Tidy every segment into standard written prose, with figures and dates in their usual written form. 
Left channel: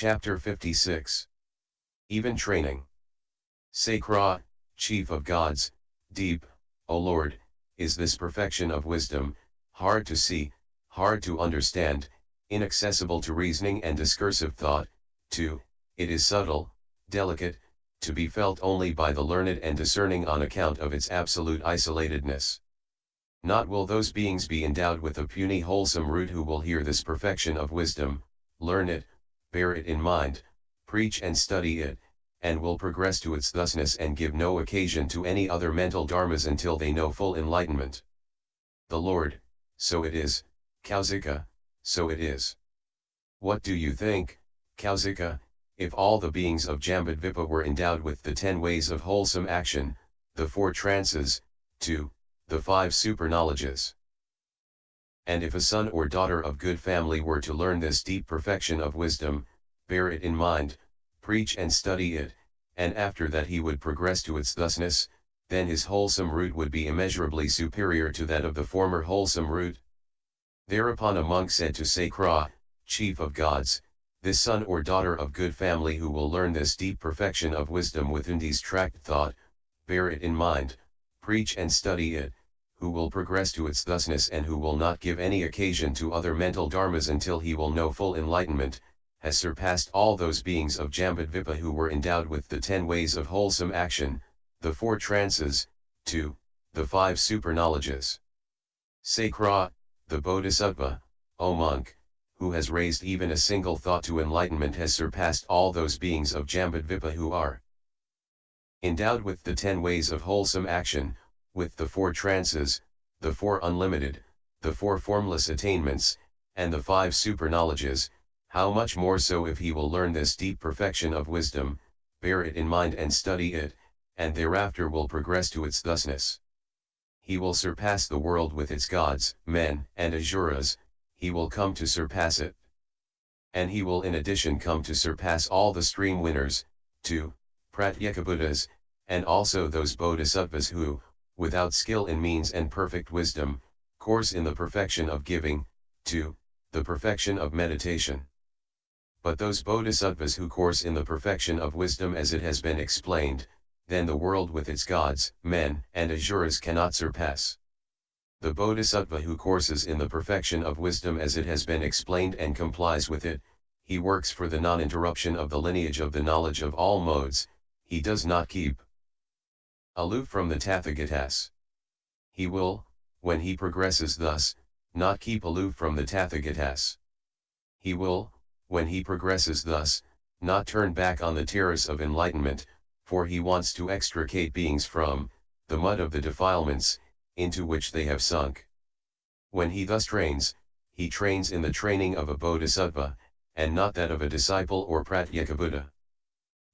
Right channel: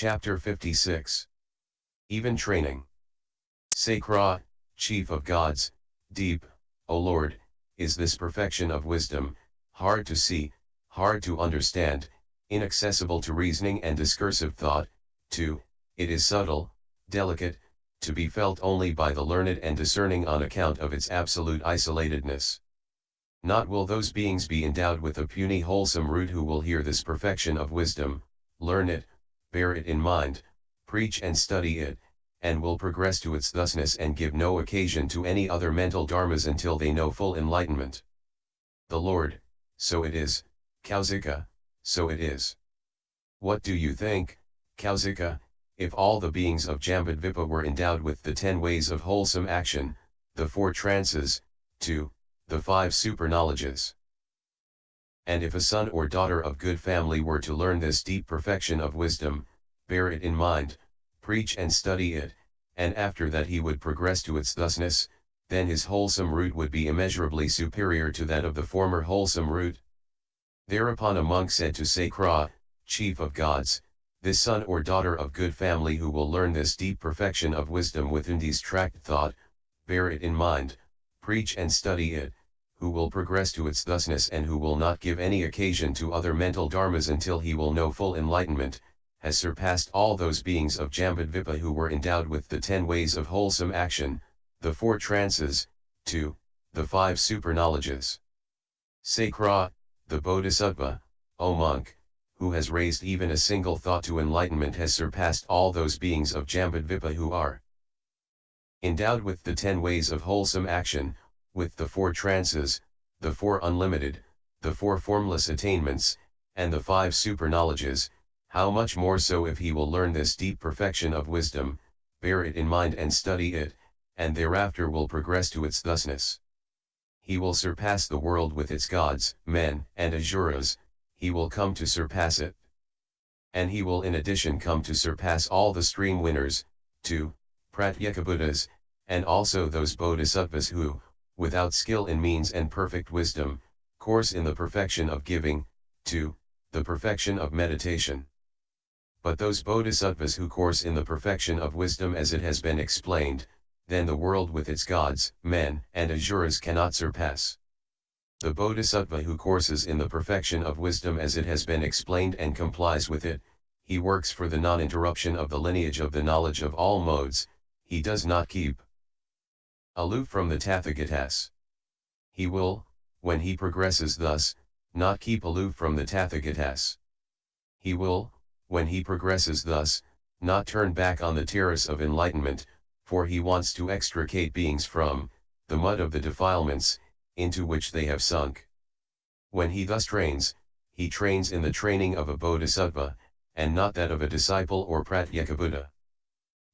Chapter 56. Even Training. Sacra, Chief of Gods, deep, O Lord, is this perfection of wisdom, hard to see, hard to understand, inaccessible to reasoning and discursive thought. 2. It is subtle, delicate, to be felt only by the learned and discerning on account of its absolute isolatedness. Not will those beings be endowed with a puny wholesome root who will hear this perfection of wisdom, learn it, bear it in mind, preach and study it, and will progress to its thusness and give no occasion to any other mental dharmas until they know full enlightenment. The Lord, so it is, Kausika, so it is. What do you think, Kausika, if all the beings of Jambudvipa were endowed with the 10 ways of wholesome action, the 4 trances, 2, the 5 superknowledges? And if a son or daughter of good family were to learn this deep perfection of wisdom, bear it in mind, preach and study it, and after that he would progress to its thusness, then his wholesome root would be immeasurably superior to that of the former wholesome root. Thereupon a monk said to Sacra, Chief of Gods, this son or daughter of good family who will learn this deep perfection of wisdom with Undi's tract thought, bear it in mind, preach and study it, who will progress to its thusness and who will not give any occasion to other mental dharmas until he will know full enlightenment, has surpassed all those beings of Jambudvipa who were endowed with the 10 ways of wholesome action, the 4 trances, 2, the 5 superknowledges. Sacra, the Bodhisattva, O monk, who has raised even a single thought to enlightenment has surpassed all those beings of Jambudvipa who are endowed with the 10 ways of wholesome action, with the 4 trances, the 4 unlimited, the 4 formless attainments, and the 5 superknowledges. How much more so if he will learn this deep perfection of wisdom, bear it in mind and study it, and thereafter will progress to its thusness. He will surpass the world with its gods, men, and asuras, he will come to surpass it. And he will in addition come to surpass all the stream winners, 2, Pratyekabuddhas, and also those bodhisattvas who, without skill in means and perfect wisdom, course in the perfection of giving, 2, the perfection of meditation. But those bodhisattvas who course in the perfection of wisdom as it has been explained, then the world with its gods, men, and asuras cannot surpass. The bodhisattva who courses in the perfection of wisdom as it has been explained and complies with it, he works for the non-interruption of the lineage of the knowledge of all modes, he does not keep aloof from the Tathagatas. He will, when he progresses thus, not keep aloof from the Tathagatas. He will, when he progresses thus, not turn back on the terrace of enlightenment, for he wants to extricate beings from the mud of the defilements, into which they have sunk. When he thus trains, he trains in the training of a bodhisattva, and not that of a disciple or pratyekabuddha.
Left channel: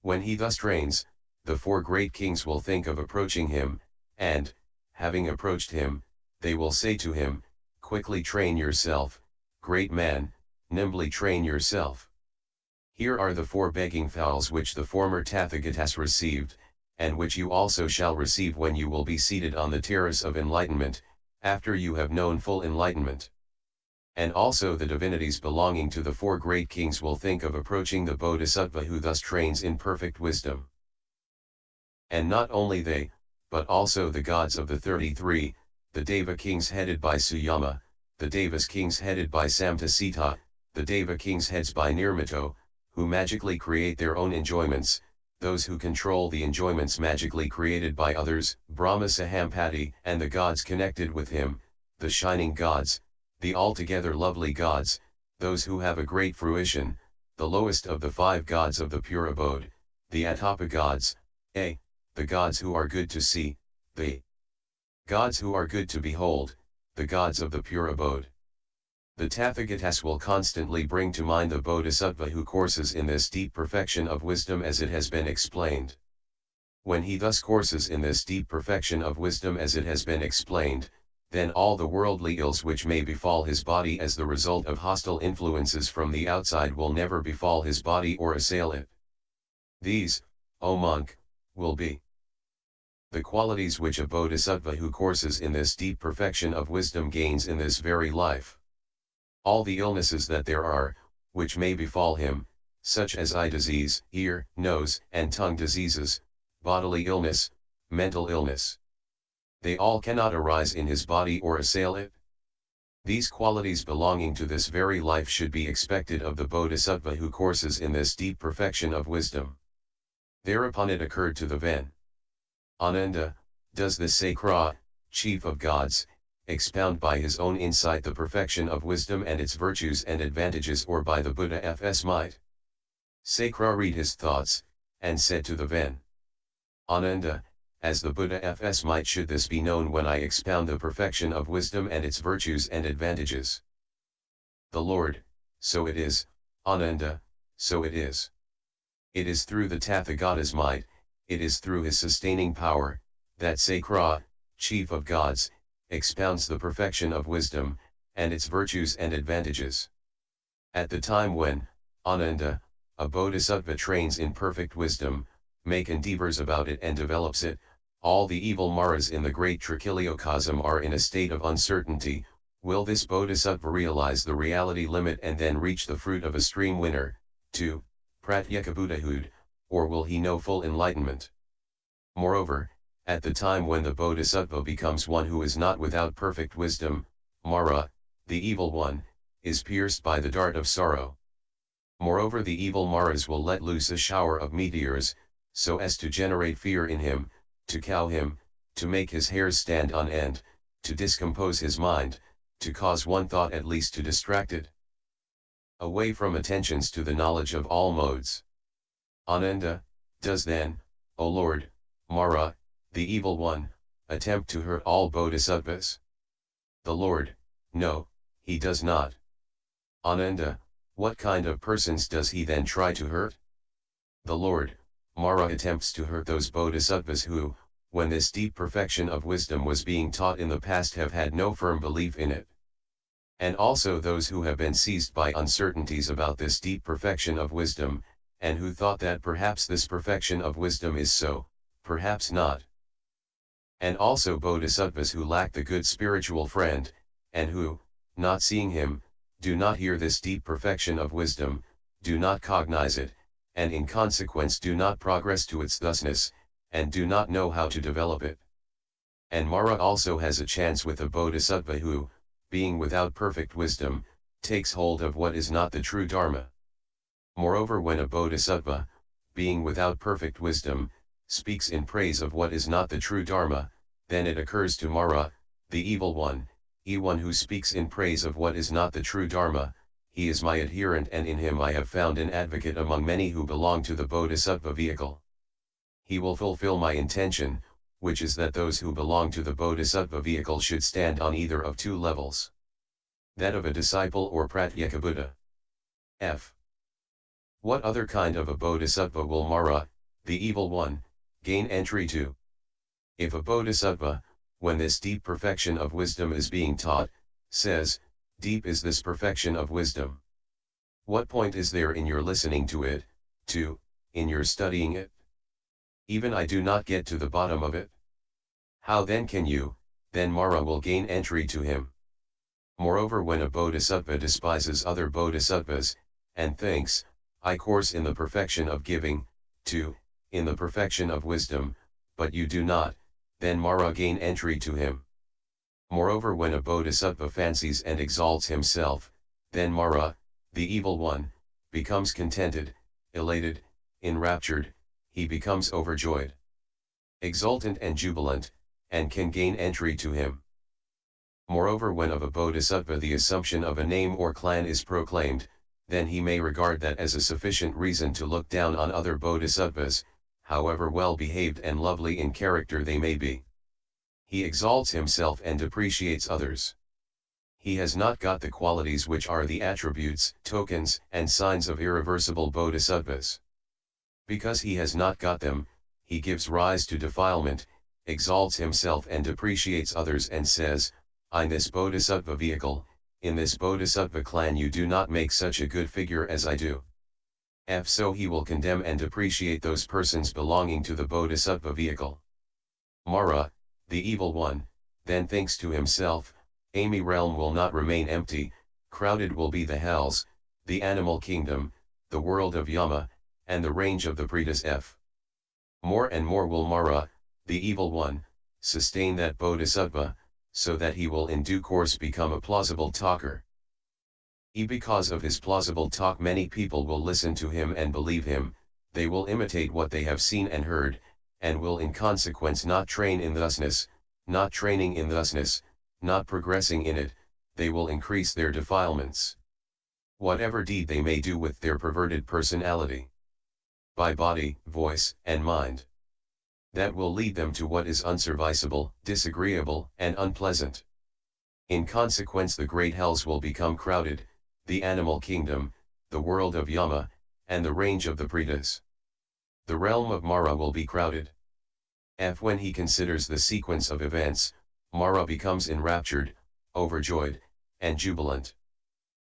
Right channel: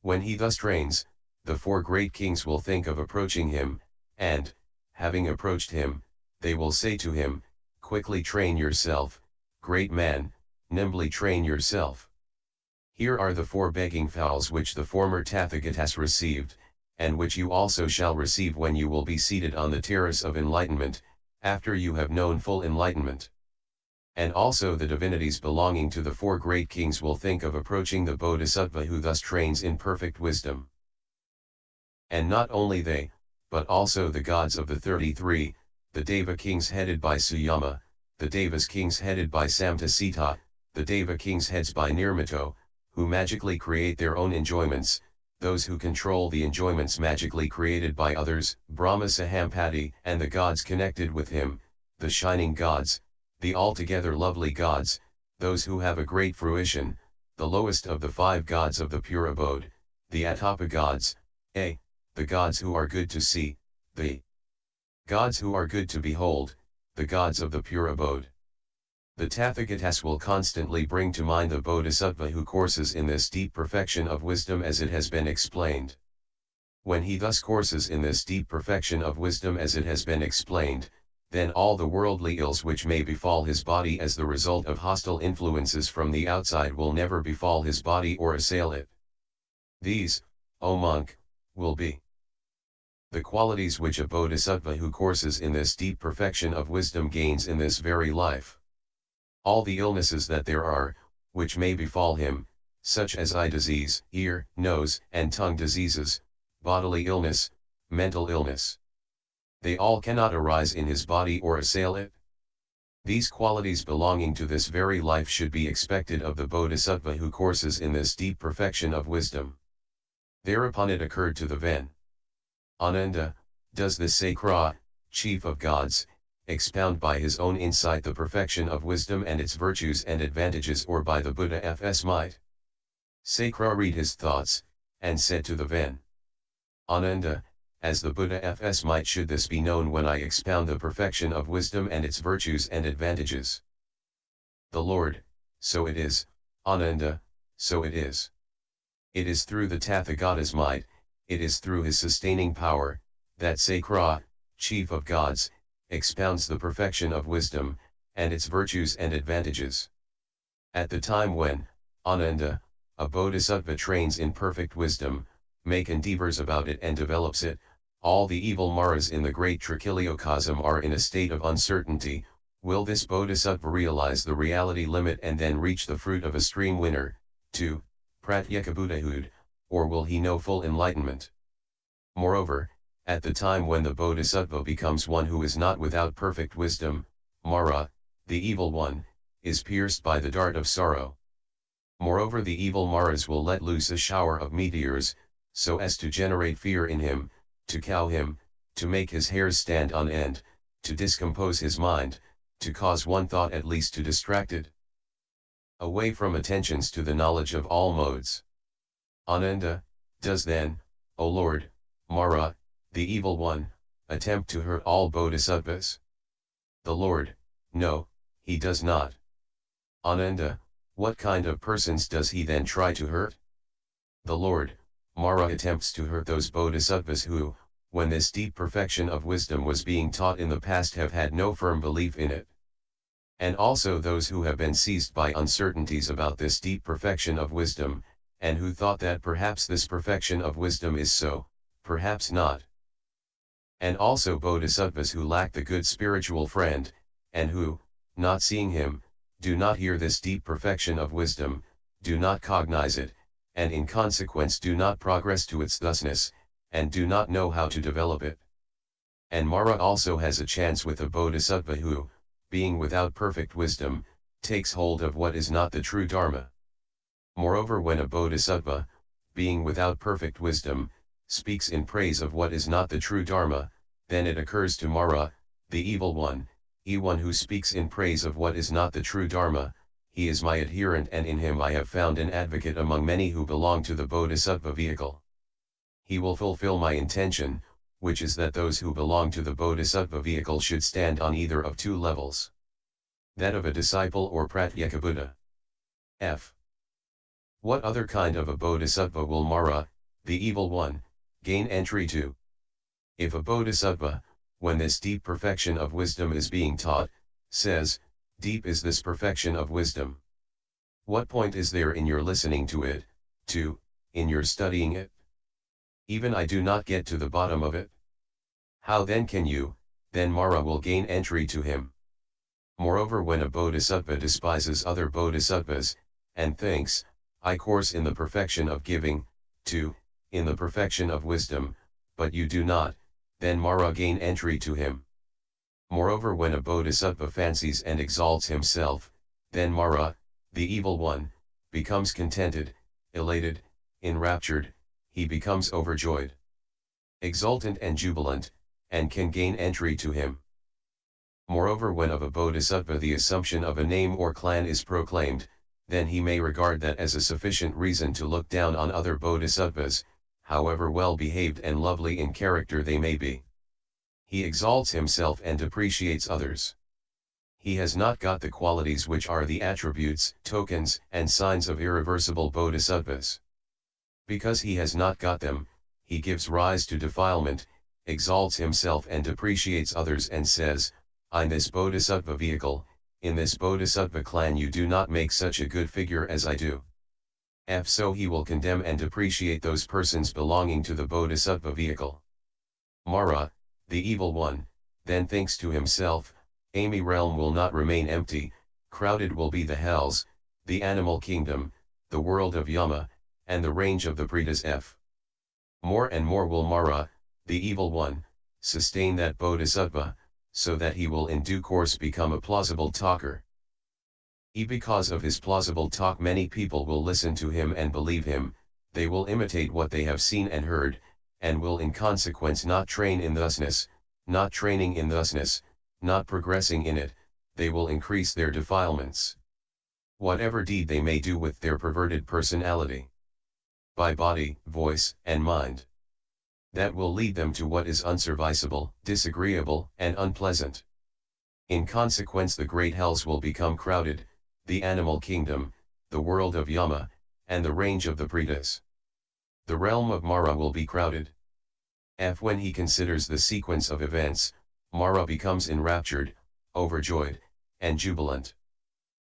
When he thus trains, the 4 great kings will think of approaching him, and, having approached him, they will say to him, quickly train yourself, great man, nimbly train yourself. Here are the 4 begging fowls which the former Tathagatas received, and which you also shall receive when you will be seated on the terrace of enlightenment, after you have known full enlightenment. And also the divinities belonging to the 4 great kings will think of approaching the bodhisattva who thus trains in perfect wisdom. And not only they, but also the gods of the 33, the Deva kings headed by Suyama, the Devas kings headed by Samtasita, the Deva kings heads by Nirmito, who magically create their own enjoyments, those who control the enjoyments magically created by others, Brahma Sahampati, and the gods connected with him, the shining gods, the altogether lovely gods, those who have a great fruition, the lowest of the 5 gods of the pure abode, the Atapa gods, the gods who are good to see, the gods who are good to behold, the gods of the pure abode. The Tathagatas will constantly bring to mind the bodhisattva who courses in this deep perfection of wisdom as it has been explained. When he thus courses in this deep perfection of wisdom as it has been explained, then all the worldly ills which may befall his body as the result of hostile influences from the outside will never befall his body or assail it. These, O monk, will be the qualities which a bodhisattva who courses in this deep perfection of wisdom gains in this very life. All the illnesses that there are, which may befall him, such as eye disease, ear, nose, and tongue diseases, bodily illness, mental illness. They all cannot arise in his body or assail it. These qualities belonging to this very life should be expected of the Bodhisattva who courses in this deep perfection of wisdom. Thereupon it occurred to the Ven. Ananda, does this Sakra, chief of gods, expound by his own insight the perfection of wisdom and its virtues and advantages, or by the Buddha's might? Sakra read his thoughts, and said to the Ven. Ananda, as the Buddha's might should this be known when I expound the perfection of wisdom and its virtues and advantages. The Lord, so it is, Ananda, so it is. It is through the Tathagata's might, it is through his sustaining power, that Sakra, chief of gods, expounds the perfection of wisdom, and its virtues and advantages. At the time when, Ananda, a Bodhisattva trains in perfect wisdom, make endeavors about it and develops it, all the evil maras in the great trichiliocosm are in a state of uncertainty. Will this Bodhisattva realize the reality limit and then reach the fruit of a stream winner, to Pratyekabuddhahood, or will he know full enlightenment? Moreover, at the time when the Bodhisattva becomes one who is not without perfect wisdom, Mara, the evil one, is pierced by the dart of sorrow. Moreover, the evil Maras will let loose a shower of meteors, so as to generate fear in him, to cow him, to make his hairs stand on end, to discompose his mind, to cause one thought at least to distract it away from attentions to the knowledge of all modes. Ananda, does then, O Lord, Mara, the evil one, attempt to hurt all Bodhisattvas? The Lord, no, he does not. Ananda, what kind of persons does he then try to hurt? The Lord, Mara attempts to hurt those Bodhisattvas who, when this deep perfection of wisdom was being taught in the past, have had no firm belief in it. And also those who have been seized by uncertainties about this deep perfection of wisdom, and who thought that perhaps this perfection of wisdom is so, perhaps not. And also Bodhisattvas who lack the good spiritual friend, and who, not seeing him, do not hear this deep perfection of wisdom, do not cognize it, and in consequence do not progress to its thusness, and do not know how to develop it. And Mara also has a chance with a Bodhisattva who, being without perfect wisdom, takes hold of what is not the true Dharma. Moreover, when a Bodhisattva, being without perfect wisdom, speaks in praise of what is not the true Dharma, then it occurs to Mara, the evil one, one who speaks in praise of what is not the true Dharma, he is my adherent, and in him I have found an advocate among many who belong to the Bodhisattva vehicle. He will fulfill my intention, which is that those who belong to the Bodhisattva vehicle should stand on either of two levels. That of a disciple or Pratyekabuddha. F. What other kind of a Bodhisattva will Mara, the evil one, gain entry to? If a Bodhisattva, when this deep perfection of wisdom is being taught, says, deep is this perfection of wisdom. What point is there in your listening to it, in your studying it? Even I do not get to the bottom of it. How then can you, then Mara will gain entry to him? Moreover, when a Bodhisattva despises other Bodhisattvas, and thinks, I course in the perfection of giving, in the perfection of wisdom, but you do not, then Mara gain entry to him. Moreover, when a Bodhisattva fancies and exalts himself, then Mara, the evil one, becomes contented, elated, enraptured, he becomes overjoyed, exultant and jubilant, and can gain entry to him. Moreover, when of a Bodhisattva the assumption of a name or clan is proclaimed, then he may regard that as a sufficient reason to look down on other Bodhisattvas, however well behaved and lovely in character they may be. He exalts himself and depreciates others. He has not got the qualities which are the attributes, tokens, and signs of irreversible Bodhisattvas. Because he has not got them, he gives rise to defilement, exalts himself and depreciates others, and says, in this Bodhisattva vehicle, in this Bodhisattva clan you do not make such a good figure as I do. So he will condemn and depreciate those persons belonging to the Bodhisattva vehicle. Mara, the evil one, then thinks to himself, my realm will not remain empty, crowded will be the hells, the animal kingdom, the world of Yama, and the range of the Pretas F. More and more will Mara, the evil one, sustain that bodhisattva, so that he will in due course become a plausible talker. Because of his plausible talk many people will listen to him and believe him, they will imitate what they have seen and heard, and will in consequence not train in thusness, not training in thusness, not progressing in it, they will increase their defilements. Whatever deed they may do with their perverted personality, by body, voice, and mind, that will lead them to what is unserviceable, disagreeable, and unpleasant. In consequence the great hells will become crowded, the animal kingdom, the world of Yama, and the range of the Pretas. The realm of Mara will be crowded. When he considers the sequence of events, Mara becomes enraptured, overjoyed, and jubilant.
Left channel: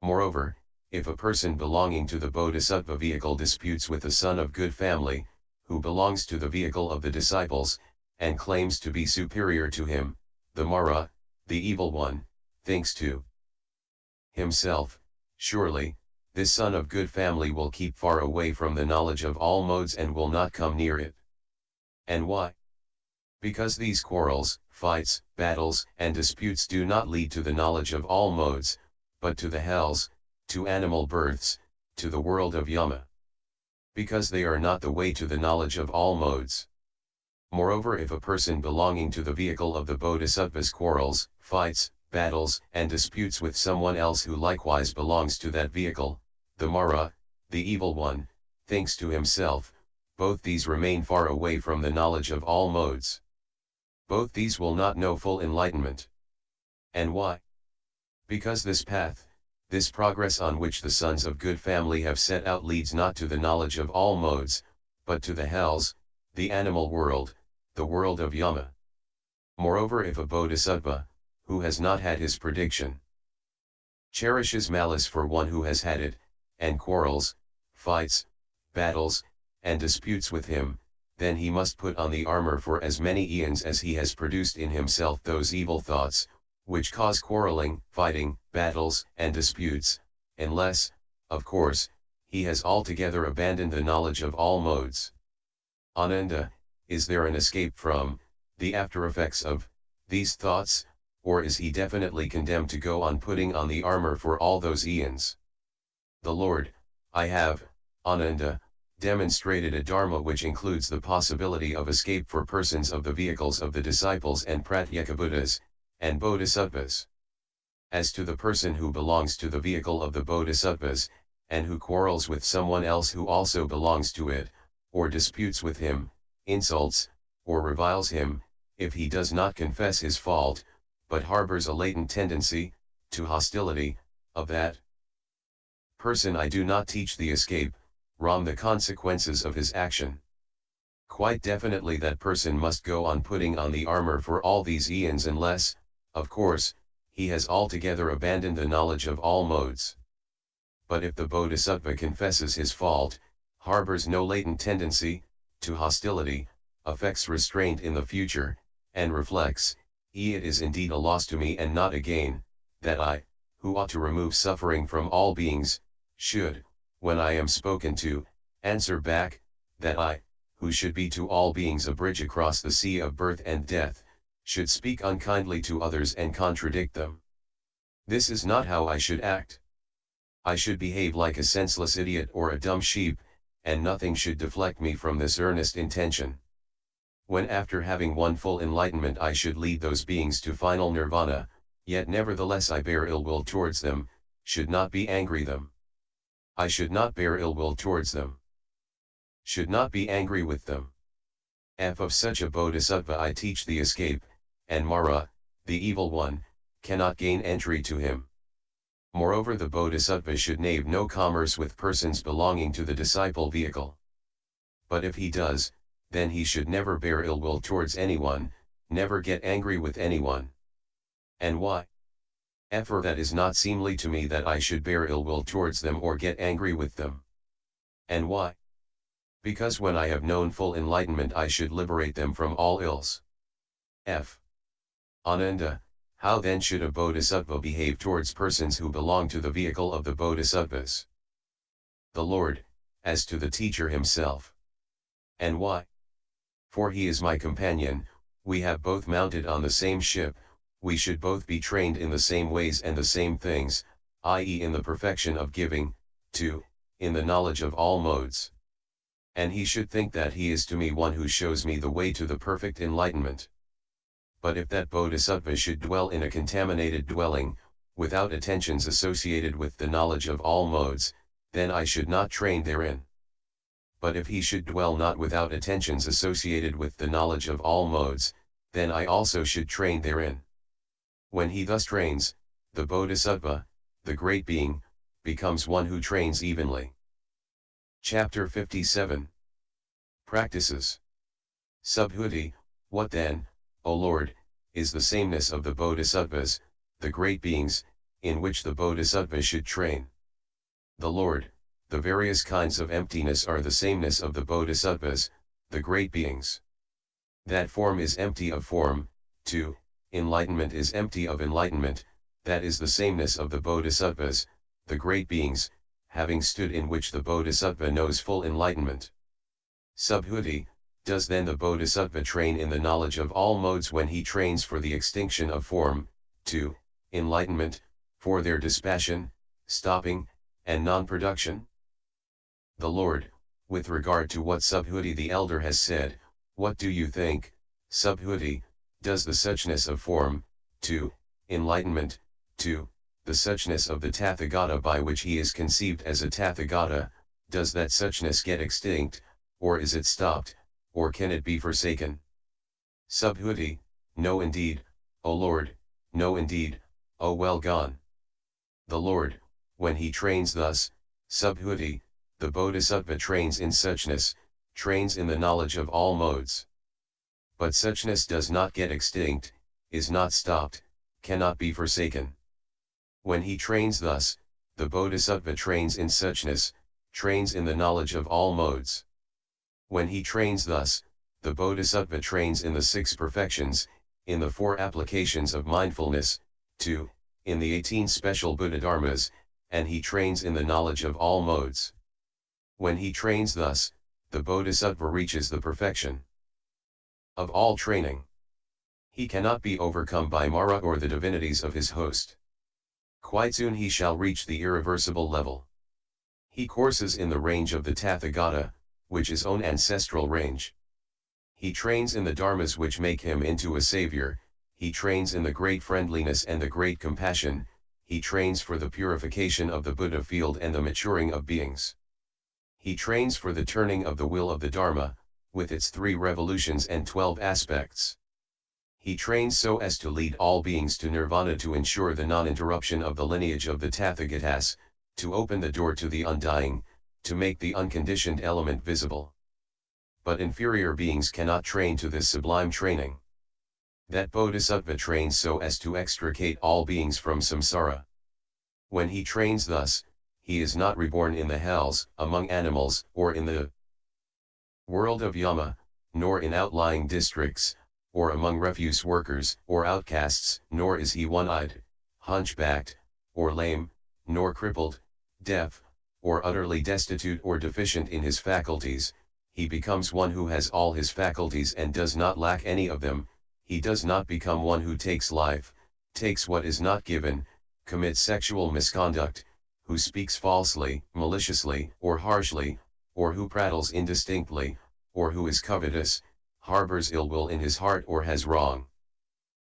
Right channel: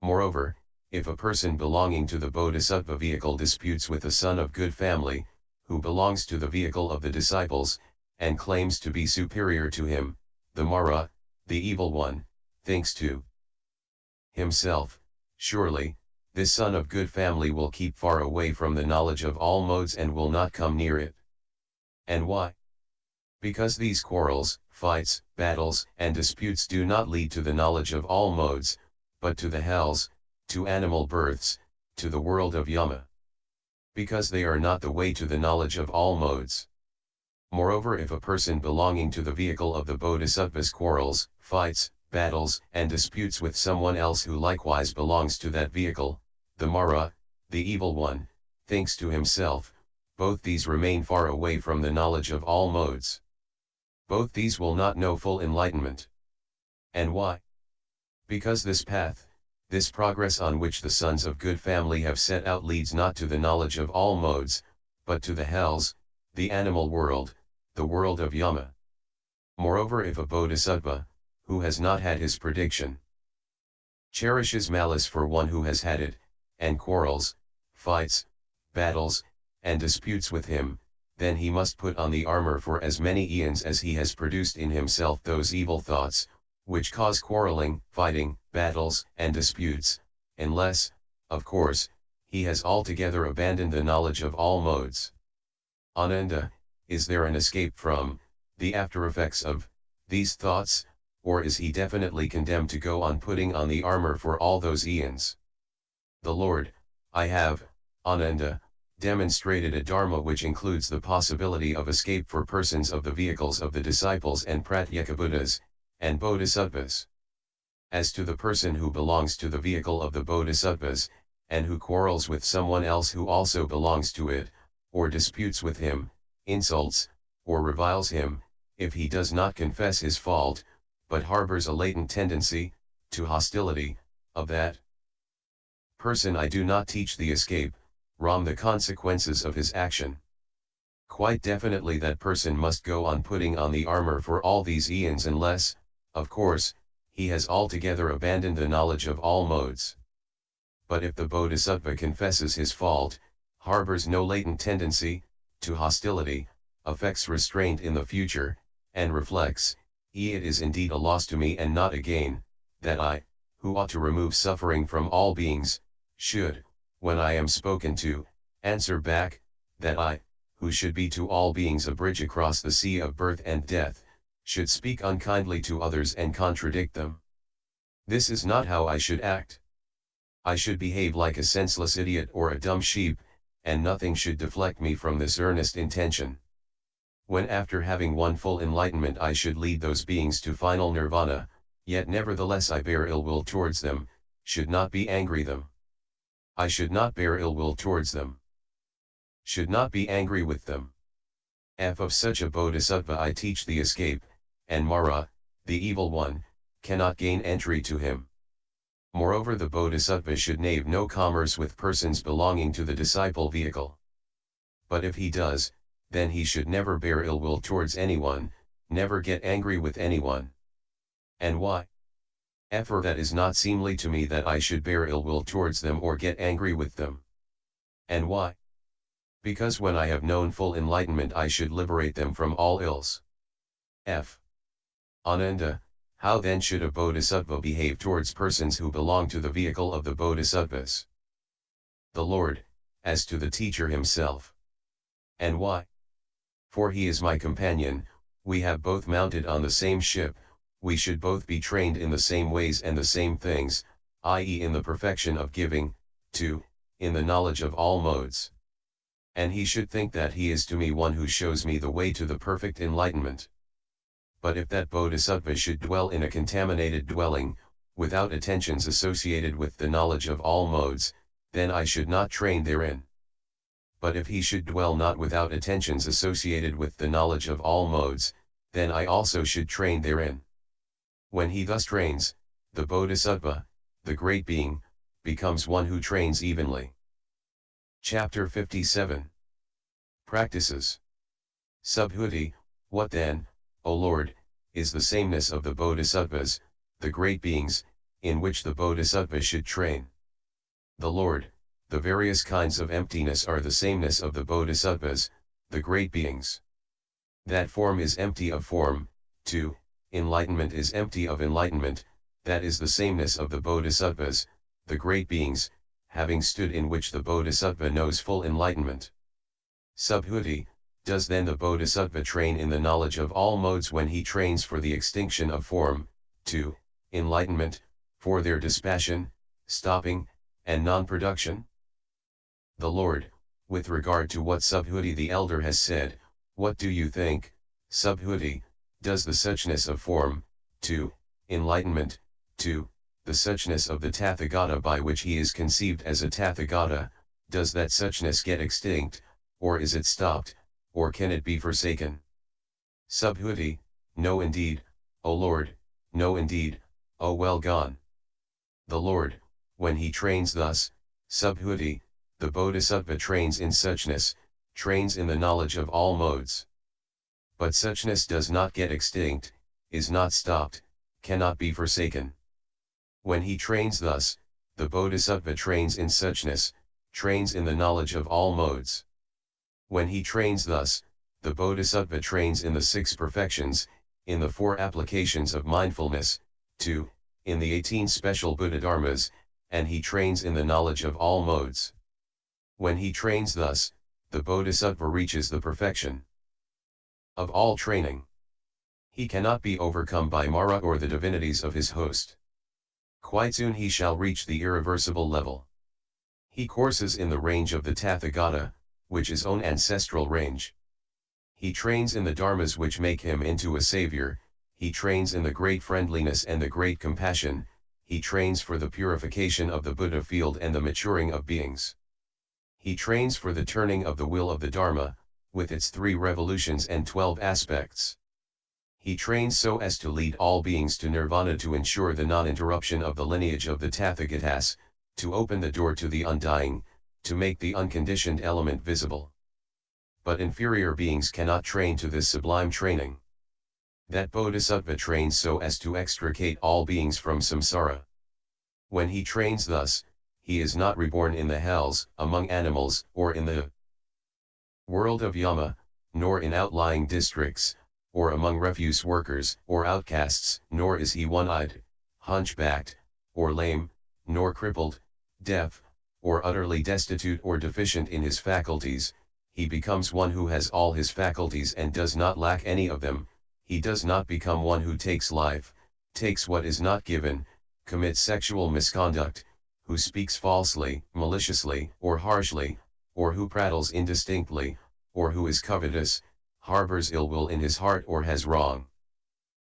Moreover, if a person belonging to the bodhisattva vehicle disputes with a son of good family, who belongs to the vehicle of the disciples, and claims to be superior to him, the Mara, the evil one, thinks to himself, surely, this son of good family will keep far away from the knowledge of all modes and will not come near it. And why? Because these quarrels, fights, battles, and disputes do not lead to the knowledge of all modes, but to the hells, to animal births, to the world of Yama. Because they are not the way to the knowledge of all modes. Moreover, if a person belonging to the vehicle of the bodhisattvas quarrels, fights, battles, and disputes with someone else who likewise belongs to that vehicle, the Mara, the evil one, thinks to himself, both these remain far away from the knowledge of all modes. Both these will not know full enlightenment. And why? Because this path, this progress on which the sons of good family have set out leads not to the knowledge of all modes, but to the hells, the animal world, the world of Yama. Moreover, if a bodhisattva, who has not had his prediction, cherishes malice for one who has had it, and quarrels, fights, battles, and disputes with him, then he must put on the armor for as many eons as he has produced in himself those evil thoughts, which cause quarreling, fighting, battles, and disputes, unless, of course, he has altogether abandoned the knowledge of all modes. Ananda, is there an escape from the after effects of these thoughts, or is he definitely condemned to go on putting on the armor for all those eons? The Lord, I have, Ananda, demonstrated a dharma which includes the possibility of escape for persons of the vehicles of the disciples and pratyekabuddhas, and bodhisattvas. As to the person who belongs to the vehicle of the bodhisattvas, and who quarrels with someone else who also belongs to it, or disputes with him, insults, or reviles him, if he does not confess his fault, but harbors a latent tendency to hostility of that person, I do not teach the escape, the consequences of his action. Quite definitely that person must go on putting on the armor for all these eons unless, of course, he has altogether abandoned the knowledge of all modes. But if the bodhisattva confesses his fault, harbors no latent tendency to hostility, affects restraint in the future, and reflects, it is indeed a loss to me and not a gain, that I, who ought to remove suffering from all beings, should, when I am spoken to, answer back, that I, who should be to all beings a bridge across the sea of birth and death, should speak unkindly to others and contradict them. This is not how I should act. I should behave like a senseless idiot or a dumb sheep, and nothing should deflect me from this earnest intention. When after having won full enlightenment I should lead those beings to final nirvana, yet nevertheless I bear ill will towards them, should not be angry them. I should not bear ill will towards them. Should not be angry with them. Of such a bodhisattva I teach the escape, and Mara, the evil one, cannot gain entry to him. Moreover, the bodhisattva should nave no commerce with persons belonging to the disciple vehicle. But if he does, then he should never bear ill will towards anyone, never get angry with anyone. And why? For that is not seemly to me that I should bear ill will towards them or get angry with them. And why? Because when I have known full enlightenment I should liberate them from all ills. Ananda, how then should a bodhisattva behave towards persons who belong to the vehicle of the bodhisattvas? The Lord, as to the teacher himself. And why? For he is my companion, we have both mounted on the same ship, we should both be trained in the same ways and the same things, i.e. in the perfection of giving, 2, in the knowledge of all modes. And he should think that he is to me one who shows me the way to the perfect enlightenment. But if that bodhisattva should dwell in a contaminated dwelling, without attentions associated with the knowledge of all modes, then I should not train therein. But if he should dwell not without attentions associated with the knowledge of all modes, then I also should train therein. When he thus trains, the bodhisattva, the great being, becomes one who trains evenly. Chapter 57. Practices. Subhuti, what then, O Lord, is the sameness of the bodhisattvas, the great beings, in which the bodhisattva should train? The Lord, the various kinds of emptiness are the sameness of the bodhisattvas, the great beings. That form is empty of form, 2, enlightenment is empty of enlightenment, that is the sameness of the bodhisattvas, the great beings, having stood in which the bodhisattva knows full enlightenment. Subhuti, does then the bodhisattva train in the knowledge of all modes when he trains for the extinction of form, 2, enlightenment, for their dispassion, stopping, and non-production? The Lord, with regard to what Subhuti the elder has said, what do you think, Subhuti, does the suchness of form, 2, enlightenment, 2, the suchness of the Tathagata by which he is conceived as a Tathagata, does that suchness get extinct, or is it stopped, or can it be forsaken? Subhuti, no indeed, O Lord, no indeed, O well gone. The Lord, when he trains thus, Subhuti, the bodhisattva trains in suchness, trains in the knowledge of all modes. But suchness does not get extinct, is not stopped, cannot be forsaken. When he trains thus, the bodhisattva trains in suchness, trains in the knowledge of all modes. When he trains thus, the bodhisattva trains in the 6 perfections, in the 4 applications of mindfulness, 2, in the 18 special Buddha dharmas, and he trains in the knowledge of all modes. When he trains thus, the bodhisattva reaches the perfection of all training. He cannot be overcome by Mara or the divinities of his host. Quite soon he shall reach the irreversible level. He courses in the range of the Tathagata, which is own ancestral range. He trains in the dharmas which make him into a savior, he trains in the great friendliness and the great compassion, he trains for the purification of the Buddha field and the maturing of beings. He trains for the turning of the wheel of the Dharma, with its 3 revolutions and 12 aspects. He trains so as to lead all beings to nirvana, to ensure the non-interruption of the lineage of the Tathagatas, to open the door to the undying, to make the unconditioned element visible. But inferior beings cannot train to this sublime training. That bodhisattva trains so as to extricate all beings from samsara. When he trains thus, he is not reborn in the hells, among animals, or in the world of Yama, nor in outlying districts, or among refuse workers, or outcasts, nor is he one-eyed, hunchbacked, or lame, nor crippled, deaf, or utterly destitute or deficient in his faculties. He becomes one who has all his faculties and does not lack any of them. He does not become one who takes life, takes what is not given, commits sexual misconduct, who speaks falsely, maliciously, or harshly, or who prattles indistinctly, or who is covetous, harbors ill will in his heart or has wrong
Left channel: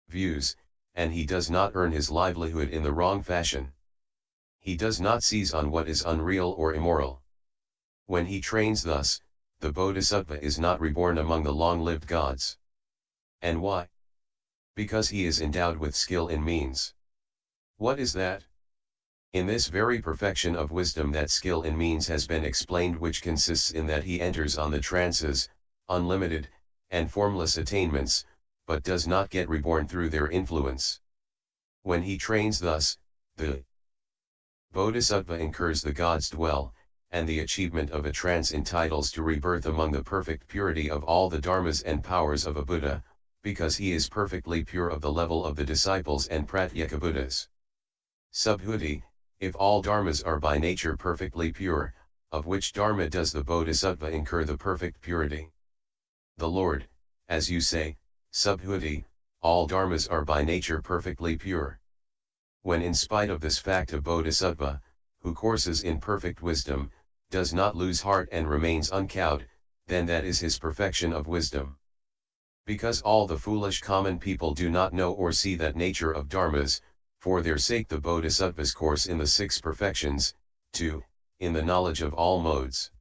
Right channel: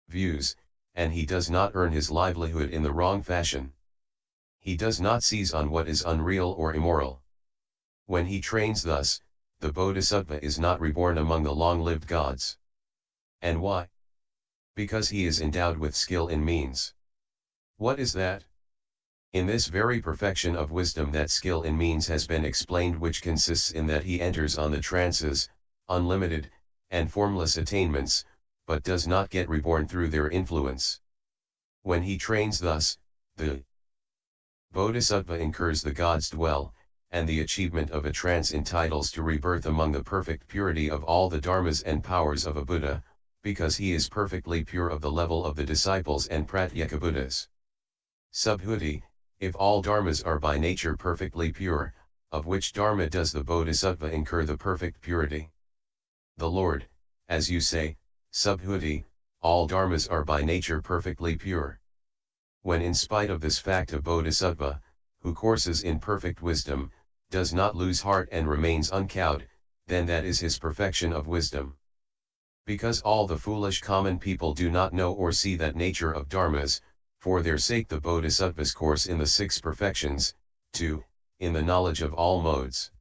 views, and he does not earn his livelihood in the wrong fashion. He does not seize on what is unreal or immoral. When he trains thus, the bodhisattva is not reborn among the long-lived gods. And why? Because he is endowed with skill in means. What is that? In this very perfection of wisdom that skill in means has been explained, which consists in that he enters on the trances, unlimited, and formless attainments, but does not get reborn through their influence. When he trains thus, the bodhisattva incurs the gods dwell, and the achievement of a trance entitles to rebirth among the perfect purity of all the dharmas and powers of a Buddha, because he is perfectly pure of the level of the disciples and pratyeka Buddhas. Subhuti, if all dharmas are by nature perfectly pure, of which dharma does the bodhisattva incur the perfect purity? The Lord, as you say, Subhuti, all dharmas are by nature perfectly pure. When in spite of this fact a bodhisattva, who courses in perfect wisdom, does not lose heart and remains uncowed, then that is his perfection of wisdom. Because all the foolish common people do not know or see that nature of dharmas, for their sake the bodhisattvas course in the six perfections, 2, in the knowledge of all modes.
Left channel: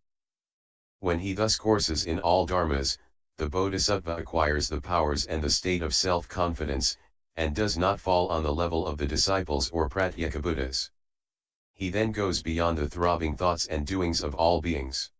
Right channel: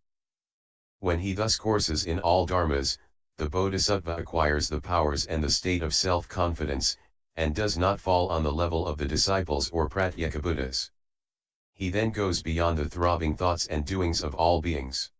When he thus courses in all dharmas, the bodhisattva acquires the powers and the state of self-confidence, and does not fall on the level of the disciples or pratyekabuddhas. He then goes beyond the throbbing thoughts and doings of all beings.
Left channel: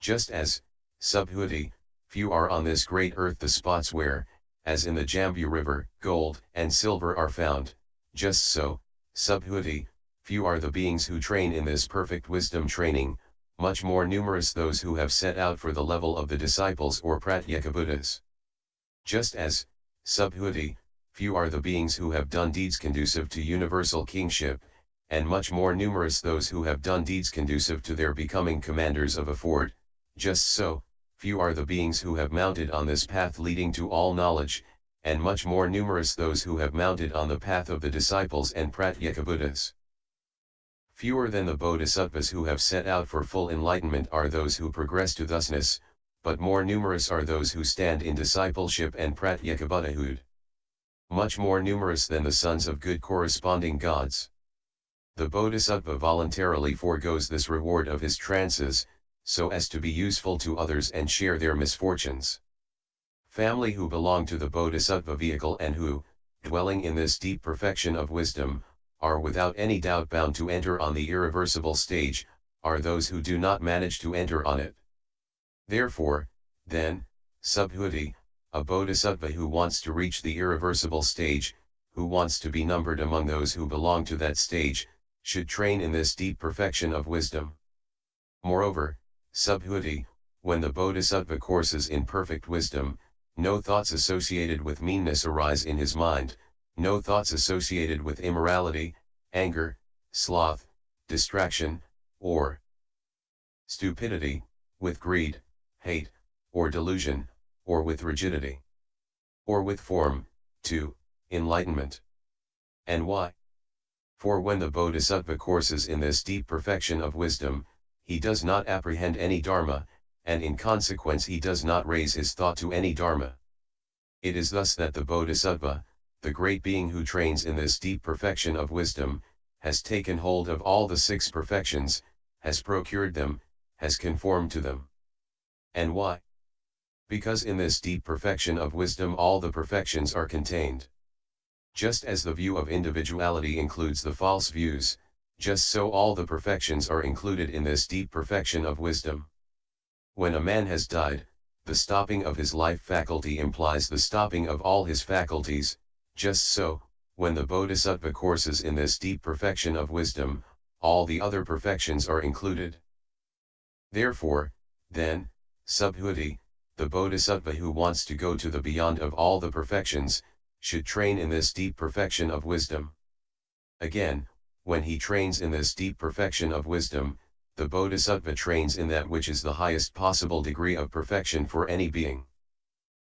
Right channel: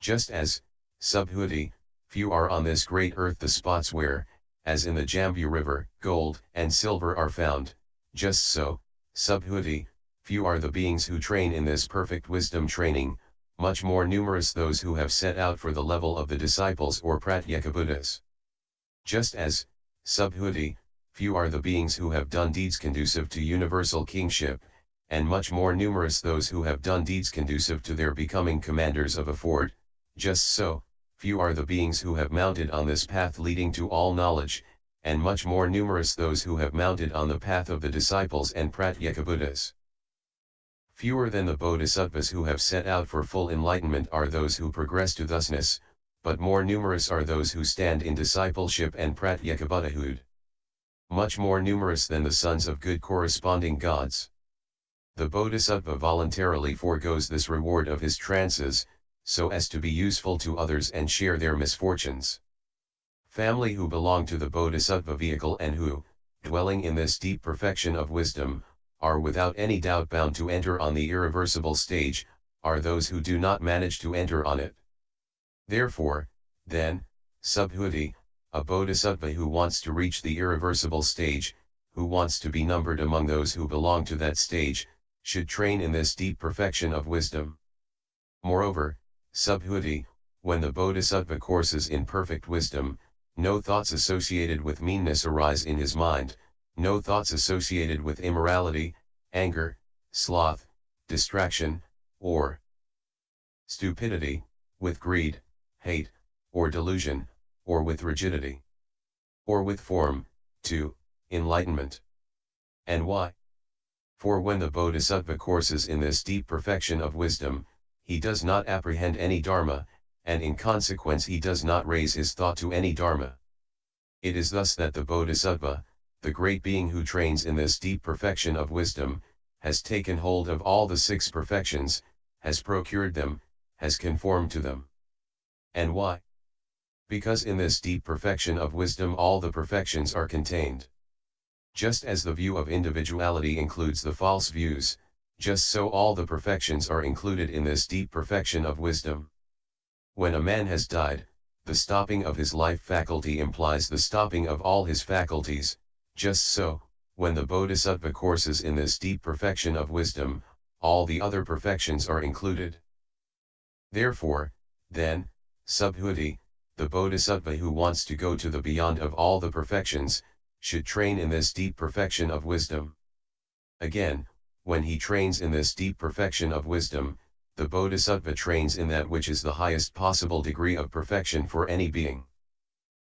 Just as, Subhuti, few are on this great earth the spots where, as in the Jambu river, gold and silver are found, just so, Subhuti, few are the beings who train in this perfect wisdom training, much more numerous those who have set out for the level of the disciples or pratyekabuddhas. Just as, Subhuti, few are the beings who have done deeds conducive to universal kingship, and much more numerous those who have done deeds conducive to their becoming commanders of a fort, just so, few are the beings who have mounted on this path leading to all knowledge, and much more numerous those who have mounted on the path of the disciples and pratyekabuddhas. Fewer than the bodhisattvas who have set out for full enlightenment are those who progress to thusness, but more numerous are those who stand in discipleship and pratyekabuddhahood. Much more numerous than the sons of good corresponding gods. The bodhisattva voluntarily forgoes this reward of his trances, so as to be useful to others and share their misfortunes. Family who belong to the bodhisattva vehicle and who, dwelling in this deep perfection of wisdom, are without any doubt bound to enter on the irreversible stage, are those who do not manage to enter on it. Therefore, then, Subhuti, a bodhisattva who wants to reach the irreversible stage, who wants to be numbered among those who belong to that stage, should train in this deep perfection of wisdom. Moreover, Subhuti, when the bodhisattva courses in perfect wisdom, no thoughts associated with meanness arise in his mind, no thoughts associated with immorality, anger, sloth, distraction, or stupidity, with greed, hate, or delusion, or with rigidity, or with form, 2, enlightenment. And why? For when the bodhisattva courses in this deep perfection of wisdom, he does not apprehend any dharma, and in consequence he does not raise his thought to any dharma. It is thus that the bodhisattva, the great being who trains in this deep perfection of wisdom, has taken hold of all the six perfections, has procured them, has conformed to them. And why? Because in this deep perfection of wisdom all the perfections are contained. Just as the view of individuality includes the false views, just so all the perfections are included in this deep perfection of wisdom. When a man has died, the stopping of his life faculty implies the stopping of all his faculties, just so, when the bodhisattva courses in this deep perfection of wisdom, all the other perfections are included. Therefore, then, Subhuti, the bodhisattva who wants to go to the beyond of all the perfections, should train in this deep perfection of wisdom. Again, when he trains in this deep perfection of wisdom, the bodhisattva trains in that which is the highest possible degree of perfection for any being.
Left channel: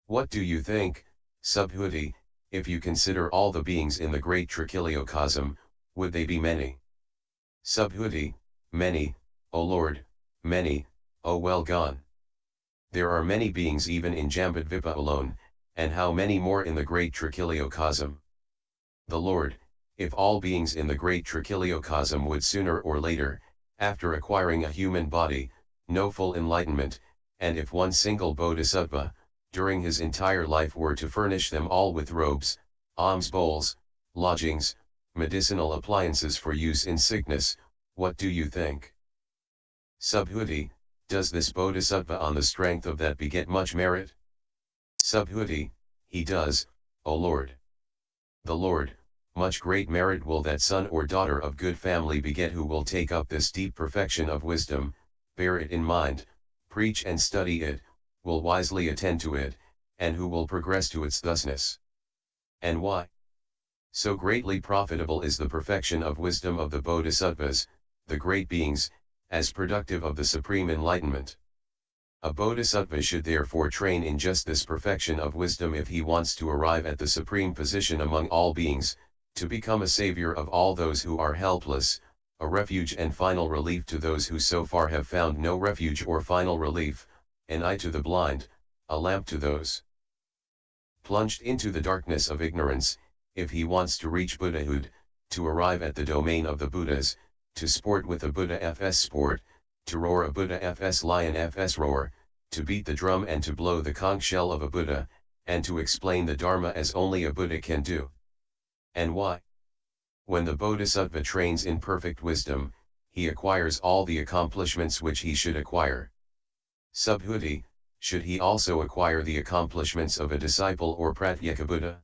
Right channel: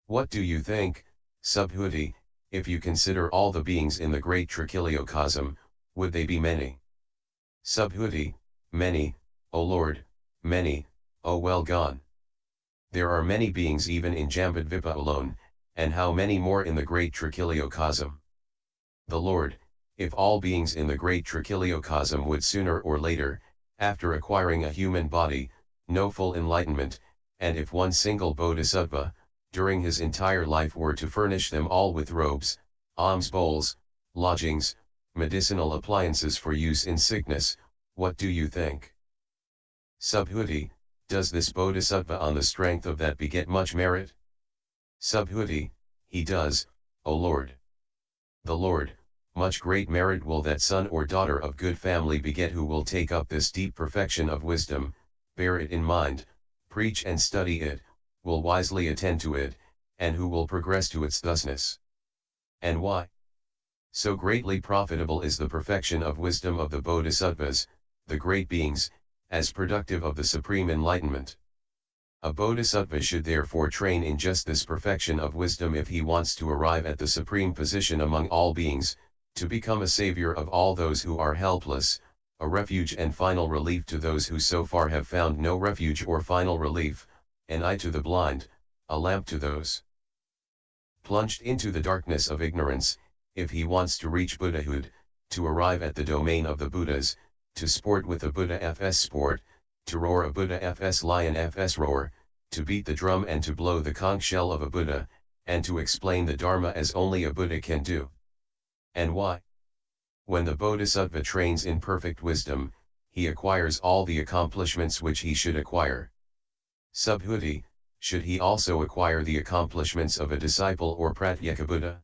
What do you think, Subhuti, if you consider all the beings in the great trichiliocosm, would they be many? Subhuti, many, O Lord, many, O well gone. There are many beings even in Jambudvipa alone, and how many more in the great trichiliocosm? The Lord, if all beings in the great trichiliocosm would sooner or later, after acquiring a human body, know full enlightenment, and if one single bodhisattva, during his entire life were to furnish them all with robes, alms bowls, lodgings, medicinal appliances for use in sickness, what do you think? Subhuti, does this bodhisattva on the strength of that beget much merit? Subhuti, he does, O Lord. The Lord, much great merit will that son or daughter of good family beget who will take up this deep perfection of wisdom, bear it in mind, preach and study it, will wisely attend to it, and who will progress to its thusness. And why? So greatly profitable is the perfection of wisdom of the bodhisattvas, the great beings, as productive of the supreme enlightenment. A bodhisattva should therefore train in just this perfection of wisdom if he wants to arrive at the supreme position among all beings, to become a savior of all those who are helpless, a refuge and final relief to those who so far have found no refuge or final relief, an eye to the blind, a lamp to those plunged into the darkness of ignorance, if he wants to reach Buddhahood, to arrive at the domain of the Buddhas, to sport with a Buddha fs sport, to roar a Buddha fs lion fs roar, to beat the drum and to blow the conch shell of a Buddha, and to explain the Dharma as only a Buddha can do. And why? When the bodhisattva trains in perfect wisdom, he acquires all the accomplishments which he should acquire. Subhuti, should he also acquire the accomplishments of a disciple or pratyeka Buddha?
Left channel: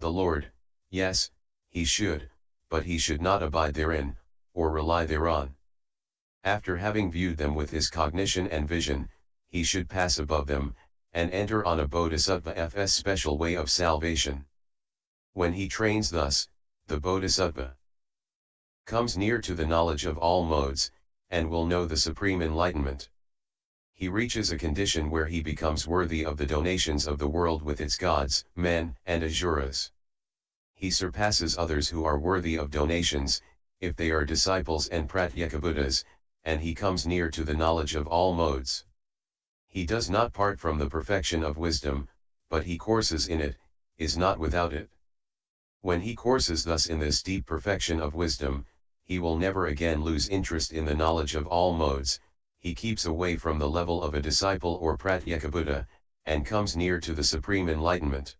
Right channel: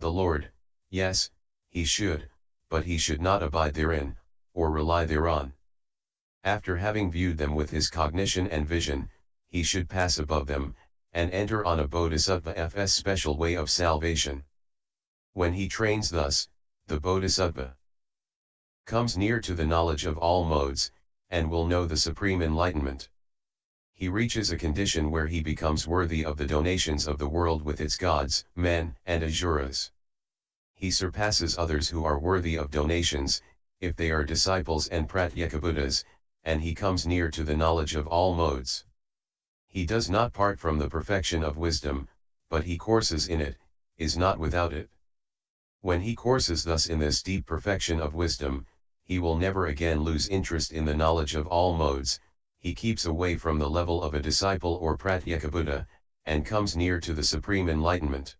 The Lord, yes, he should, but he should not abide therein, or rely thereon. After having viewed them with his cognition and vision, he should pass above them, and enter on a bodhisattva fs special way of salvation. When he trains thus, the bodhisattva comes near to the knowledge of all modes, and will know the supreme enlightenment. He reaches a condition where he becomes worthy of the donations of the world with its gods, men, and asuras. He surpasses others who are worthy of donations, if they are disciples and pratyeka Buddhas, and he comes near to the knowledge of all modes. He does not part from the perfection of wisdom, but he courses in it, is not without it. When he courses thus in this deep perfection of wisdom, he will never again lose interest in the knowledge of all modes, he keeps away from the level of a disciple or pratyeka Buddha, and comes near to the supreme enlightenment.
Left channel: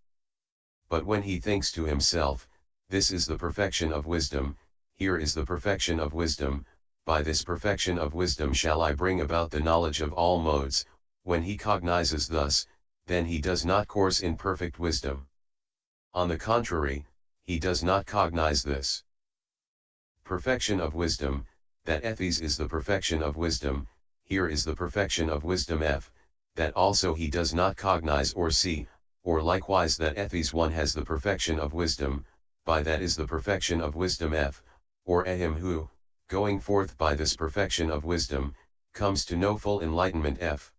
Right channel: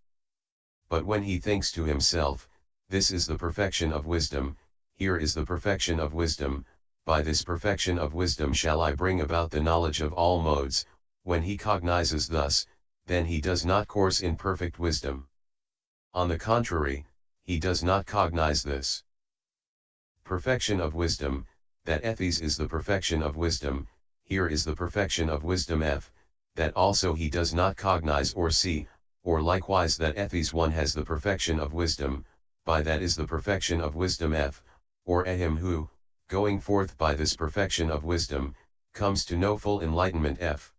But when he thinks to himself, this is the perfection of wisdom, here is the perfection of wisdom, by this perfection of wisdom shall I bring about the knowledge of all modes, when he cognizes thus, then he does not course in perfect wisdom. On the contrary, he does not cognize this perfection of wisdom, that ethes is the perfection of wisdom, here is the perfection of wisdom f, that also he does not cognize or see, or likewise that ethes one has the perfection of wisdom, by that is the perfection of wisdom f, or him who, going forth by this perfection of wisdom, comes to know full enlightenment f.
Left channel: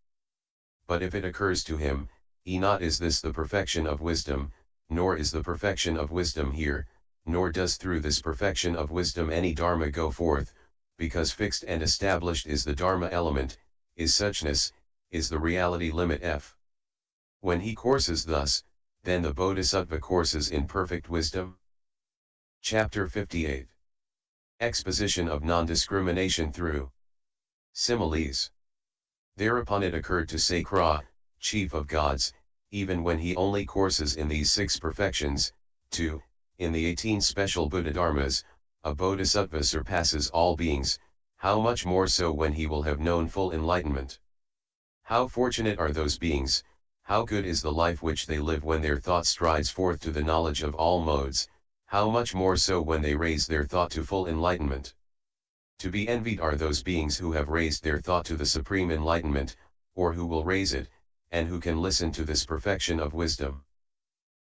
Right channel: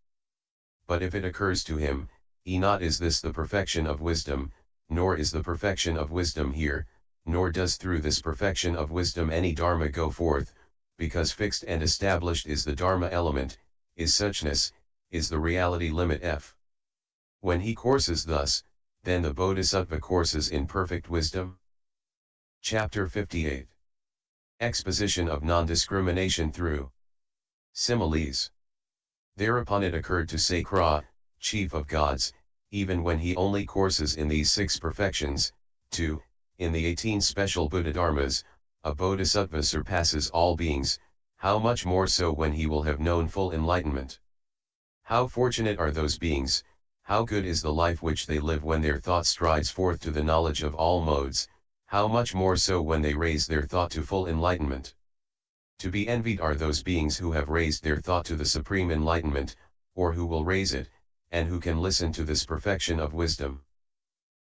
But if it occurs to him, not is this the perfection of wisdom, nor is the perfection of wisdom here, nor does through this perfection of wisdom any Dharma go forth, because fixed and established is the Dharma element, is suchness, is the reality limit f. When he courses thus, then the Bodhisattva courses in perfect wisdom. Chapter 58. Exposition of non-discrimination through similes. Thereupon it occurred to Sutra, chief of gods, even when he only courses in these 6 perfections, in the 18 special Buddha Dharmas, a Bodhisattva surpasses all beings, how much more so when he will have known full enlightenment. How fortunate are those beings, how good is the life which they live when their thought strides forth to the knowledge of all modes, how much more so when they raise their thought to full enlightenment. To be envied are those beings who have raised their thought to the supreme enlightenment, or who will raise it, and who can listen to this perfection of wisdom.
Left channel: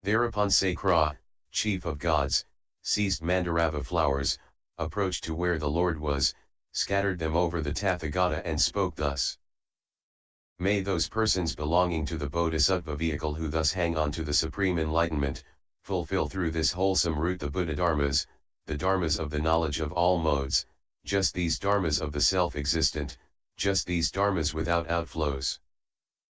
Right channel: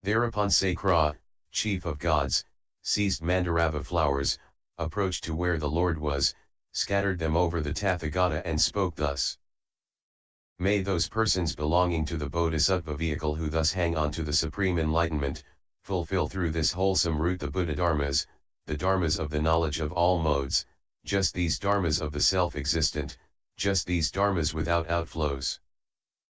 Thereupon Sutra, chief of gods, seized Mandarava flowers, approached to where the Lord was, scattered them over the Tathagata and spoke thus. May those persons belonging to the Bodhisattva vehicle who thus hang on to the supreme enlightenment, fulfill through this wholesome route the Buddha Dharmas, the Dharmas of the knowledge of all modes, just these Dharmas of the self-existent, just these Dharmas without outflows.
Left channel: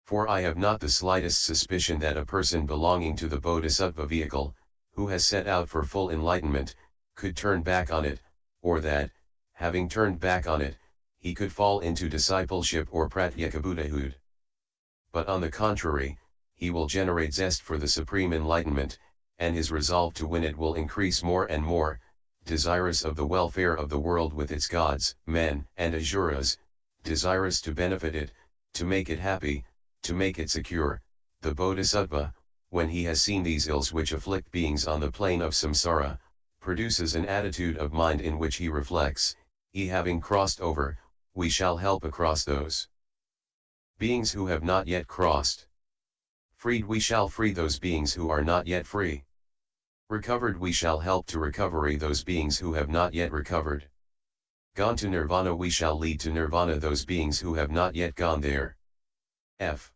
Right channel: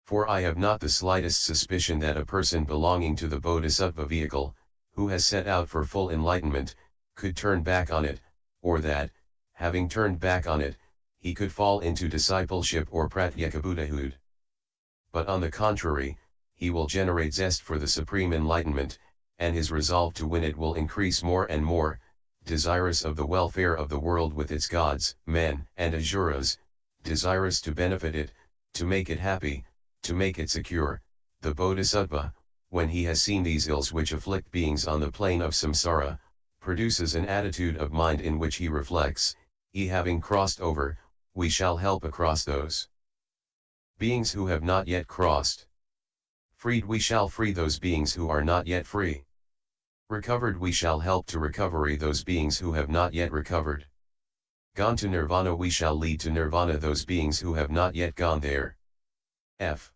For I have not the slightest suspicion that a person belonging to the Bodhisattva vehicle, who has set out for full enlightenment, could turn back on it, or that, having turned back on it, he could fall into discipleship or pratyeka Buddhahood. But on the contrary, he will generate zest for the supreme enlightenment, and his resolve to win it will increase more and more, desirous of the welfare of the world with its gods, men, and asuras, desirous to benefit it, to make it happy, to make it secure. The Bodhisattva, when he has seen these ills which afflict beings on the plane of samsara, produces an attitude of mind in which he reflects, having crossed over, we shall help across those beings who have not yet crossed. Freed, we shall free those beings who are not yet free. Recovered, we shall help to recovery those beings who have not yet recovered. Gone to nirvana, we shall lead to nirvana those beings who have not yet gone there. F.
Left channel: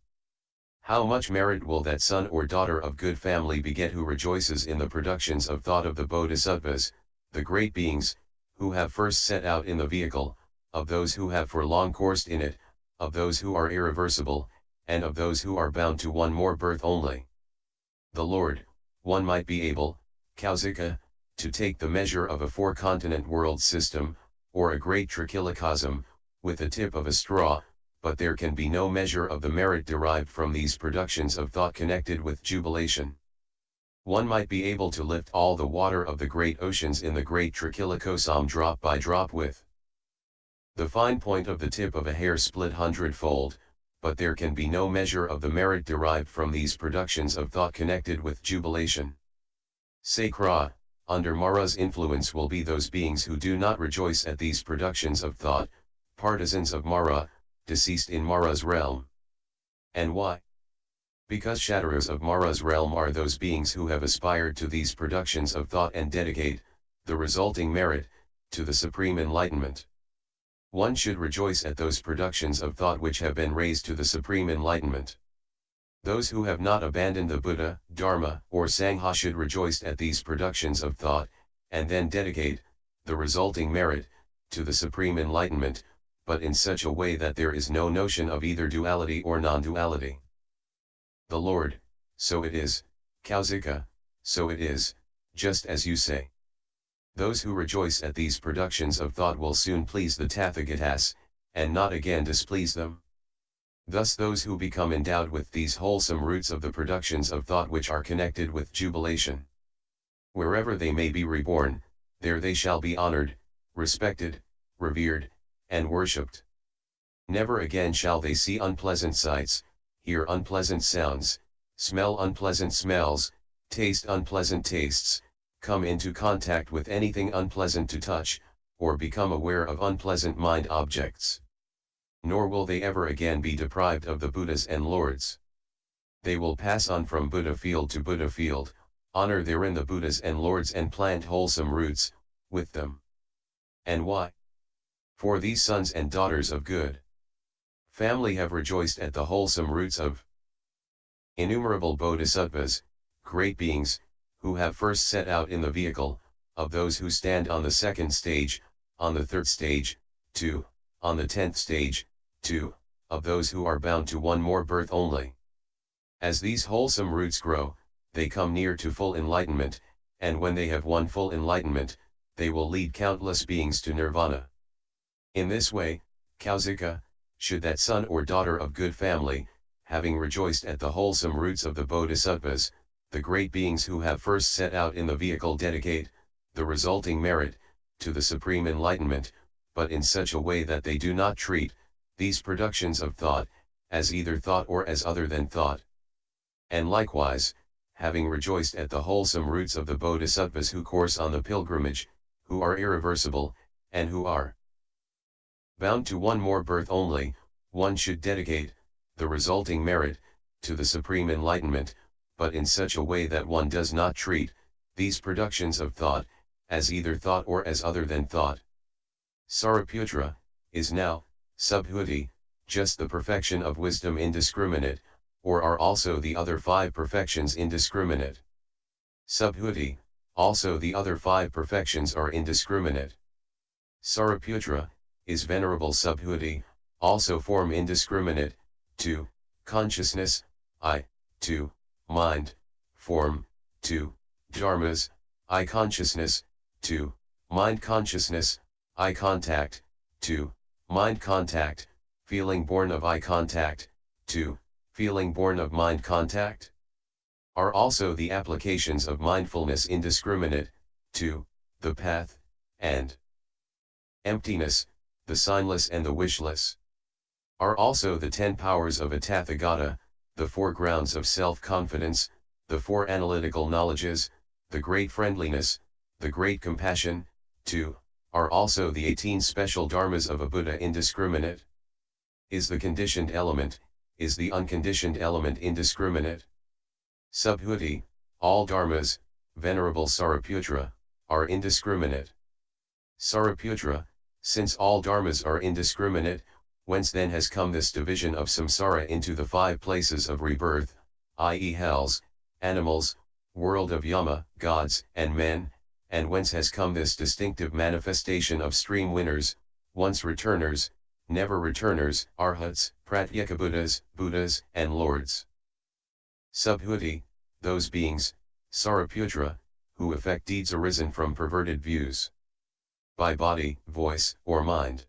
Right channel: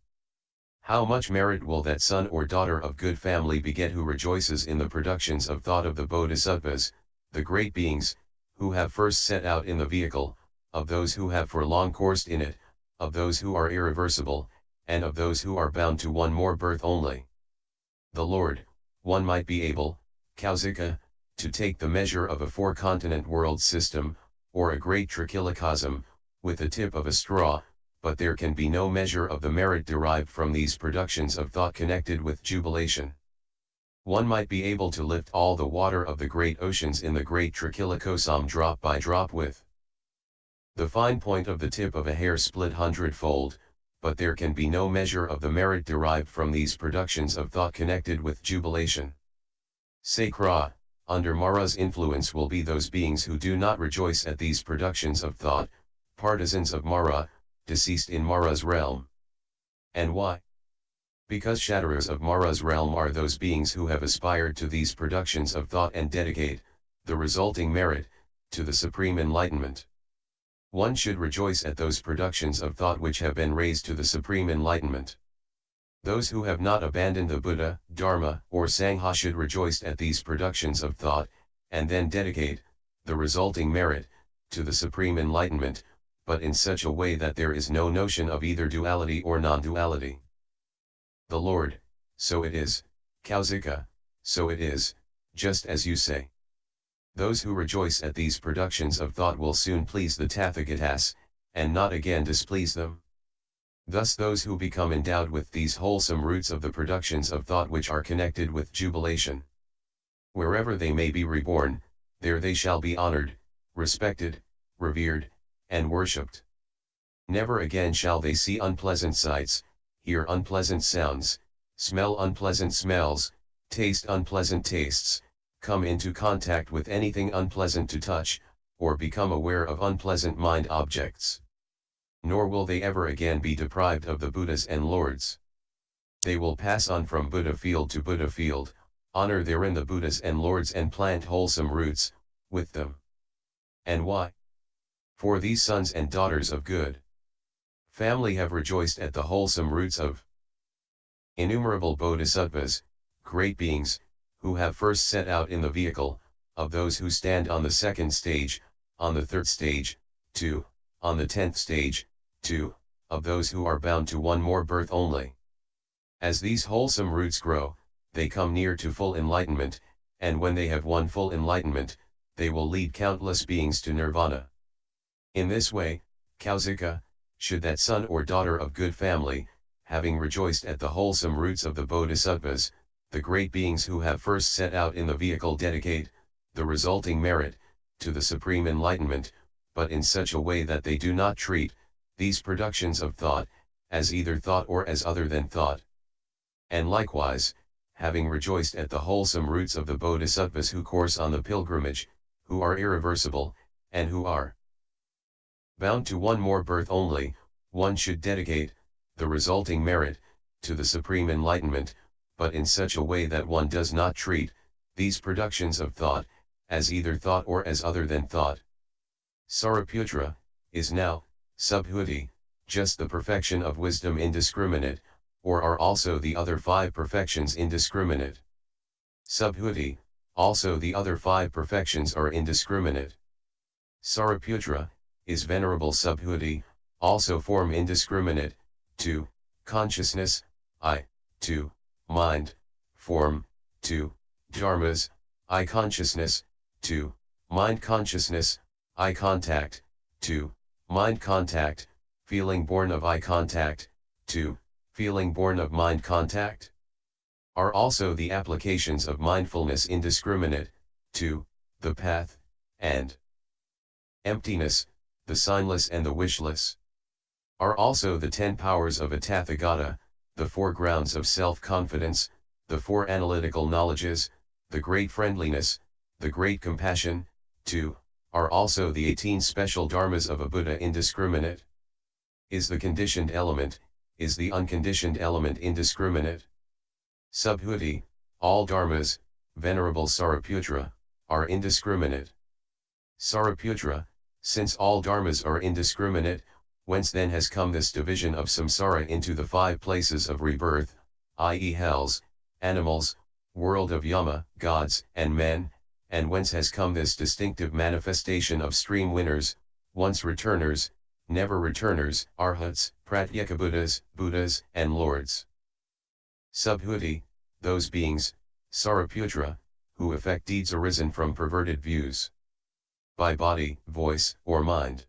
How much merit will that son or daughter of good family beget who rejoices in the productions of thought of the bodhisattvas, the great beings, who have first set out in the vehicle, of those who have for long coursed in it, of those who are irreversible, and of those who are bound to one more birth only. The Lord, one might be able, Kausika, to take the measure of a four-continent world system, or a great trichilocosm, with the tip of a straw, but there can be no measure of the merit derived from these productions of thought connected with jubilation. One might be able to lift all the water of the great oceans in the great trichilocosm drop by drop with the fine point of the tip of a hair split hundredfold, but there can be no measure of the merit derived from these productions of thought connected with jubilation. Sakra, under Mara's influence will be those beings who do not rejoice at these productions of thought, partisans of Mara, deceased in Mara's realm. And why? Because shatterers of Mara's realm are those beings who have aspired to these productions of thought and dedicate the resulting merit to the supreme enlightenment. One should rejoice at those productions of thought which have been raised to the supreme enlightenment. Those who have not abandoned the Buddha, Dharma, or Sangha should rejoice at these productions of thought, and then dedicate the resulting merit to the supreme enlightenment, but in such a way that there is no notion of either duality or non-duality. The Lord, so it is, Kausika, so it is, just as you say. Those who rejoice at these productions of thought will soon please the Tathagatas, and not again displease them. Thus those who become endowed with these wholesome roots of the productions of thought which are connected with jubilation, wherever they may be reborn, there they shall be honored, respected, revered, and worshipped. Never again shall they see unpleasant sights, hear unpleasant sounds, smell unpleasant smells, taste unpleasant tastes, come into contact with anything unpleasant to touch, or become aware of unpleasant mind objects. Nor will they ever again be deprived of the Buddhas and Lords. They will pass on from Buddha field to Buddha field, honor therein the Buddhas and Lords and plant wholesome roots with them. And why? For these sons and daughters of good family have rejoiced at the wholesome roots of innumerable bodhisattvas, great beings, who have first set out in the vehicle, of those who stand on the second stage, on the third stage, 2, on the 10th stage, 2, of those who are bound to one more birth only. As these wholesome roots grow, they come near to full enlightenment, and when they have won full enlightenment, they will lead countless beings to nirvana. In this way, Kausika, should that son or daughter of good family, having rejoiced at the wholesome roots of the bodhisattvas, the great beings who have first set out in the vehicle dedicate the resulting merit to the supreme enlightenment, but in such a way that they do not treat these productions of thought as either thought or as other than thought. And likewise, having rejoiced at the wholesome roots of the bodhisattvas who course on the pilgrimage, who are irreversible, and who are bound to one more birth only, one should dedicate the resulting merit to the supreme enlightenment, but in such a way that one does not treat these productions of thought as either thought or as other than thought. Sariputra is now, Subhuti, just the perfection of wisdom indiscriminate, or are also the other 5 perfections indiscriminate? Subhuti, also the other 5 perfections are indiscriminate. Sariputra, is venerable Subhuti, also form indiscriminate, 2, consciousness, I, 2, mind, form, 2, dharmas, I consciousness, 2, mind consciousness, eye contact, 2, mind contact, feeling born of eye contact, 2, feeling born of mind contact, are also the applications of mindfulness indiscriminate, 2, the path, and emptiness, the signless and the wishless, are also the 10 powers of a Tathagata, the 4 grounds of self-confidence, the 4 analytical knowledges, the great friendliness, the great compassion, 2, are also the 18 special dharmas of a Buddha indiscriminate. Is the conditioned element, is the unconditioned element indiscriminate? Subhuti, all dharmas, venerable Sariputra, are indiscriminate. Sariputra, Since all dharmas are indiscriminate, whence then has come this division of samsara into the 5 places of rebirth, i.e. hells, animals, world of yama, gods, and men, and whence has come this distinctive manifestation of stream winners, once returners, never returners, arhats, pratyekabuddhas, buddhas, and lords. Subhuti, those beings, Saraputra, who effect deeds arisen from perverted views. By body, voice, or mind.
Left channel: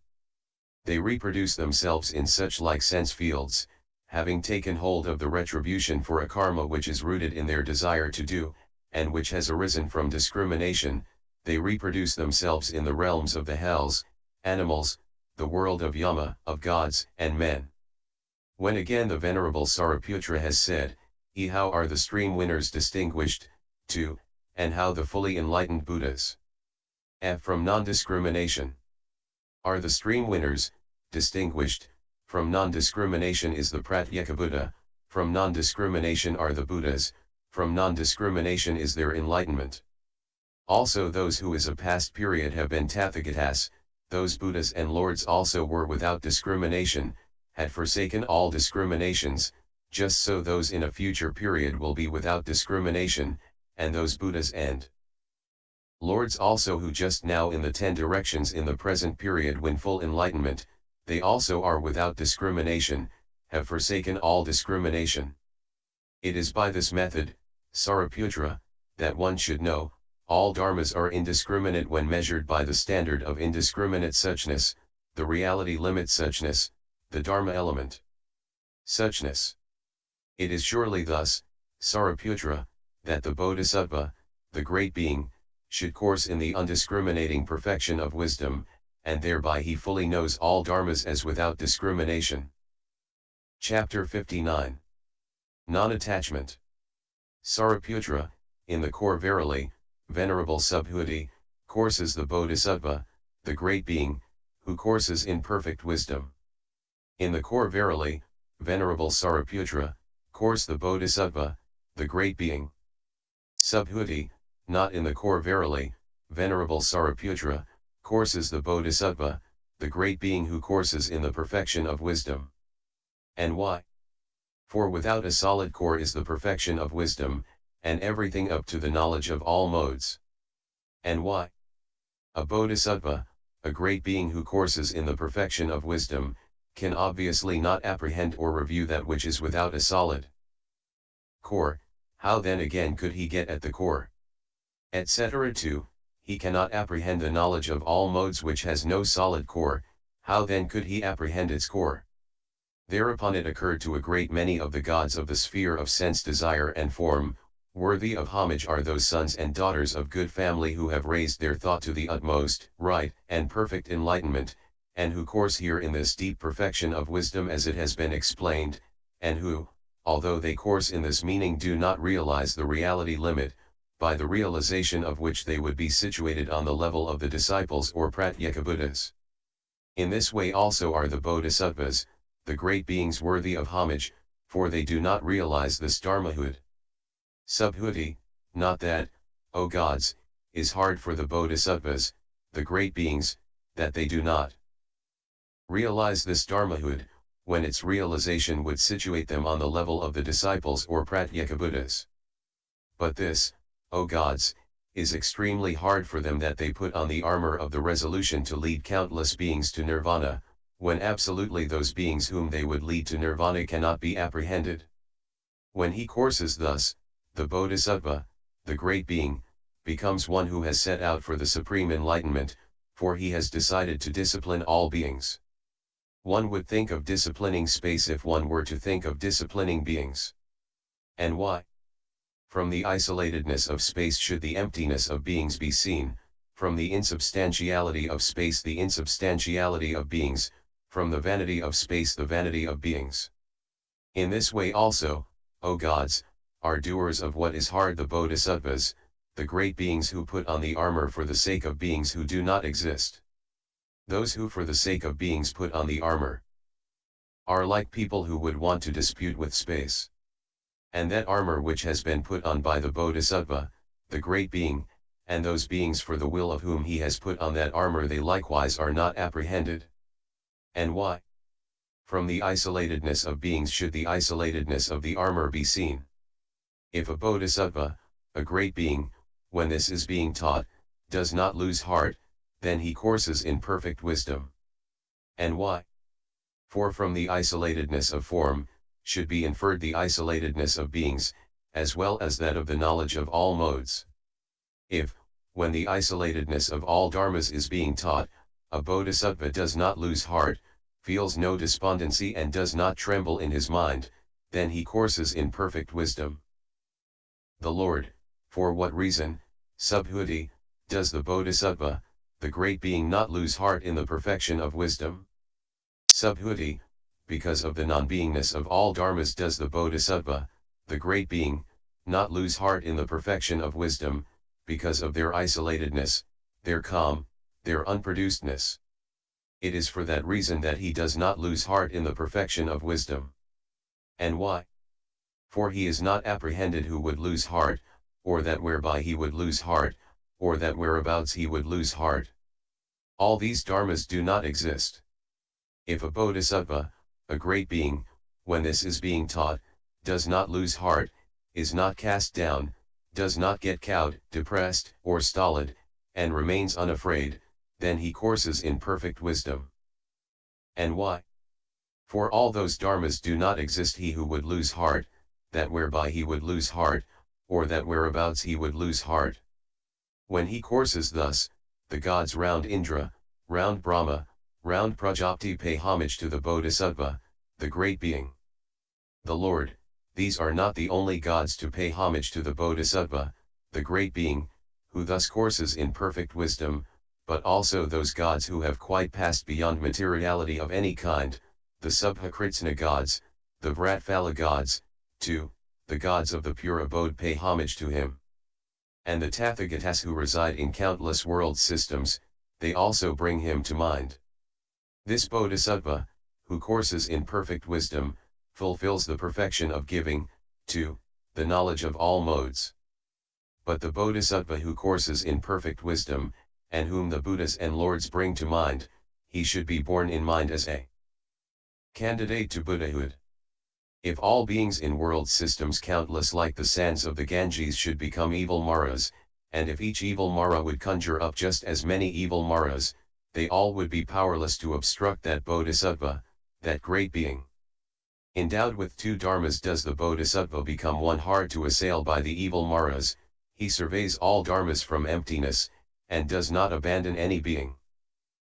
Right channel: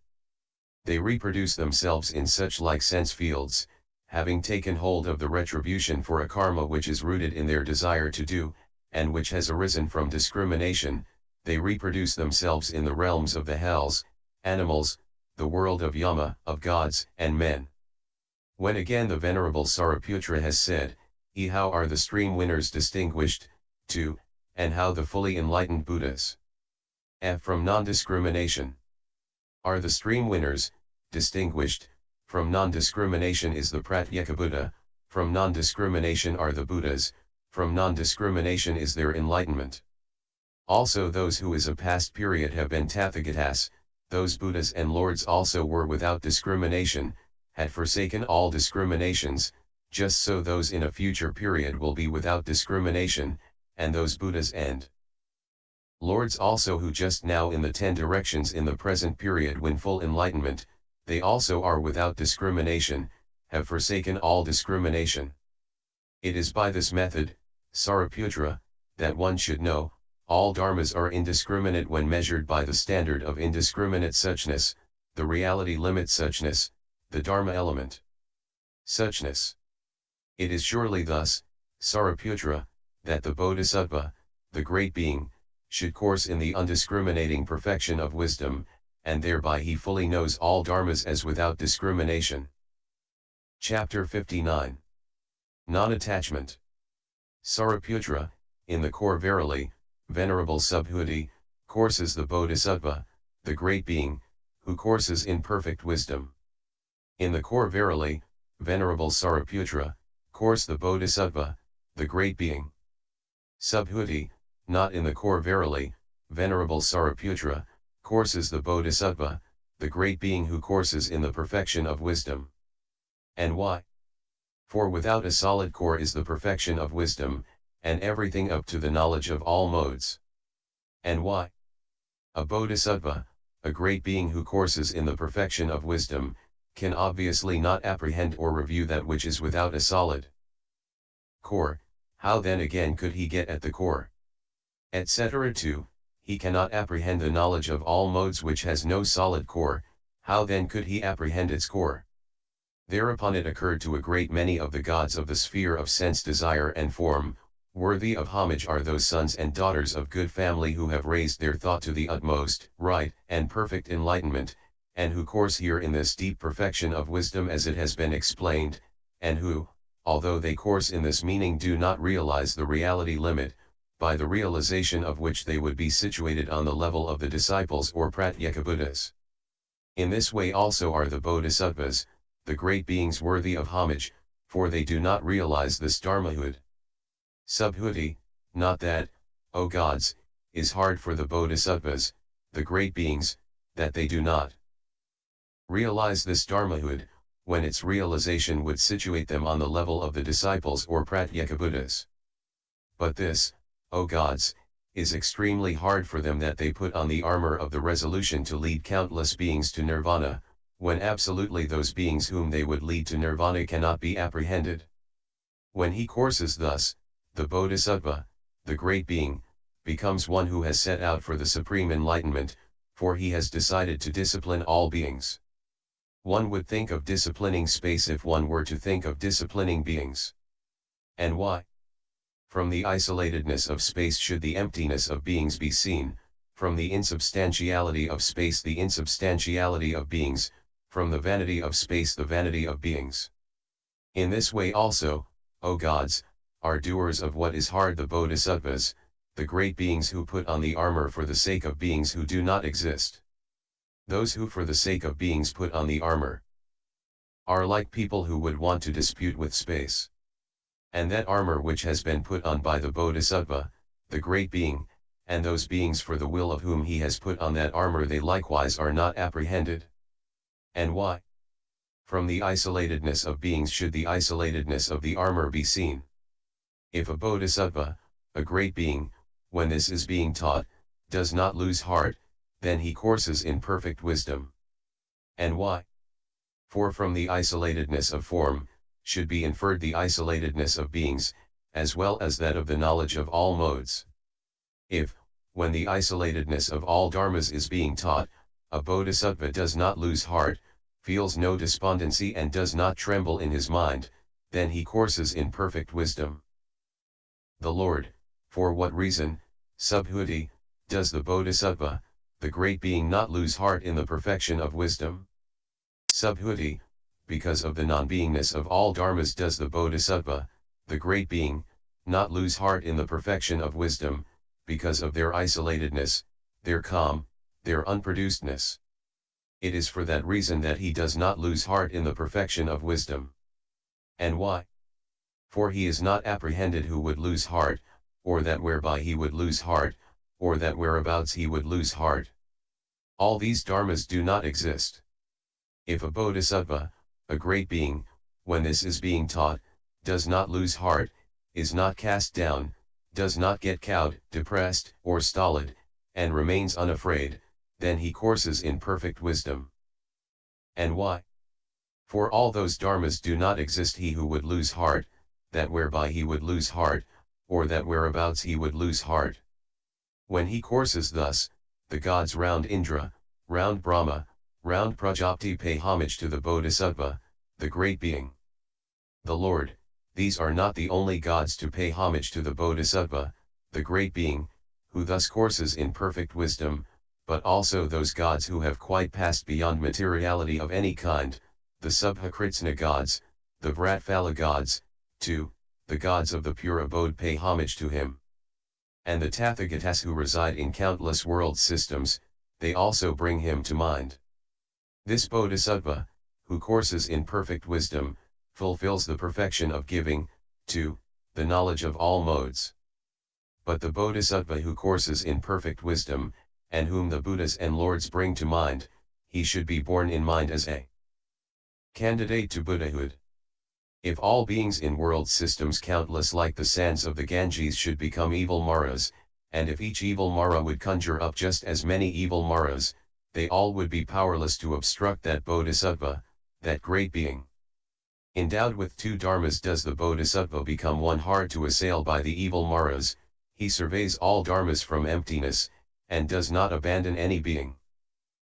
They reproduce themselves in such like sense fields, having taken hold of the retribution for a karma which is rooted in their desire to do, and which has arisen from discrimination, they reproduce themselves in the realms of the hells, animals, the world of yama, of gods, and men. When again the Venerable Saraputra has said, how are the stream winners distinguished, too, and how the fully enlightened Buddhas from non-discrimination are the stream winners distinguished. From non-discrimination is the Pratyekabuddha, from non-discrimination are the Buddhas, from non-discrimination is their enlightenment. Also those who is a past period have been Tathagatas, those Buddhas and Lords also were without discrimination, had forsaken all discriminations, just so those in a future period will be without discrimination, and those Buddhas and Lords also who just now in the 10 directions in the present period win full enlightenment, they also are without discrimination, have forsaken all discrimination. It is by this method, Saraputra, that one should know, all dharmas are indiscriminate when measured by the standard of indiscriminate suchness, the reality limit suchness, the dharma element suchness. It is surely thus, Saraputra, that the Bodhisattva, the great being, should course in the undiscriminating perfection of wisdom, and thereby he fully knows all dharmas as without discrimination. Chapter 59. Non-attachment. Saraputra, in the core verily, Venerable Subhuti, courses the Bodhisattva, the great being, who courses in perfect wisdom. In the core verily, Venerable Saraputra, course the Bodhisattva, the great being. Subhuti, not in the core verily, Venerable Saraputra, courses the Bodhisattva, the great being who courses in the perfection of wisdom. And why? For without a solid core is the perfection of wisdom, and everything up to the knowledge of all modes. And why? A Bodhisattva, a great being who courses in the perfection of wisdom, can obviously not apprehend or review that which is without a solid core. How then again could he get at the core? Etc. 2. He cannot apprehend the knowledge of all modes which has no solid core. How then could he apprehend its core? Thereupon it occurred to a great many of the gods of the sphere of sense desire and form, worthy of homage are those sons and daughters of good family who have raised their thought to the utmost, right, and perfect enlightenment, and who course here in this deep perfection of wisdom as it has been explained, and who, although they course in this meaning do not realize the reality limit, by the realization of which they would be situated on the level of the disciples or Pratyekabuddhas. In this way also are the Bodhisattvas, the great beings worthy of homage, for they do not realize this dharmahood. Subhuti, not that, O gods, is hard for the Bodhisattvas, the great beings, that they do not realize this dharmahood, when its realization would situate them on the level of the disciples or Pratyekabuddhas. But this, O gods, is extremely hard for them that they put on the armor of the resolution to lead countless beings to nirvana, when absolutely those beings whom they would lead to nirvana cannot be apprehended. When he courses thus, the Bodhisattva, the great being, becomes one who has set out for the supreme enlightenment, for he has decided to discipline all beings. One would think of disciplining space if one were to think of disciplining beings. And why? From the isolatedness of space should the emptiness of beings be seen, from the insubstantiality of space the insubstantiality of beings, from the vanity of space the vanity of beings. In this way also, O gods, are doers of what is hard the Bodhisattvas, the great beings who put on the armor for the sake of beings who do not exist. Those who for the sake of beings put on the armor are like people who would want to dispute with space. And that armor which has been put on by the Bodhisattva, the great being, and those beings for the will of whom he has put on that armor they likewise are not apprehended. And why? From the isolatedness of beings should the isolatedness of the armor be seen. If a bodhisattva, a great being, when this is being taught, does not lose heart, then he courses in perfect wisdom. And why? For from the isolatedness of form, should be inferred the isolatedness of beings, as well as that of the knowledge of all modes. If, when the isolatedness of all dharmas is being taught, a bodhisattva does not lose heart, feels no despondency and does not tremble in his mind, then he courses in perfect wisdom. The Lord, for what reason, Subhuti, does the bodhisattva, the great being not lose heart in the perfection of wisdom? Subhuti, because of the non-beingness of all dharmas does the bodhisattva, the great being, not lose heart in the perfection of wisdom, because of their isolatedness, their calm, their unproducedness. It is for that reason that he does not lose heart in the perfection of wisdom. And why? For he is not apprehended who would lose heart, or that whereby he would lose heart, or that whereabouts he would lose heart. All these dharmas do not exist. If a bodhisattva, a great being, when this is being taught, does not lose heart, is not cast down, does not get cowed, depressed, or stolid, and remains unafraid, then he courses in perfect wisdom. And why? For all those dharmas do not exist he who would lose heart, that whereby he would lose heart, or that whereabouts he would lose heart. When he courses thus, the gods round Indra, round Brahma, round Prajapati pay homage to the bodhisattva, the great being. The Lord, these are not the only gods to pay homage to the bodhisattva, the great being, who thus courses in perfect wisdom, but also those gods who have quite passed beyond materiality of any kind, the Subhakritsna gods, the Vratphala gods, too, the gods of the pure abode pay homage to him. And the Tathagatas who reside in countless world systems, they also bring him to mind. This bodhisattva, who courses in perfect wisdom, fulfills the perfection of giving, too, the knowledge of all modes. But the bodhisattva who courses in perfect wisdom, and whom the Buddhas and Lords bring to mind, he should be borne in mind as a candidate to Buddhahood. If all beings in world systems countless like the sands of the Ganges should become evil Maras, and if each evil Mara would conjure up just as many evil Maras, they all would be powerless to obstruct that bodhisattva, that great being. Endowed with two dharmas does the bodhisattva become one hard to assail by the evil Maras, he surveys all dharmas from emptiness, and does not abandon any being.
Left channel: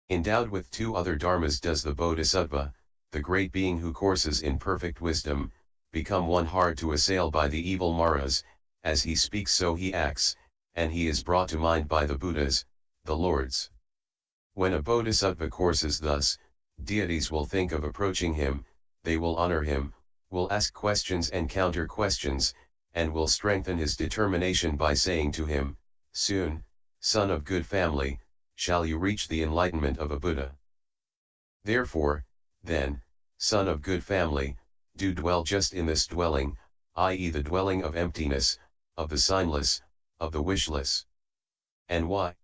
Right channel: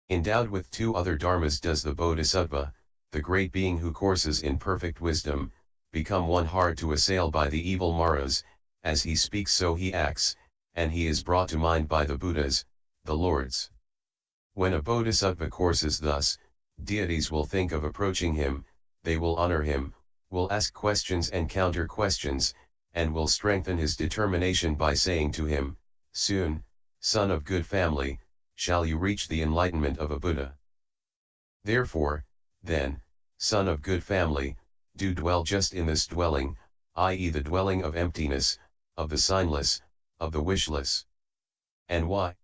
Endowed with two other dharmas does the bodhisattva, the great being who courses in perfect wisdom, become one hard to assail by the evil Maras, as he speaks so he acts, and he is brought to mind by the Buddhas, the Lords. When a bodhisattva courses thus, deities will think of approaching him, they will honor him, will ask questions and counter questions, and will strengthen his determination by saying to him, "Soon, son of good family, shall you reach the enlightenment of a Buddha. Therefore, then, son of good family, do dwell just in this dwelling, i.e. the dwelling of emptiness, of the signless, of the wishless." And why?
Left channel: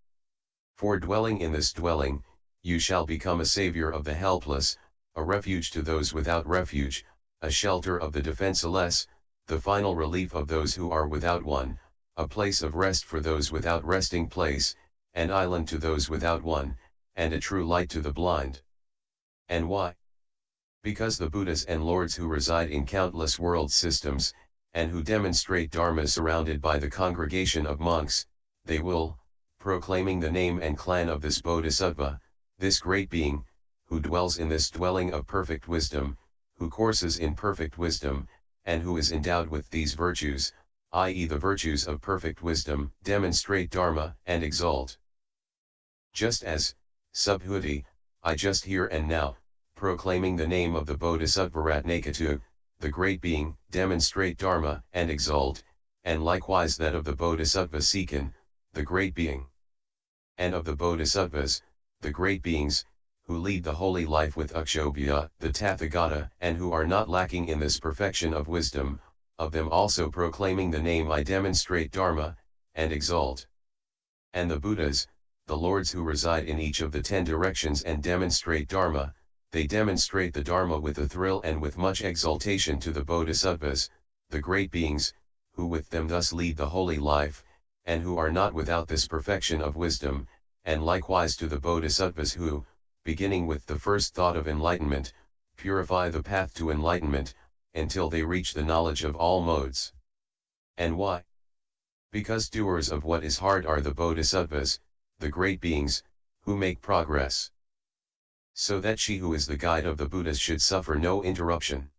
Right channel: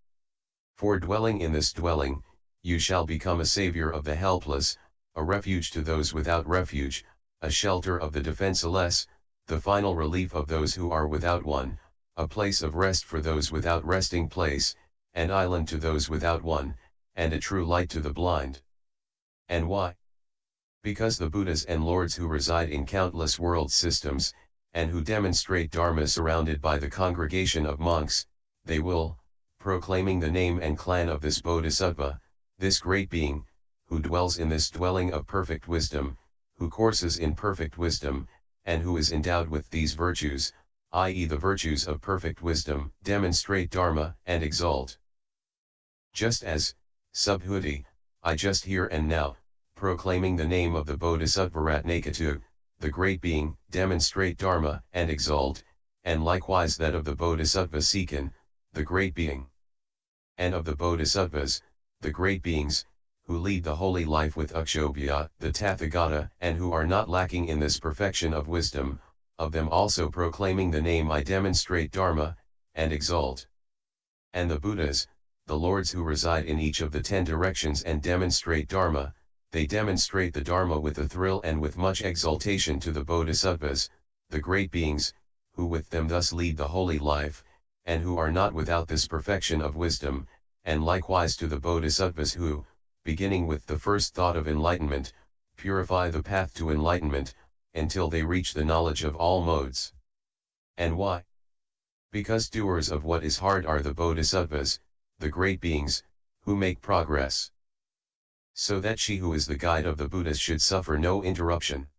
For dwelling in this dwelling, you shall become a savior of the helpless, a refuge to those without refuge, a shelter of the defenseless, the final relief of those who are without one, a place of rest for those without resting place, an island to those without one, and a true light to the blind. And why? Because the Buddhas and Lords who reside in countless world systems, and who demonstrate Dharma surrounded by the congregation of monks, they will, proclaiming the name and clan of this Bodhisattva, this great being, who dwells in this dwelling of perfect wisdom, who courses in perfect wisdom, and who is endowed with these virtues, i.e. the virtues of perfect wisdom, demonstrate Dharma and exalt. Just as, Subhuti, I just here and now, proclaiming the name of the Bodhisattva Ratnakatu, the great being, demonstrate Dharma and exalt, and likewise that of the Bodhisattva Seekan, the great being. And of the Bodhisattvas, the great beings, who lead the holy life with Akshobhya, the Tathagata, and who are not lacking in this perfection of wisdom, of them also proclaiming the name I demonstrate Dharma, and exalt. And the Buddhas, the lords who reside in each of the 10 directions and demonstrate Dharma, they demonstrate the Dharma with a thrill and with much exaltation to the Bodhisattvas, the great beings, who with them thus lead the holy life, and who are not without this perfection of wisdom, and likewise to the Bodhisattvas who, beginning with the first thought of enlightenment, purify the path to enlightenment, until they reach the knowledge of all modes. And why? Because doers of what is hard are the Bodhisattvas, the great beings, who make progress. So that she who is the guide of the Buddhas should suffer no interruption.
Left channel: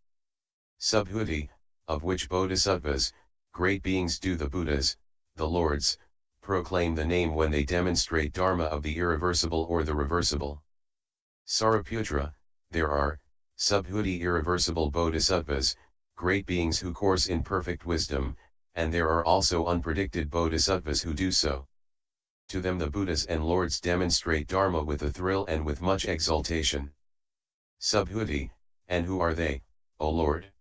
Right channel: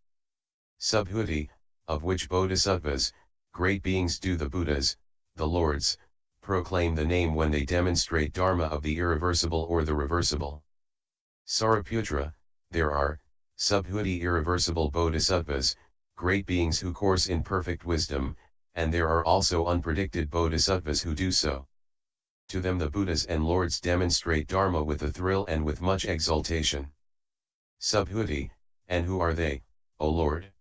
Subhuti, of which Bodhisattvas, great beings do the Buddhas, the lords, proclaim the name when they demonstrate Dharma of the irreversible or the reversible. Sariputra, there are, subhuti irreversible Bodhisattvas, great beings who course in perfect wisdom, and there are also unpredicted Bodhisattvas who do so. To them the Buddhas and lords demonstrate Dharma with a thrill and with much exaltation. Subhuti, and who are they, O Lord?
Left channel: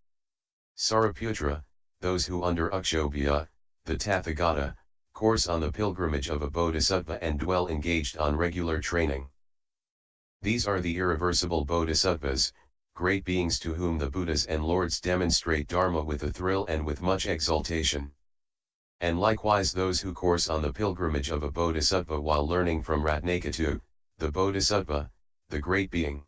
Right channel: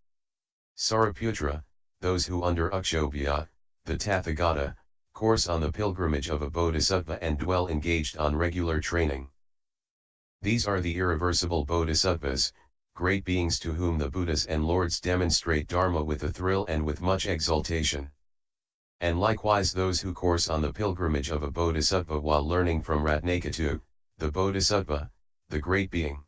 Sariputra, those who under Akshobhya, the Tathagata, course on the pilgrimage of a Bodhisattva and dwell engaged on regular training. These are the irreversible Bodhisattvas, great beings to whom the Buddhas and lords demonstrate Dharma with a thrill and with much exaltation. And likewise those who course on the pilgrimage of a Bodhisattva while learning from Ratnakatu, the Bodhisattva, the great being.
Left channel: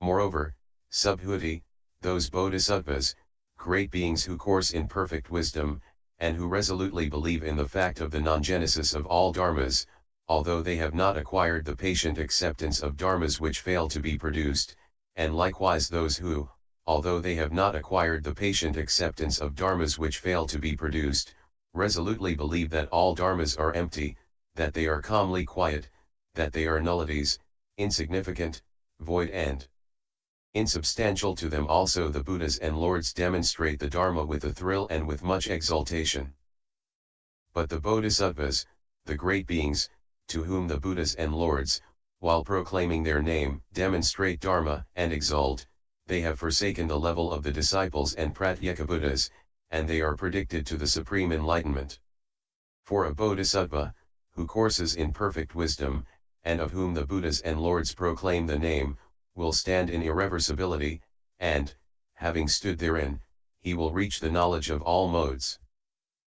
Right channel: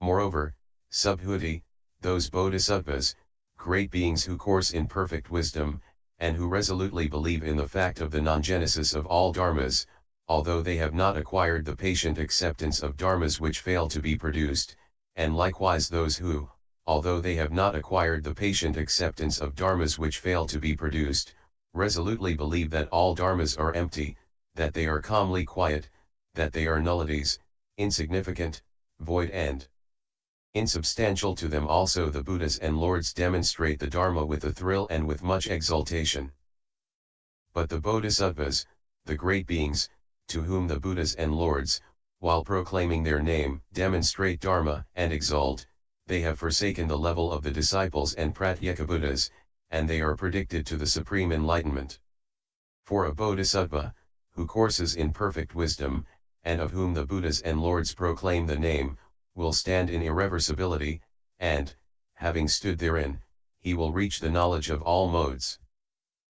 Moreover, subhuti, those Bodhisattvas, great beings who course in perfect wisdom, and who resolutely believe in the fact of the non-genesis of all dharmas, although they have not acquired the patient acceptance of dharmas which fail to be produced, and likewise those who, although they have not acquired the patient acceptance of dharmas which fail to be produced, resolutely believe that all dharmas are empty, that they are calmly quiet, that they are nullities, insignificant, void and insubstantial. To them also the Buddhas and lords demonstrate the Dharma with a thrill and with much exaltation. But the Bodhisattvas, the great beings, to whom the Buddhas and lords, while proclaiming their name, demonstrate Dharma and exalt, they have forsaken the level of the disciples and Pratyeka Buddhas, and they are predicted to the supreme enlightenment. For a Bodhisattva, who courses in perfect wisdom, and of whom the Buddhas and lords proclaim the name, will stand in irreversibility, and, having stood therein, he will reach the knowledge of all modes.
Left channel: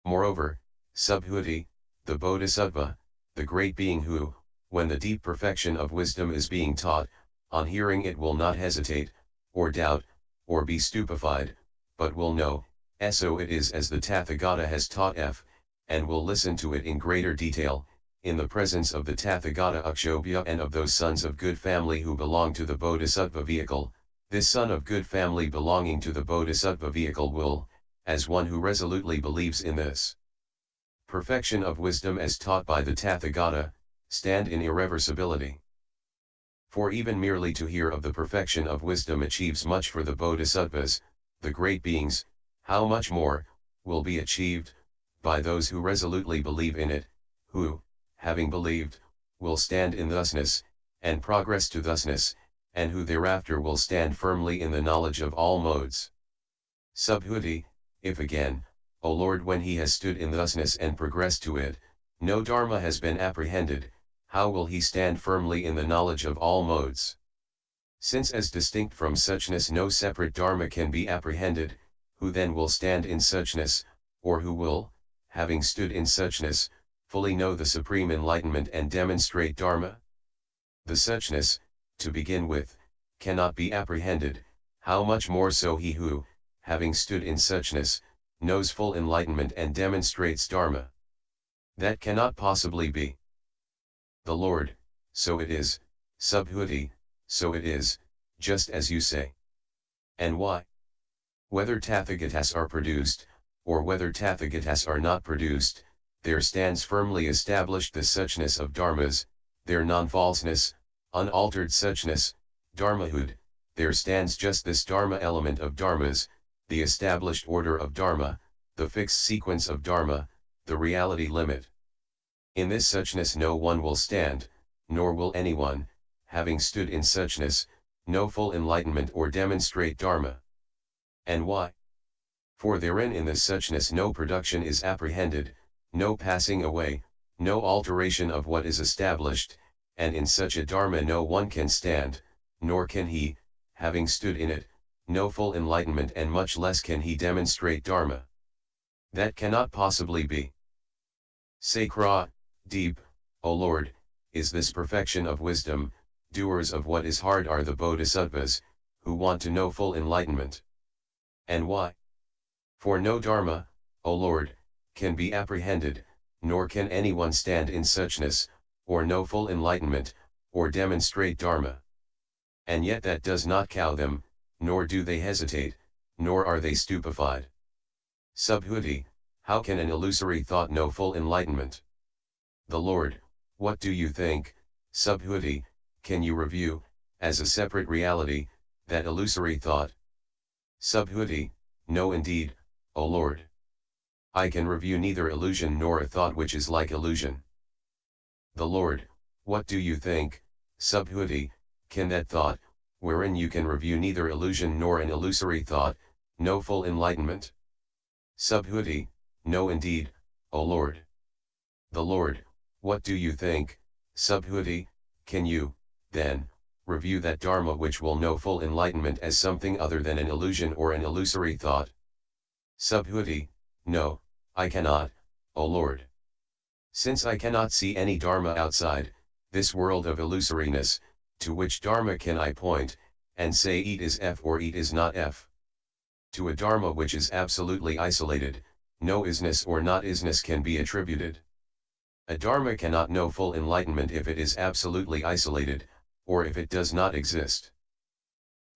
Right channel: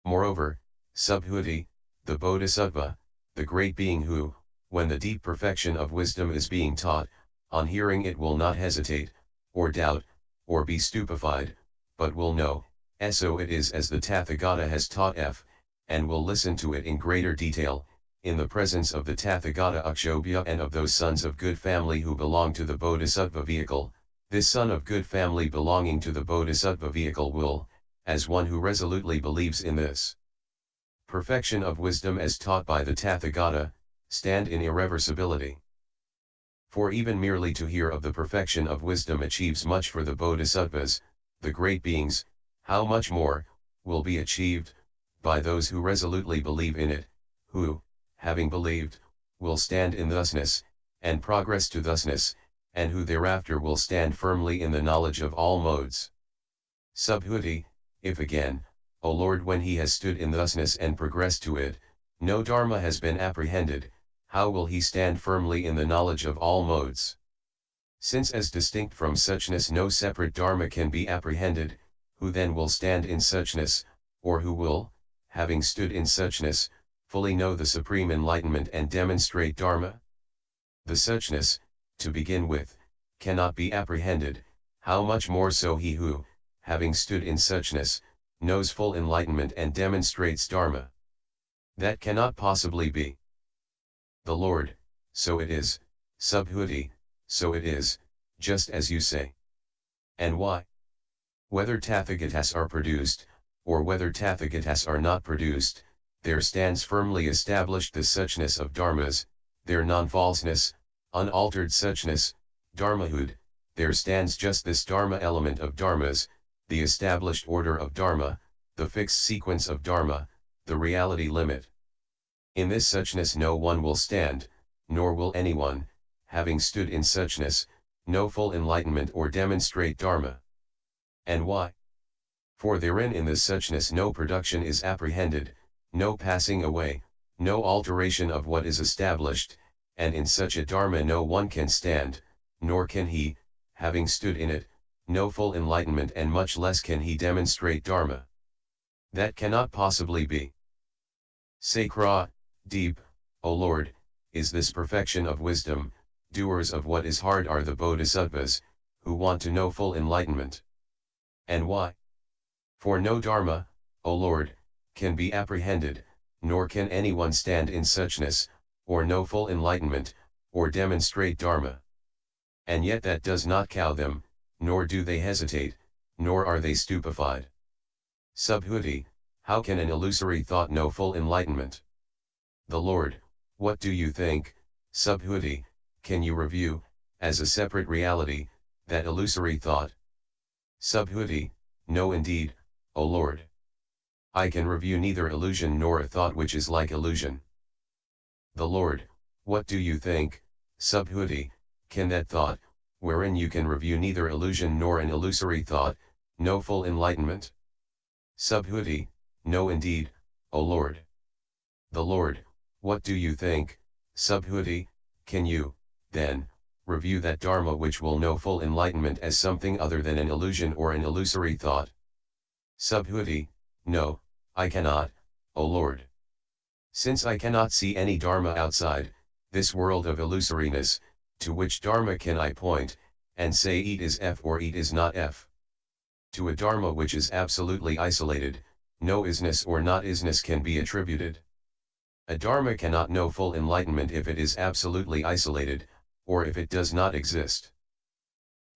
Moreover, subhuti, the Bodhisattva, the great being who, when the deep perfection of wisdom is being taught, on hearing it will not hesitate, or doubt, or be stupefied, but will know, so it is as the Tathagata has taught and will listen to it in greater detail, in the presence of the Tathagata Akshobhya and of those sons of good family who belong to the Bodhisattva vehicle. This son of good family belonging to the Bodhisattva vehicle will, as one who resolutely believes in this perfection of wisdom as taught by the Tathagata, stand in irreversibility. For even merely to hear of the perfection of wisdom achieves much for the Bodhisattvas, the great beings, how much more, will be achieved, by those who resolutely believe in it, who, having believed, will stand in thusness, and progress to thusness, and who thereafter will stand firmly in the knowledge of all modes. Subhuti, if again, O Lord, when he has stood in thusness and progressed to it, no dharma has been apprehended, how will he stand firmly in the knowledge of all modes? Since as distinct from suchness no separate dharma can be apprehended, who then will stand in suchness, or who will, having stood in suchness, fully know the supreme enlightenment and demonstrate Dharma? The suchness, to begin with, cannot be apprehended, how much more so he who, having stood in suchness, knows full enlightenment and demonstrates Dharma. That cannot possibly be. The Lord, so it is, subhuti, so it is, just as you say. And why? Whether Tathagatas are produced, or whether Tathagatas are not produced, there stands firmly established the suchness of dharmas, their non-falseness, unaltered suchness, dharmahood, there stands just this dharma element of dharmas, the established order of dharma, the fixed sequence of dharma, the reality limit. In this suchness no one will stand, nor will anyone, having stood in suchness, know full enlightenment or demonstrate dharma. And why? For therein in this suchness no production is apprehended, no passing away, no alteration of what is established, and in such a Dharma no one can stand, nor can he, having stood in it, know full enlightenment, and much less can he demonstrate Dharma. That cannot possibly be. Sacra, deep, O Lord, is this perfection of wisdom. Doers of what is hard are the bodhisattvas, who want to know full enlightenment. And why? For no Dharma, O Lord, can be apprehended, nor can anyone stand in suchness, or know full enlightenment, or demonstrate Dharma. And yet that does not cow them, nor do they hesitate, nor are they stupefied. Subhuti, how can an illusory thought know full enlightenment? The Lord, what do you think, Subhuti, can you review, as a separate reality, that illusory thought? Subhuti, no indeed, O Lord. I can review neither illusion nor a thought which is like illusion. The Lord, what do you think, Subhuti, can that thought, wherein you can review neither illusion nor an illusory thought, know full enlightenment? Subhuti, no indeed, O Lord. The Lord, what do you think, Subhuti, can you, then, review that Dharma which will know full enlightenment as something other than an illusion or an illusory thought? Subhuti, no, I cannot, O Lord. Since I cannot see any Dharma outside this world of illusoriness, to which Dharma can I point, and say it is F or it is not F? To a Dharma which is absolutely isolated, no isness or not isness can be attributed. A Dharma cannot know full enlightenment if it is absolutely isolated, or if it does not exist.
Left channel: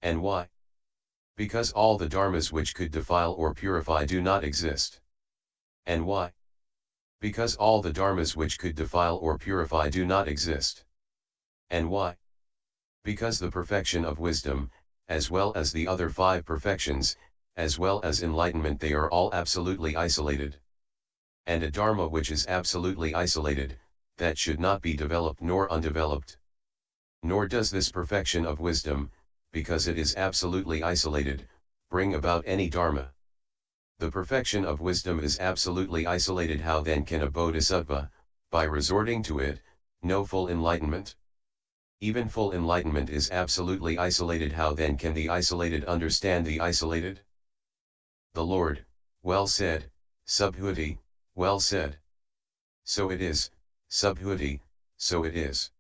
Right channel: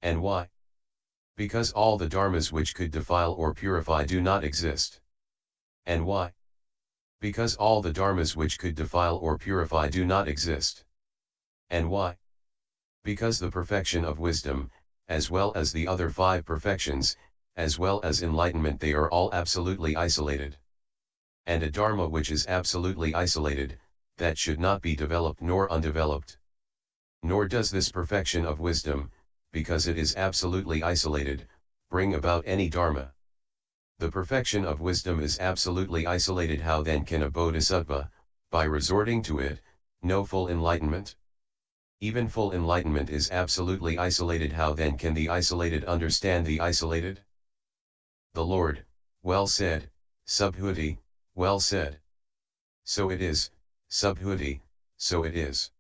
And why? Because all the Dharmas which could defile or purify do not exist. And why? Because all the Dharmas which could defile or purify do not exist. And why? Because the perfection of wisdom, as well as the other 5 perfections, as well as enlightenment, they are all absolutely isolated. And a Dharma which is absolutely isolated, that should not be developed nor undeveloped. Nor does this perfection of wisdom, because it is absolutely isolated, bring about any Dharma. The perfection of wisdom is absolutely isolated. How then can a bodhisattva, by resorting to it, know full enlightenment? Even full enlightenment is absolutely isolated. How then can the isolated understand the isolated? The Lord, well said, Subhuti, well said. So it is, Subhuti, so it is.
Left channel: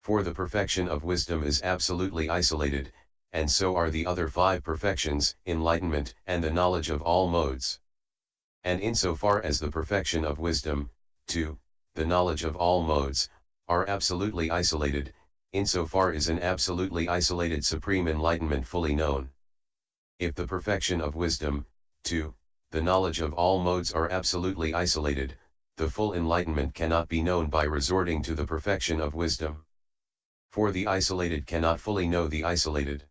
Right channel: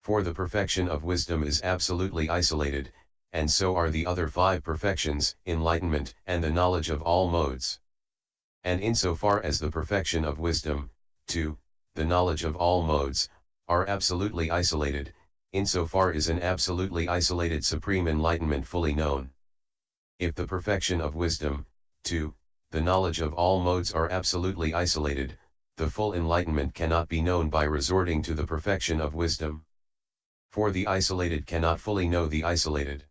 For the perfection of wisdom is absolutely isolated, and so are the other 5 perfections, enlightenment and the knowledge of all modes. And insofar as the perfection of wisdom, too, the knowledge of all modes, are absolutely isolated, insofar is an absolutely isolated supreme enlightenment fully known. If the perfection of wisdom, too, the knowledge of all modes are absolutely isolated, the full enlightenment cannot be known by resorting to the perfection of wisdom. For the isolated cannot fully know the isolated.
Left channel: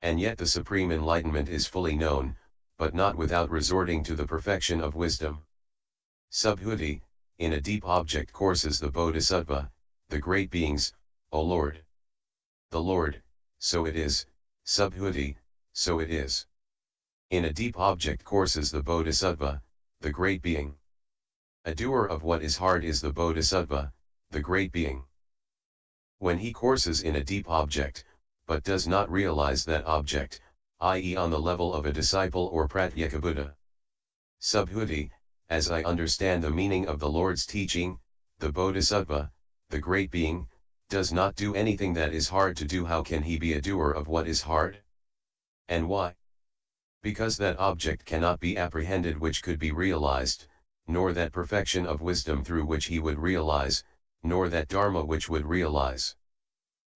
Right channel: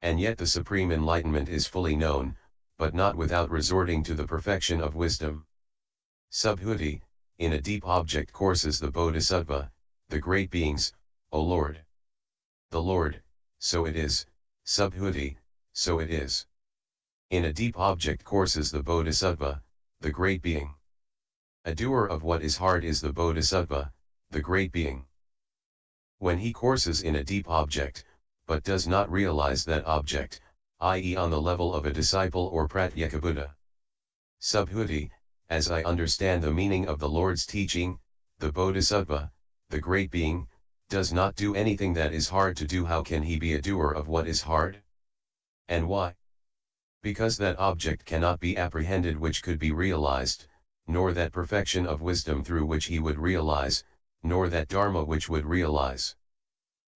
And yet the supreme enlightenment is fully known, but not without resorting to the perfection of wisdom. Subhuti, in a deep object courses the bodhisattva, the great beings, O Lord. The Lord, so it is, Subhuti, so it is. In a deep object courses the bodhisattva, the great being. A doer of what is hard is the bodhisattva, the great being. When he courses in a deep object, but does not realize that object, i.e. on the level of a disciple or pratyekabuddha. Subhuti, as I understand the meaning of the Lord's teaching, the bodhisattva, the great being, does not do anything that is hard to do. How can he be a doer of what is hard? And why? Because that object cannot be apprehended which could be realized, nor that perfection of wisdom through which he would realize, nor that Dharma which would realize.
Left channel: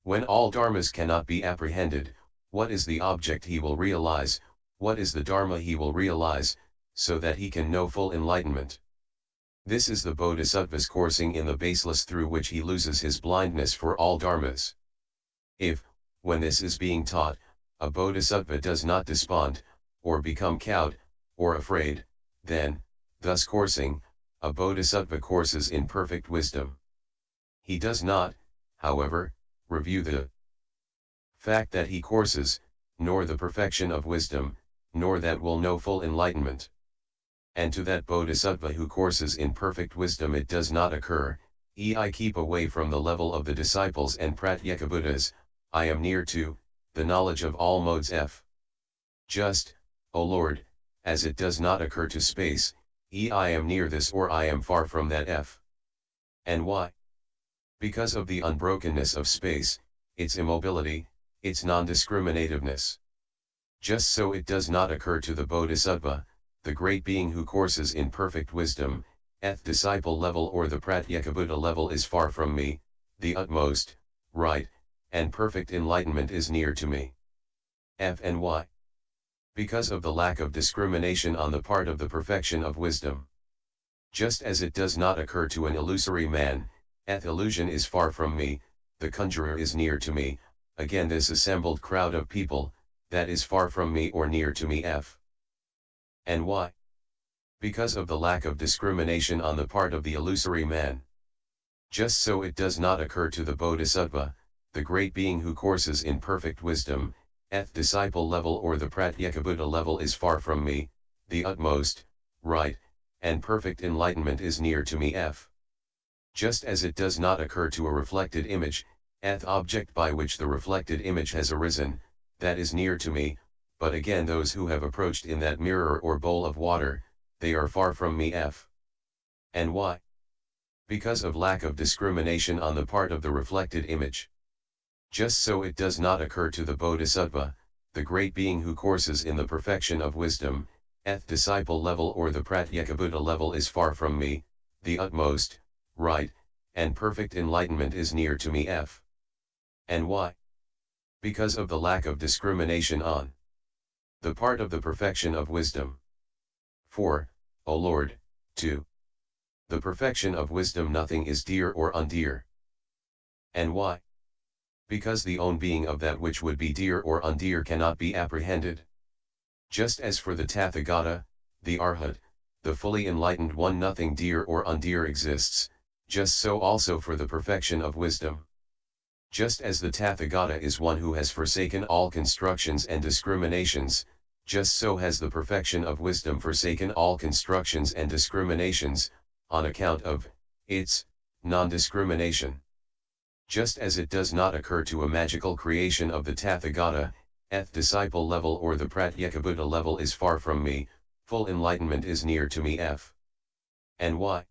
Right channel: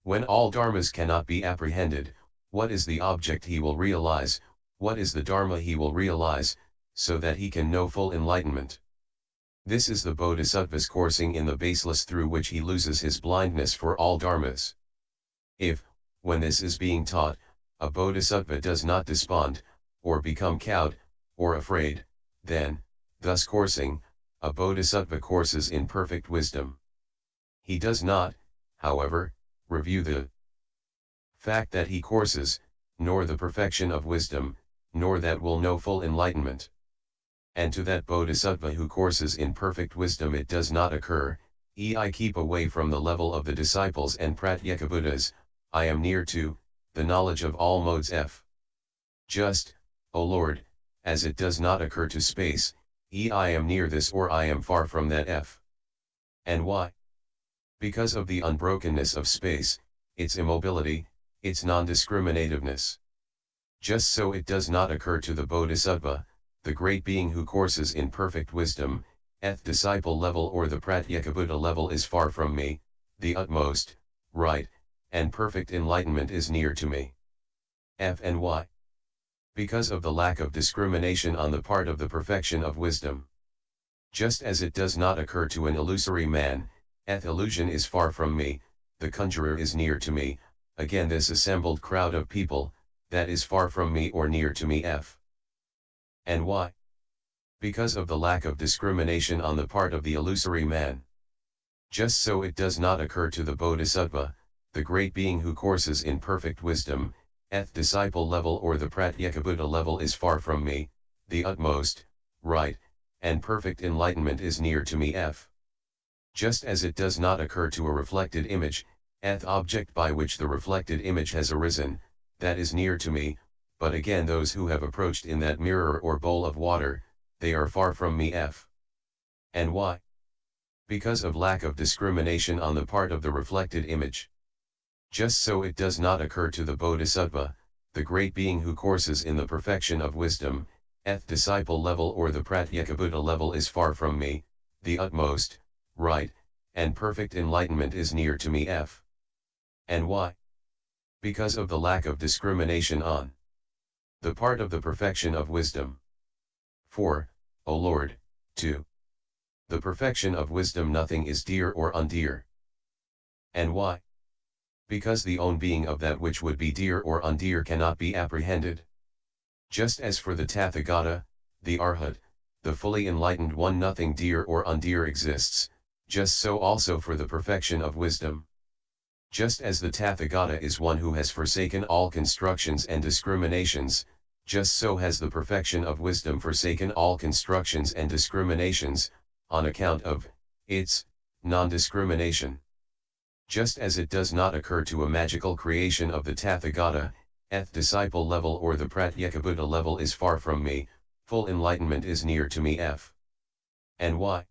When all Dharmas cannot be apprehended, what is the object he will realize, what is the Dharma he will realize, so that he can know full enlightenment? This is the Bodhisattva's coursing in the baseless through which he loses his blindness for all Dharmas. If, when this is being taught, a Bodhisattva does not despond, or become cowed, or afraid, then, thus coursing, a Bodhisattva courses in perfect wisdom. He does not, however, review the fact that he courses, nor the perfection of wisdom, nor that will know full enlightenment. And to that bodhisattva who courses in perfect wisdom it does not occur, I keep away from the level of the disciples and Pratyekabuddhas, I am near to, the knowledge of all modes f. Just, O Lord, as it does not occur to space, I am near this or I am far from that f. And why? Because of the unbrokenness of space, its immobility, its non-discriminativeness. Just so it does not occur to the bodhisattva, the great being who courses in perfect wisdom, disciple level or the Pratyekabuddha level is far from me, the utmost, right, and perfect enlightenment is near to me. F and why? Because of the lack of discrimination on the part of the perfection of wisdom. Just as it does not occur to an illusory man, illusion is far from me, the conjurer is near to me, again this assembled crowd of people, that is far from me or near to me f. And why? Because of the lack of discrimination on the part of the illusory man. Just so it does not occur to the bodhisattva, the great being who courses in perfect wisdom, disciple level or the Pratyekabuddha level is far from me, the utmost, right, and perfect enlightenment is near to me f. Just as it does not occur to a reflected image, object by which the reflected image has arisen, that is near to me, but again those who have approached in that mirror or bowl of water, they are far from me f. And why? Because of lack of discrimination on the part of the reflected image. Just so it does not occur to the bodhisattva, the great being who courses in the perfection of wisdom, disciple level or the Pratyekabuddha level is far from me, the utmost, right, and perfect enlightenment is near to me f. And why? Because of the lack of discrimination on the part of the perfection of wisdom. 4. O Lord, 2. The perfection of wisdom nothing is dear or undear. And why? Because the own being of that which would be dear or undear cannot be apprehended. Just as for the Tathagata, the Arhat, the fully enlightened one nothing dear or undear exists, just so also for the perfection of wisdom. Just as the Tathagata is one who has forsaken all constructions and discriminations, just so has the perfection of wisdom forsaken all constructions and discriminations, on account of its non-discrimination. Just as it does not occur to a magical creation of the Tathagata, disciple level or the Pratyekabuddha level is far from me, full enlightenment is near to me f. And why?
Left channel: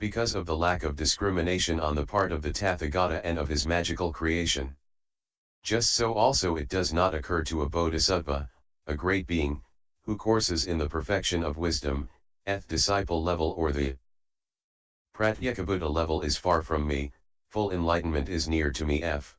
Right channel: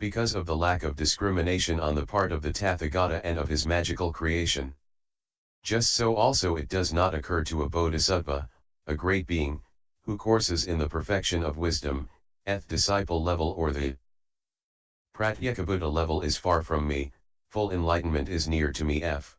Because of the lack of discrimination on the part of the Tathagata and of his magical creation. Just so also it does not occur to a bodhisattva, a great being, who courses in the perfection of wisdom, disciple level or the Pratyekabuddha level is far from me, full enlightenment is near to me f.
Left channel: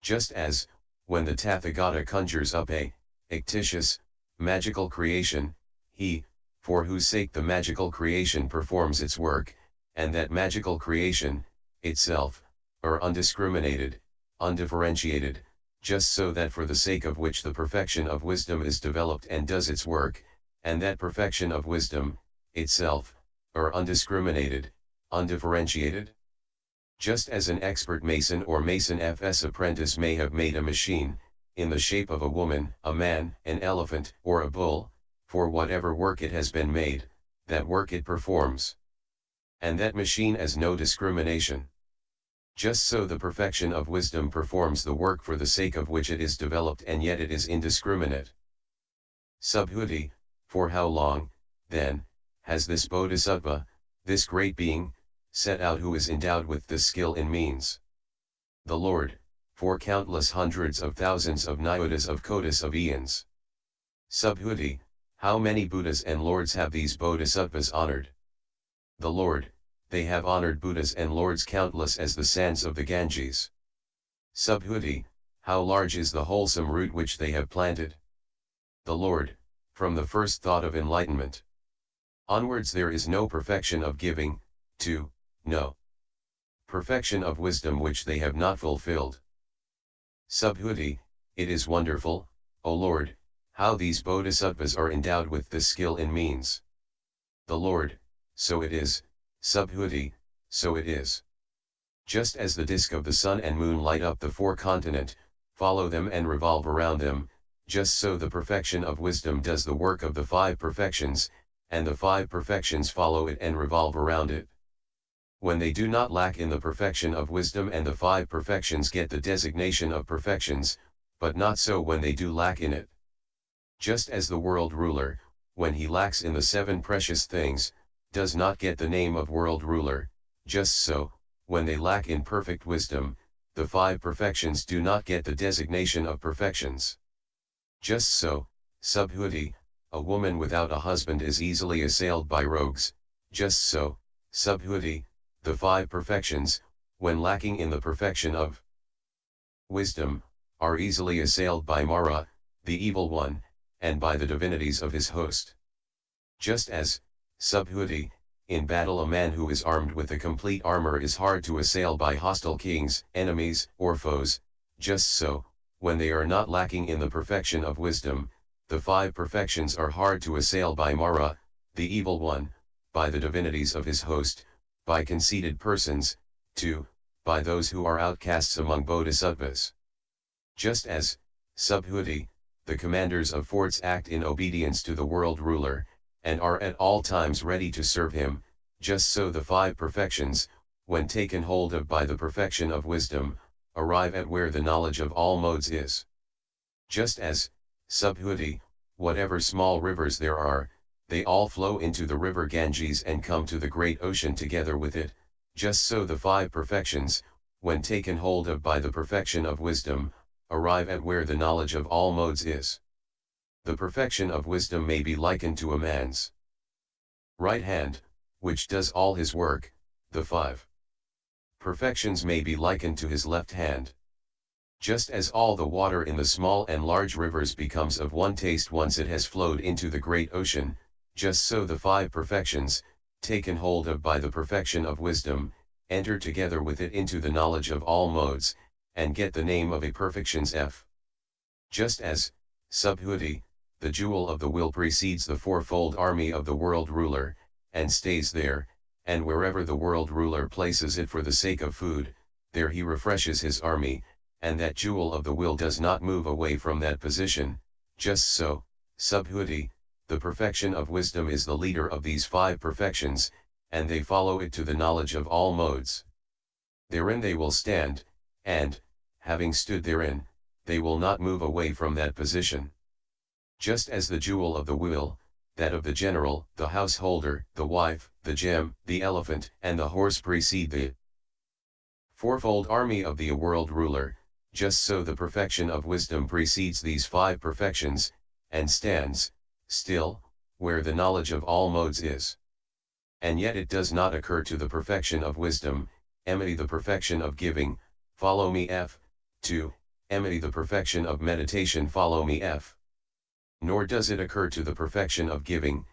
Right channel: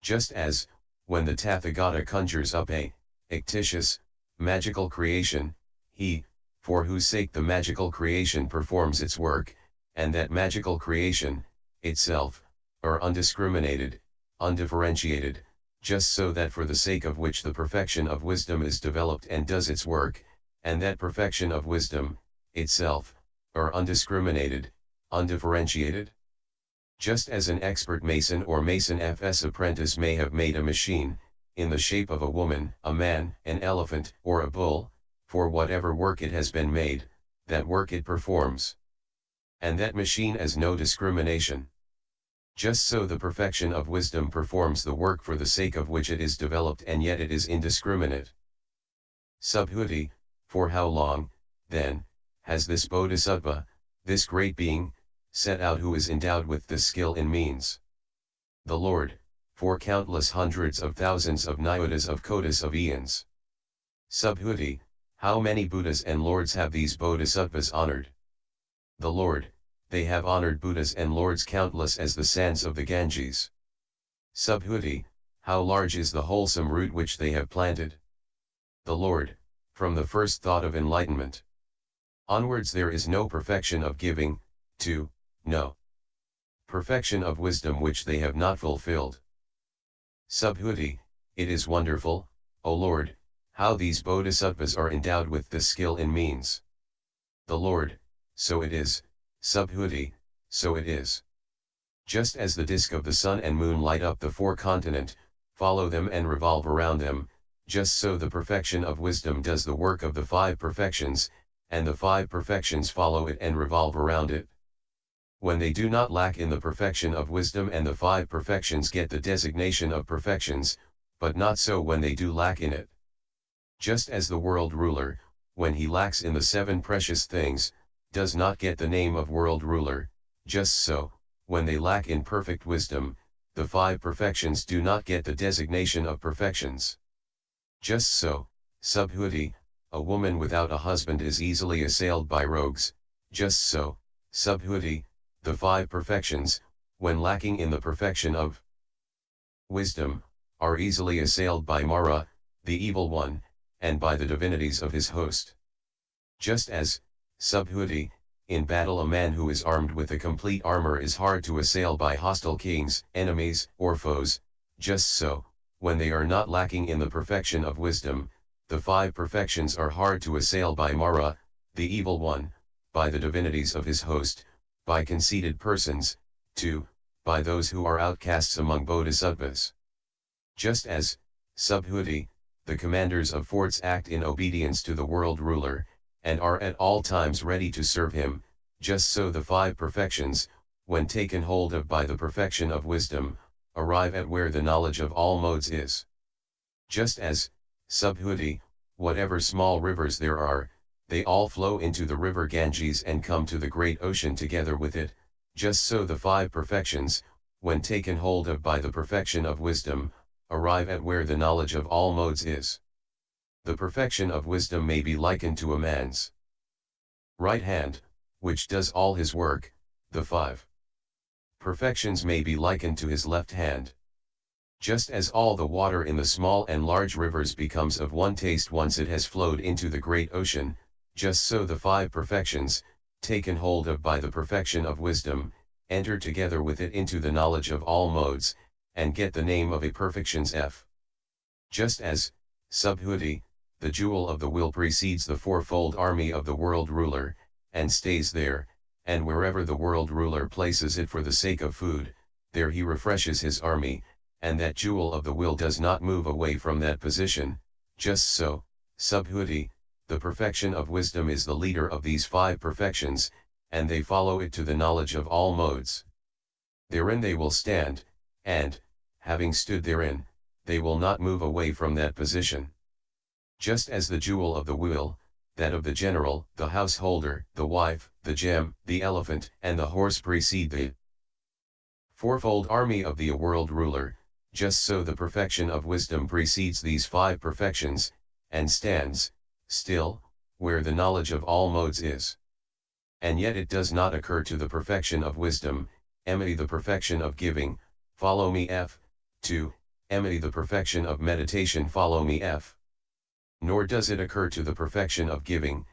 Just as, when the Tathagata conjures up a fictitious, magical creation, he, for whose sake the magical creation performs its work, and that magical creation, itself, are undiscriminated, undifferentiated, just so that for the sake of which the perfection of wisdom is developed and does its work, and that perfection of wisdom, itself, are undiscriminated, undifferentiated. Just as an expert mason or mason FS apprentice may have made a machine, in the shape of a woman, a man, an elephant, or a bull, for whatever work it has been made, that work it performs. And that machine has no discrimination. Just so the perfection of wisdom performs the work for the sake of which it is developed and yet it is indiscriminate. Subhuti, for how long, then, has this bodhisattva, this great being, set out who is endowed with this skill in means? The Lord, for countless hundreds of thousands of nyotas of kotis of eons. Subhuti, how many Buddhas and Lords have these bodhisattvas honored? The Lord, they have honored Buddhas and Lords countless as the sands of the Ganges. Subhuti, how large is the wholesome root which they have planted? The Lord, from the first thought of enlightenment onwards there is no perfection of giving, to, no perfection of wisdom which they have not fulfilled. Subhuti, it is wonderful, O Lord, how these bodhisattvas are endowed with this skill in means. The Lord, so it is, Subhuti, so it is. Just as the disk of the sun and moon light up the four continent, follow them and revolve around them, just so the perfection of wisdom does the work of the five perfections, and the five perfections follow it and revolve around it. When they do not lack in the perfection of wisdom, and the five perfections get the designation of perfections, but not so when they do lack in it. Just as the world ruler, when he lacks in the seven precious things, does not get the name of world ruler, just so, when they lack in perfect wisdom, the five perfections do not get the designation of perfections. Just so, subhuti, a woman without a husband is easily assailed by rogues, just so, subhuti, the five perfections, when lacking in the perfection of wisdom, are easily assailed by Mara, the evil one, and by the divinities of his host. Just as, subhuti, in battle a man who is armed with a complete armor is hard to assail by hostile kings, enemies, or foes, just so, when they are not lacking in the perfection of wisdom, the five perfections are hard to assail by Mara, the evil one, by the divinities of his host, by conceited persons, too, by those who are outcasts among bodhisattvas. Just as, subhuti, the commanders of forts act in obedience to the world ruler, and are at all times ready to serve him, just so the five perfections, when taken hold of by the perfection of wisdom, arrive at where the knowledge of all modes is. Just as, subhuti, whatever small rivers there are, they all flow into the river Ganges and come to the great ocean together with it, just so the five perfections, when taken hold of by the perfection of wisdom, arrive at where the knowledge of all modes is. The perfection of wisdom may be likened to a man's right hand, which does all his work. The five perfections may be likened to his left hand. Just as all the water in the small and large rivers becomes of one taste once it has flowed into the great ocean, just so the five perfections, taken hold of by the perfection of wisdom, enter together with it into the knowledge of all modes, and get the name of a perfections F. Just as, subhuti, the jewel of the will precedes the fourfold army of the world ruler, and stays there, and wherever the world ruler places it for the sake of food, there he refreshes his army, and that jewel of the will does not move away from that position, just so, subhuti, the perfection of wisdom is the leader of these five perfections, and they follow it to the knowledge of all modes. Therein they will stand, and, having stood therein, they will not move away from that position. Just as the jewel of the will, that of the general, the householder, the wife, the gem, the elephant, and the horse precede the fourfold army of the world ruler, just so the perfection of wisdom precedes these five perfections, and stands, still, where the knowledge of all modes is. And yet it does not occur to the perfection of wisdom, emity the perfection of giving, follow me F, to, emity the perfection of meditation, follow me F. Nor does it occur to the perfection of giving,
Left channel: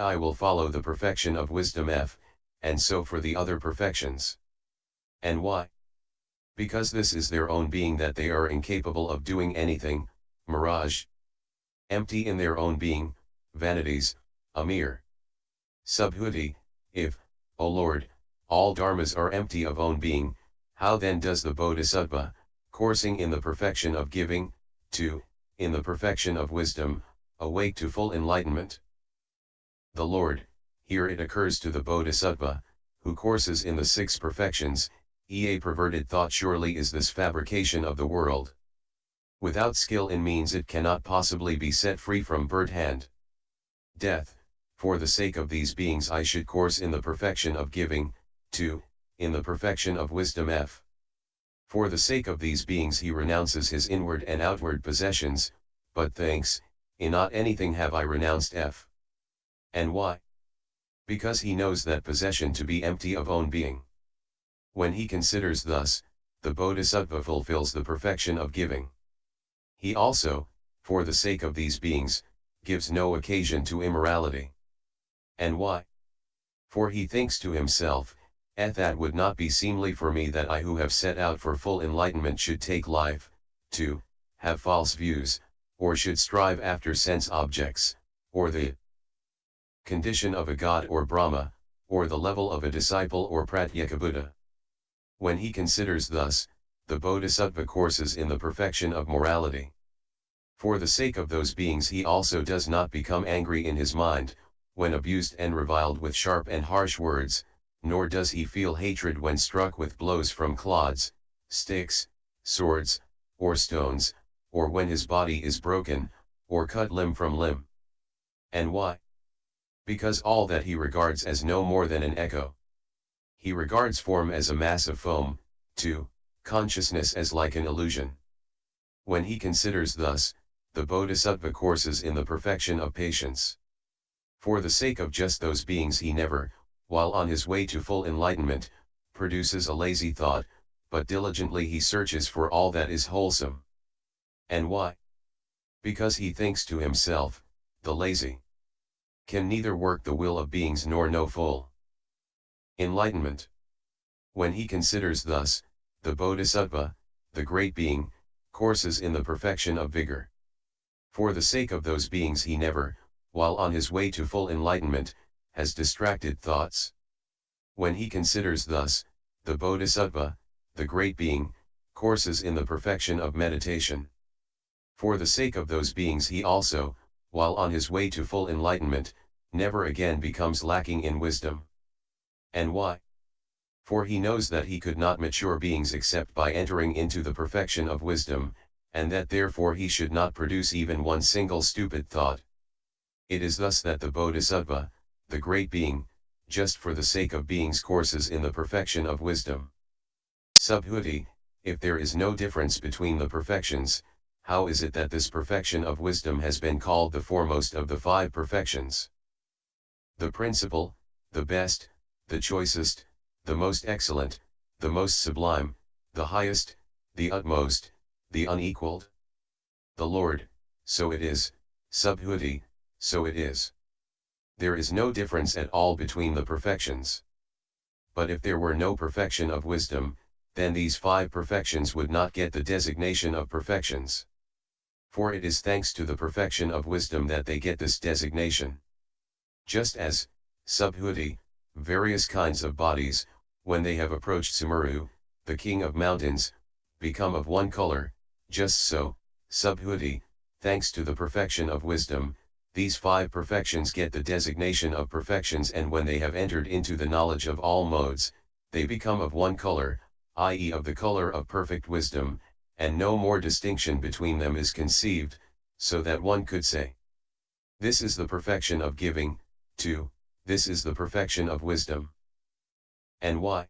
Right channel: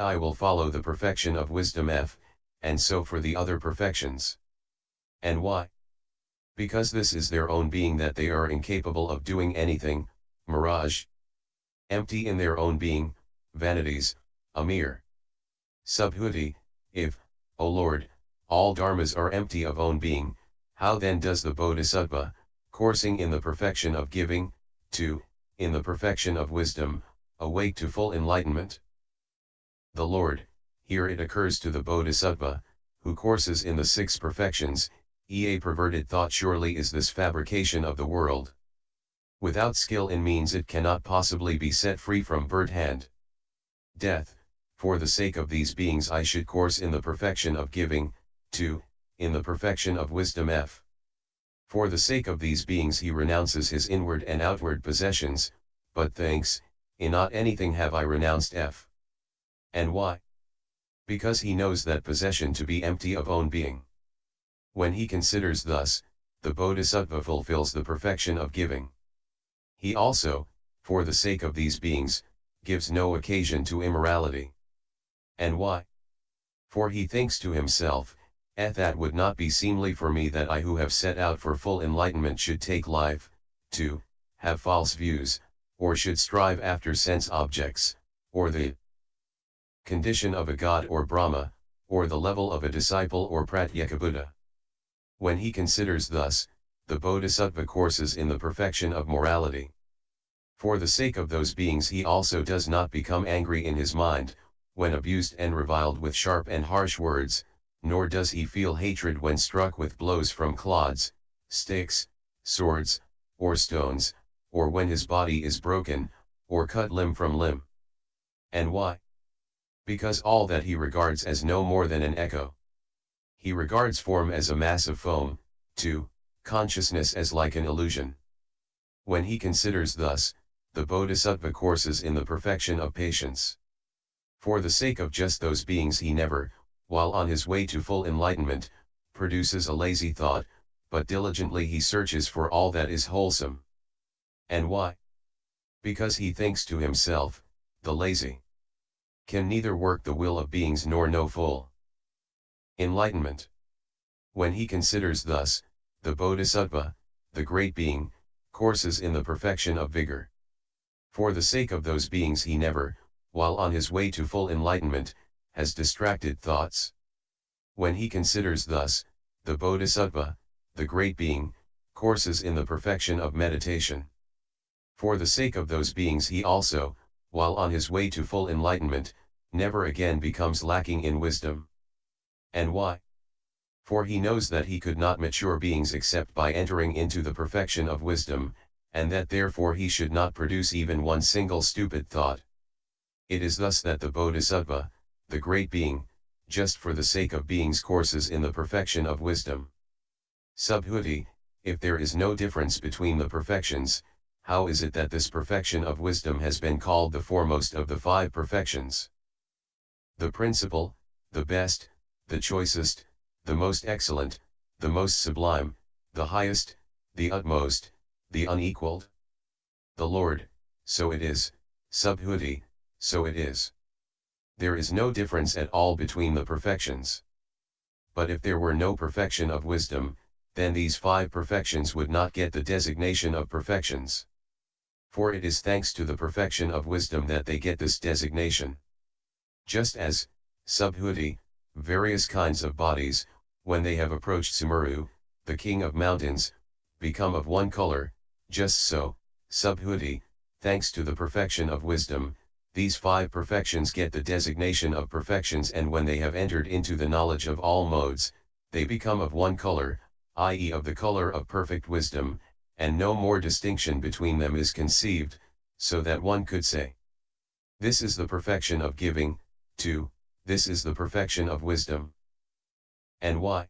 I will follow the perfection of wisdom F, and so for the other perfections. And why? Because this is their own being that they are incapable of doing anything, mirage. Empty in their own being, vanities, a mere subhuti. If, O Lord, all dharmas are empty of own being, how then does the bodhisattva, coursing in the perfection of giving, to, in the perfection of wisdom, awake to full enlightenment? The Lord, here it occurs to the bodhisattva, who courses in the six perfections, a perverted thought surely is this fabrication of the world. Without skill in means it cannot possibly be set free from birth and death. For the sake of these beings I should course in the perfection of giving, to, in the perfection of wisdom F. For the sake of these beings he renounces his inward and outward possessions, but thanks, in not anything have I renounced F. And why? Because he knows that possession to be empty of own being. When he considers thus, the bodhisattva fulfills the perfection of giving. He also, for the sake of these beings, gives no occasion to immorality. And why? For he thinks to himself, that would not be seemly for me that I who have set out for full enlightenment should take life, to, have false views, or should strive after sense objects, or the condition of a god or Brahma, or the level of a disciple or Pratyekabuddha. When he considers thus, the bodhisattva courses in the perfection of morality. For the sake of those beings he also does not become angry in his mind, when abused and reviled with sharp and harsh words, nor does he feel hatred when struck with blows from clods, sticks, swords, or stones, or when his body is broken, or cut limb from limb. And why? Because all that he regards as no more than an echo. He regards form as a mass of foam, 2. Consciousness as like an illusion. When he considers thus, the Bodhisattva courses in the perfection of patience. For the sake of just those beings he never, while on his way to full enlightenment, produces a lazy thought, but diligently he searches for all that is wholesome. And why? Because he thinks to himself, the lazy can neither work the will of beings nor know full enlightenment. When he considers thus, the Bodhisattva, the great being, courses in the perfection of vigor. For the sake of those beings he never, while on his way to full enlightenment, has distracted thoughts. When he considers thus, the Bodhisattva, the great being, courses in the perfection of meditation. For the sake of those beings he also, while on his way to full enlightenment, never again becomes lacking in wisdom. And why? For he knows that he could not mature beings except by entering into the perfection of wisdom, and that therefore he should not produce even one single stupid thought. It is thus that the Bodhisattva, the great being, just for the sake of beings courses in the perfection of wisdom. Subhuti, if there is no difference between the perfections, how is it that this perfection of wisdom has been called the foremost of the 5 perfections? The principal, the best, the choicest, the most excellent, the most sublime, the highest, the utmost, the unequaled. The Lord, so it is, Subhuti, so it is. There is no difference at all between the perfections. But if there were no perfection of wisdom, then these 5 perfections would not get the designation of perfections. For it is thanks to the perfection of wisdom that they get this designation. Just as, Subhuti, various kinds of bodies, when they have approached Sumeru, the king of mountains, become of one color, just so, Subhuti, thanks to the perfection of wisdom, these 5 perfections get the designation of perfections, and when they have entered into the knowledge of all modes, they become of one color, i.e. of the color of perfect wisdom, and no more distinction between them is conceived, so that one could say, this is the perfection of giving, 2, this is the perfection of wisdom. And why?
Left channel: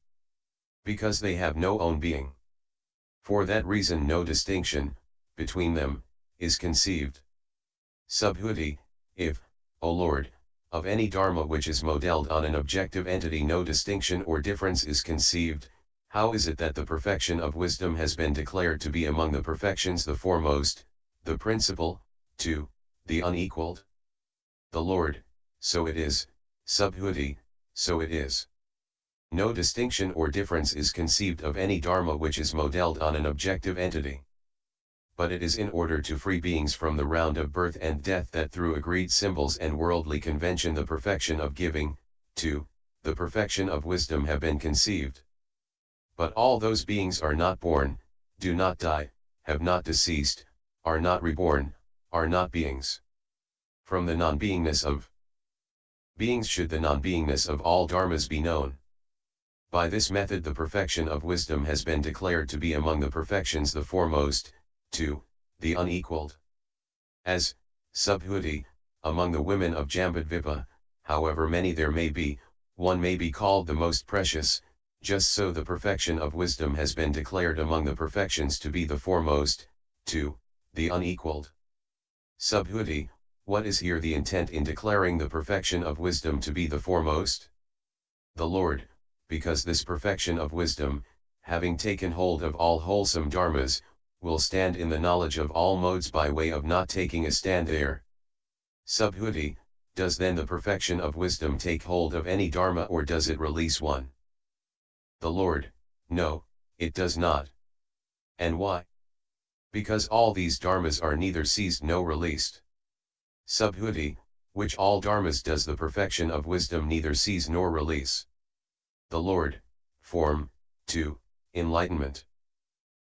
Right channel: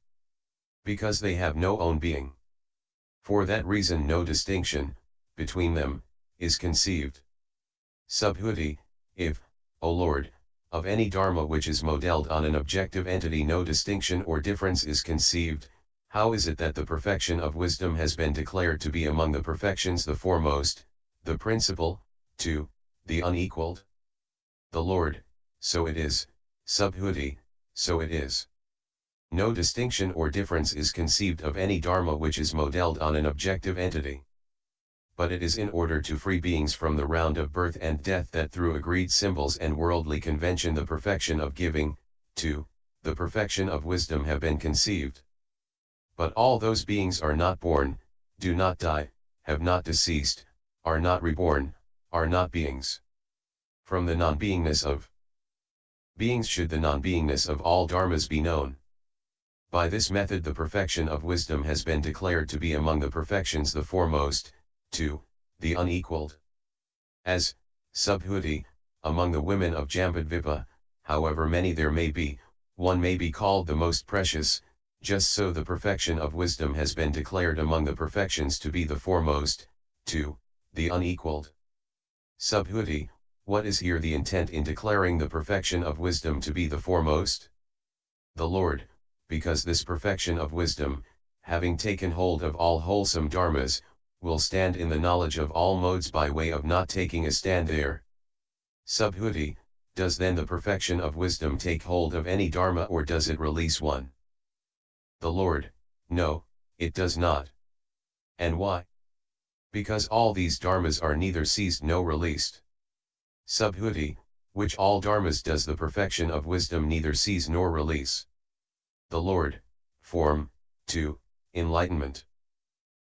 Because they have no own being. For that reason no distinction, between them, is conceived. Subhuti, if, O Lord, of any dharma which is modelled on an objective entity no distinction or difference is conceived, how is it that the perfection of wisdom has been declared to be among the perfections the foremost, the principal, 2, the unequaled? The Lord, so it is, Subhuti, so it is. No distinction or difference is conceived of any dharma which is modelled on an objective entity. But it is in order to free beings from the round of birth and death that through agreed symbols and worldly convention the perfection of giving, 2, the perfection of wisdom have been conceived. But all those beings are not born, do not die, have not deceased, are not reborn, are not beings. From the non-beingness of beings should the non-beingness of all dharmas be known. By this method the perfection of wisdom has been declared to be among the perfections the foremost, 2, the unequaled. As, Subhuti, among the women of Jambudvipa, however many there may be, one may be called the most precious, just so the perfection of wisdom has been declared among the perfections to be the foremost, 2, the unequaled. Subhuti, what is here the intent in declaring the perfection of wisdom to be the foremost? The Lord, because this perfection of wisdom, having taken hold of all wholesome dharmas, will stand in the knowledge of all modes by way of not taking a stand there. Subhuti, does then the perfection of wisdom take hold of any dharma or does it release one? The Lord, no, it does not. And why? Because all these dharmas are neither seized nor released. Subhuti, which all dharmas does the perfection of wisdom neither seize nor release? The Lord, form, 2, enlightenment.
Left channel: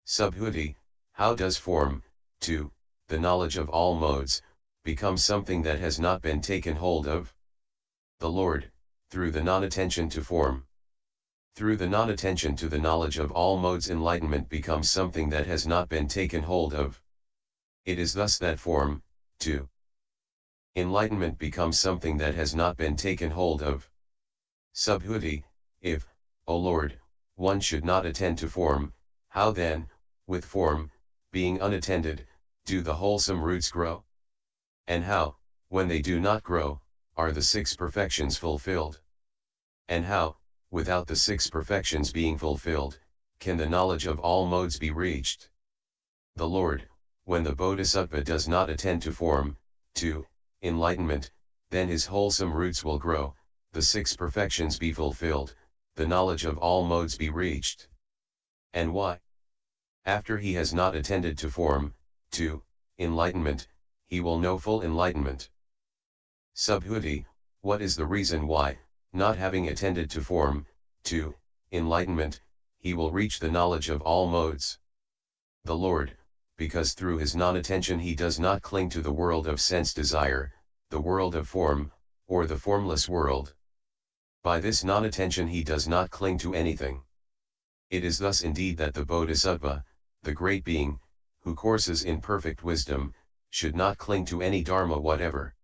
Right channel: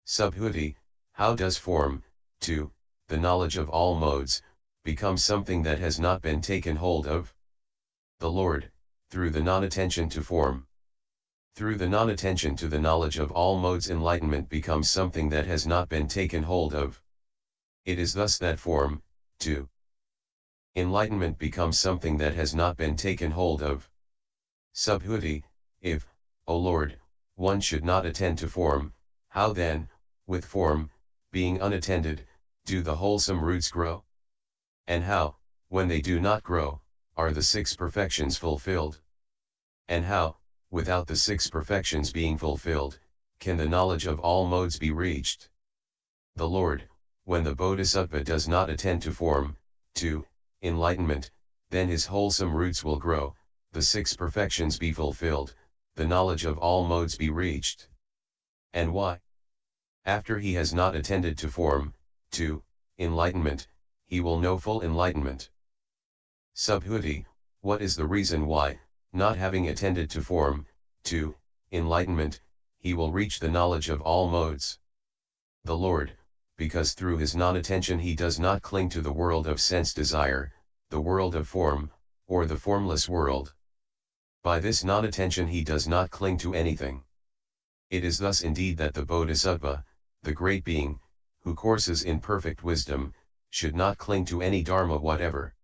Subhuti, how does form, 2, the knowledge of all modes, become something that has not been taken hold of? The Lord, through the non-attention to form. Through the non-attention to the knowledge of all modes, enlightenment becomes something that has not been taken hold of. It is thus that form, too. Enlightenment becomes something that has not been taken hold of. Subhuti, if, O Lord, one should not attend to form, how then, with form, being unattended, do the wholesome roots grow? And how, when they do not grow, are the six perfections fulfilled? And how, without the six perfections being fulfilled, can the knowledge of all modes be reached? The Lord, when the Bodhisattva does not attend to form, to enlightenment, then his wholesome roots will grow, the six perfections be fulfilled, the knowledge of all modes be reached. And why? After he has not attended to form, to enlightenment, he will know full enlightenment. Subhuti, what is the reason why, not having attended to form, to enlightenment, he will reach the knowledge of all modes? The Lord, because through his non-attention he does not cling to the world of sense desire, the world of form, or the formless world. By this non-attention he does not cling to anything. It is thus indeed that the Bodhisattva, the great being, who courses in perfect wisdom, should not cling to any dharma whatever.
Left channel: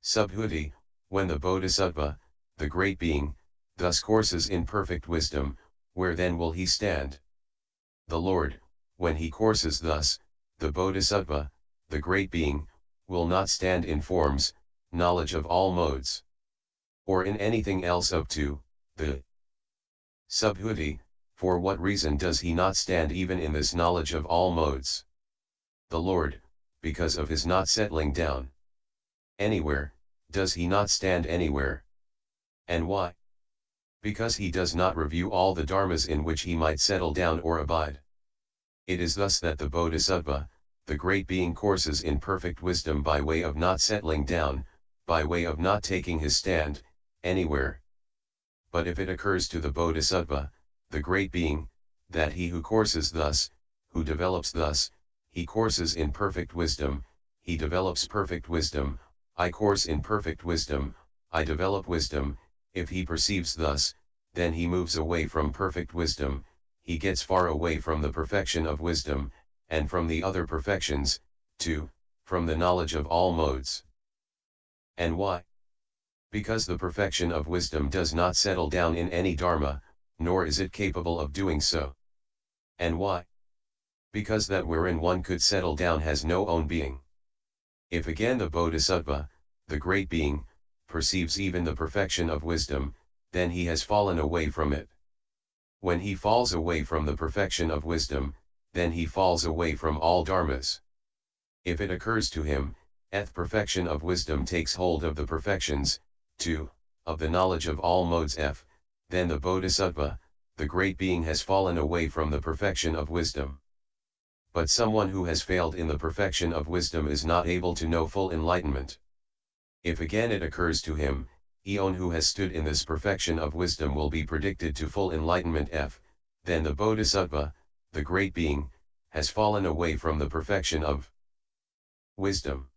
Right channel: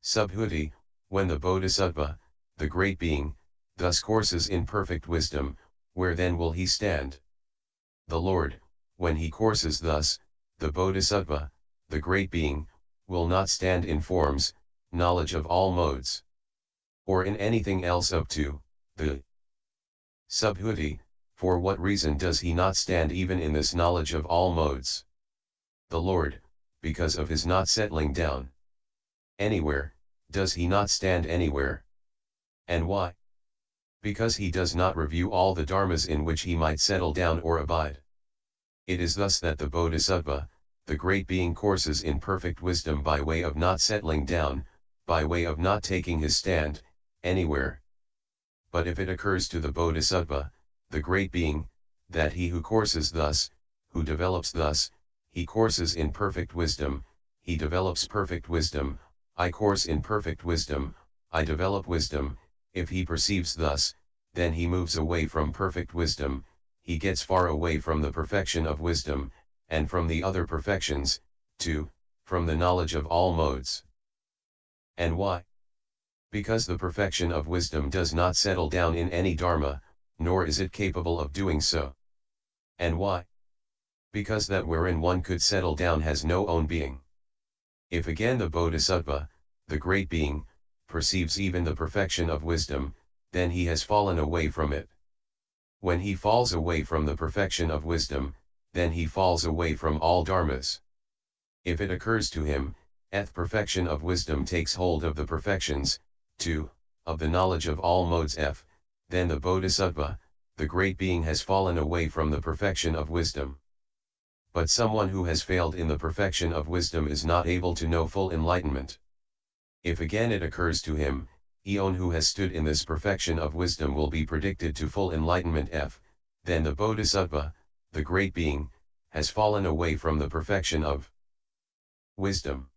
Subhuti, when the Bodhisattva, the great being, thus courses in perfect wisdom, where then will he stand? The Lord, when he courses thus, the Bodhisattva, the great being, will not stand in forms, knowledge of all modes, or in anything else up to the Subhuti. For what reason does he not stand even in this knowledge of all modes? The Lord, because of his not settling down anywhere, does he not stand anywhere? And why? Because he does not review all the dharmas in which he might settle down or abide. It is thus that the Bodhisattva, the great being, courses in perfect wisdom by way of not settling down, by way of not taking his stand anywhere. But if it occurs to the Bodhisattva, the great being, that he who courses thus, who develops thus, he courses in perfect wisdom, he develops perfect wisdom, I course in perfect wisdom, I develop wisdom, if he perceives thus, then he moves away from perfect wisdom, he gets far away from the perfection of wisdom, and from the other perfections, too, from the knowledge of all modes. And why? Because the perfection of wisdom does not settle down in any dharma, nor is it capable of doing so. And why? Because that wherein one could settle down has no own being. If again the Bodhisattva, the great being, perceives even the perfection of wisdom, then he has fallen away from it. When he falls away from the perfection of wisdom, then he falls away from all dharmas. If it occurs to him, perfection of wisdom takes hold of the perfections, too, of the knowledge of all modes then the Bodhisattva, the great being, has fallen away from the perfection of wisdom. But someone who has failed in the perfection of wisdom is not able to know full enlightenment. If again it occurs to him, Eon who has stood in this perfection of wisdom will be predicted to full enlightenment then the Bodhisattva, the great being, has fallen away from the perfection of wisdom.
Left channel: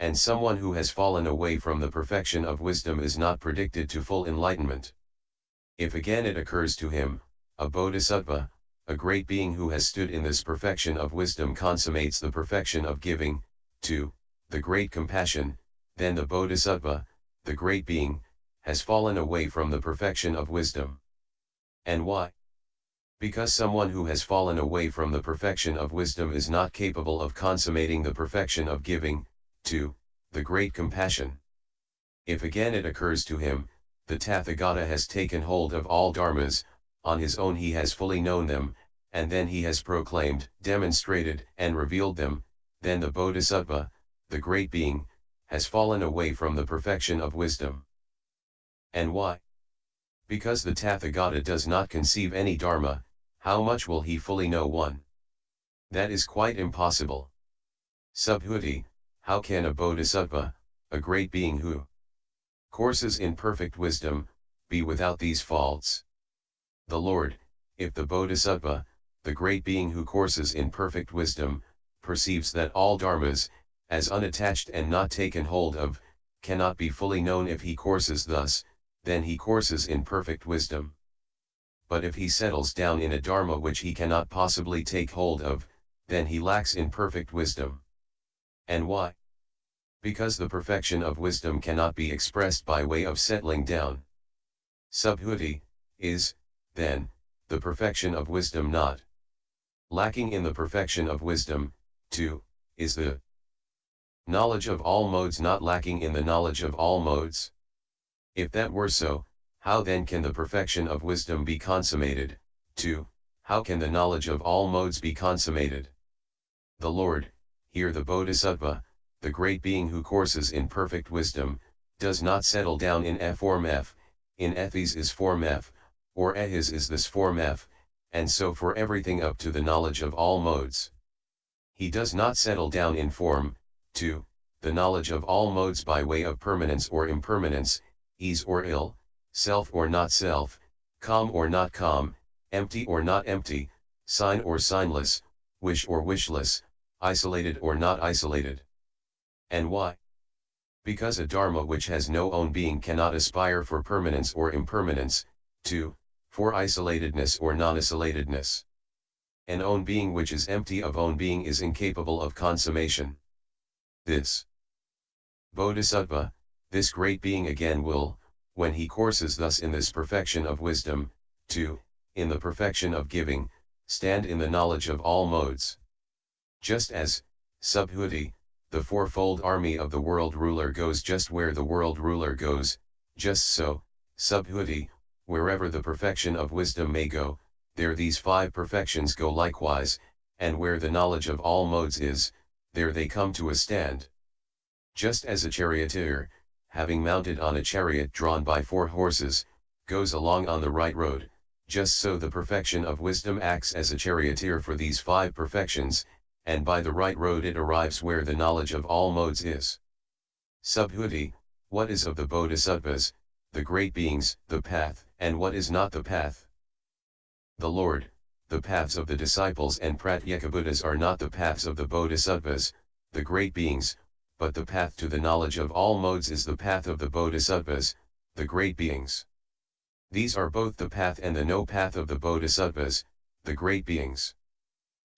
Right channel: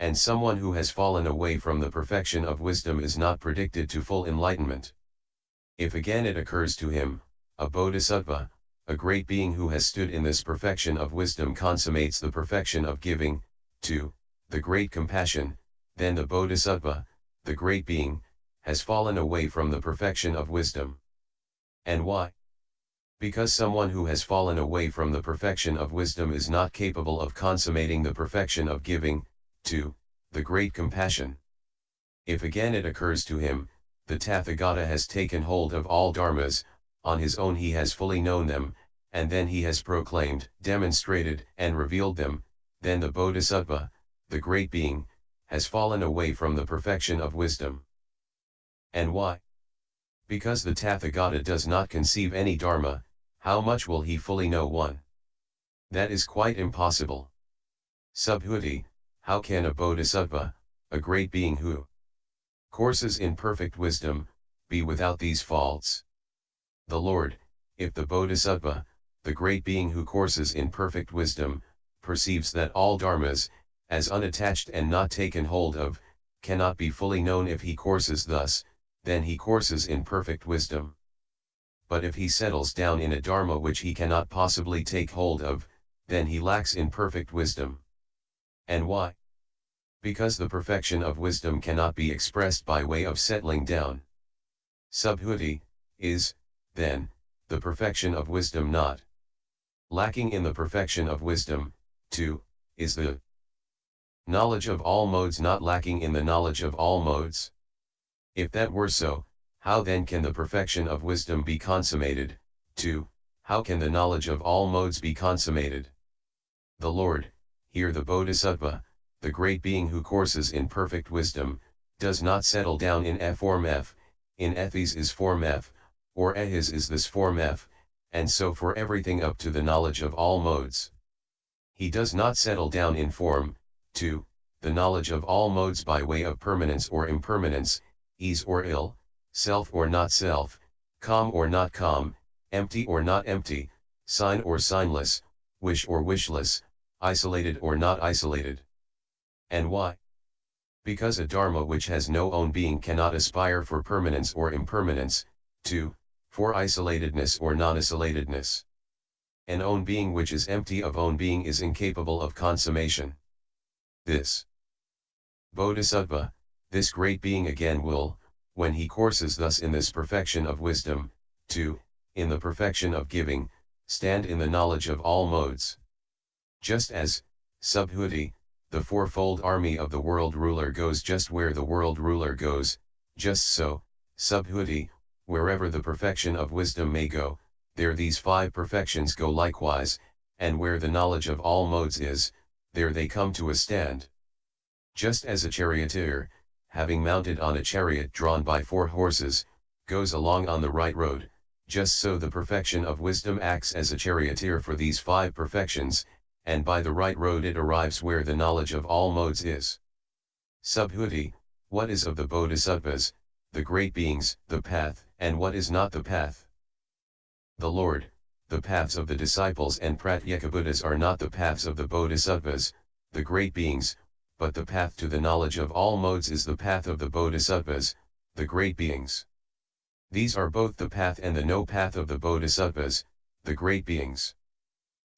And someone who has fallen away from the perfection of wisdom is not predicted to full enlightenment. If again it occurs to him, a Bodhisattva, a great being who has stood in this perfection of wisdom consummates the perfection of giving, to the great compassion, then the Bodhisattva, the great being, has fallen away from the perfection of wisdom. And why? Because someone who has fallen away from the perfection of wisdom is not capable of consummating the perfection of giving, to the great compassion. If again it occurs to him, the Tathagata has taken hold of all dharmas, on his own he has fully known them, and then he has proclaimed, demonstrated, and revealed them, then the Bodhisattva, the great being, has fallen away from the perfection of wisdom. And why? Because the Tathagata does not conceive any dharma, how much will he fully know one? That is quite impossible. Subhuti, how can a Bodhisattva, a great being who courses in perfect wisdom, be without these faults? The Lord, if the Bodhisattva, the great being who courses in perfect wisdom, perceives that all dharmas, as unattached and not taken hold of, cannot be fully known if he courses thus, then he courses in perfect wisdom. But if he settles down in a dharma which he cannot possibly take hold of, then he lacks in perfect wisdom. And why? Because the perfection of wisdom cannot be expressed by way of settling down. Subhuti is, then, the perfection of wisdom not lacking in the perfection of wisdom, 2, is the knowledge of all modes not lacking in the knowledge of all modes. If that were so, how then can the perfection of wisdom be consummated? 2. How can the knowledge of all modes be consummated? The Lord, here the Bodhisattva, the great being who courses in perfect wisdom, does not settle down in form F, in Ethis is form F, or Ehis is this form F, and so for everything up to the knowledge of all modes. He does not settle down in form, 2, the knowledge of all modes by way of permanence or impermanence, ease or ill, self or not self, calm or not calm, empty or not empty, sign or signless, wish or wishless, isolated or not isolated. And why? Because a dharma which has no own being cannot aspire for permanence or impermanence, 2, for isolatedness or non-isolatedness. An own being which is empty of own being is incapable of consummation. This Bodhisattva, this great being again will, when he courses thus in this perfection of wisdom, 2, in the perfection of giving, stand in the knowledge of all modes. Just as, Subhuti, the fourfold army of the world ruler goes just where the world ruler goes, just so, Subhuti, wherever the perfection of wisdom may go, there these 5 perfections go likewise, and where the knowledge of all modes is, there they come to a stand. Just as a charioteer, having mounted on a chariot drawn by 4 horses, goes along on the right road, just so the perfection of wisdom acts as a charioteer for these 5 perfections, and by the right road it arrives where the knowledge of all modes is. Subhuti, what is of the Bodhisattvas, the great beings, the path, and what is not the path? The Lord, the paths of the disciples and Pratyekabuddhas are not the paths of the Bodhisattvas, the great beings, but the path to the knowledge of all modes is the path of the Bodhisattvas, the great beings. These are both the path and the no path of the Bodhisattvas, the great beings.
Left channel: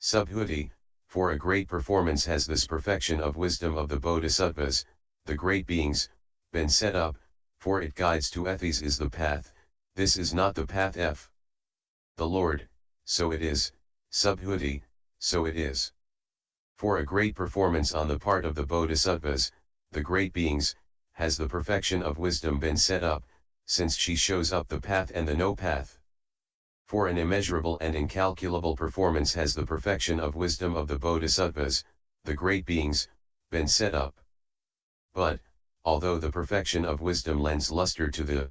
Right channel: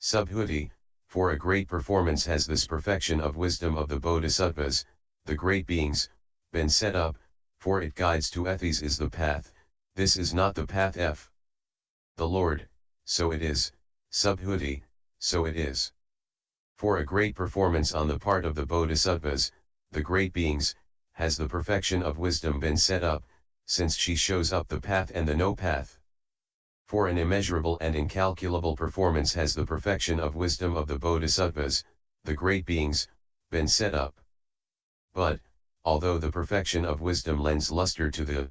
Subhuti, for a great performance has this perfection of wisdom of the Bodhisattvas, the great beings, been set up, for it guides to Ethis is the path, this is not the path F. The Lord, so it is, Subhuti, so it is. For a great performance on the part of the Bodhisattvas, the great beings, has the perfection of wisdom been set up, since she shows up the path and the no path. For an immeasurable and incalculable performance has the perfection of wisdom of the Bodhisattvas, the great beings, been set up. But, although the perfection of wisdom lends luster to the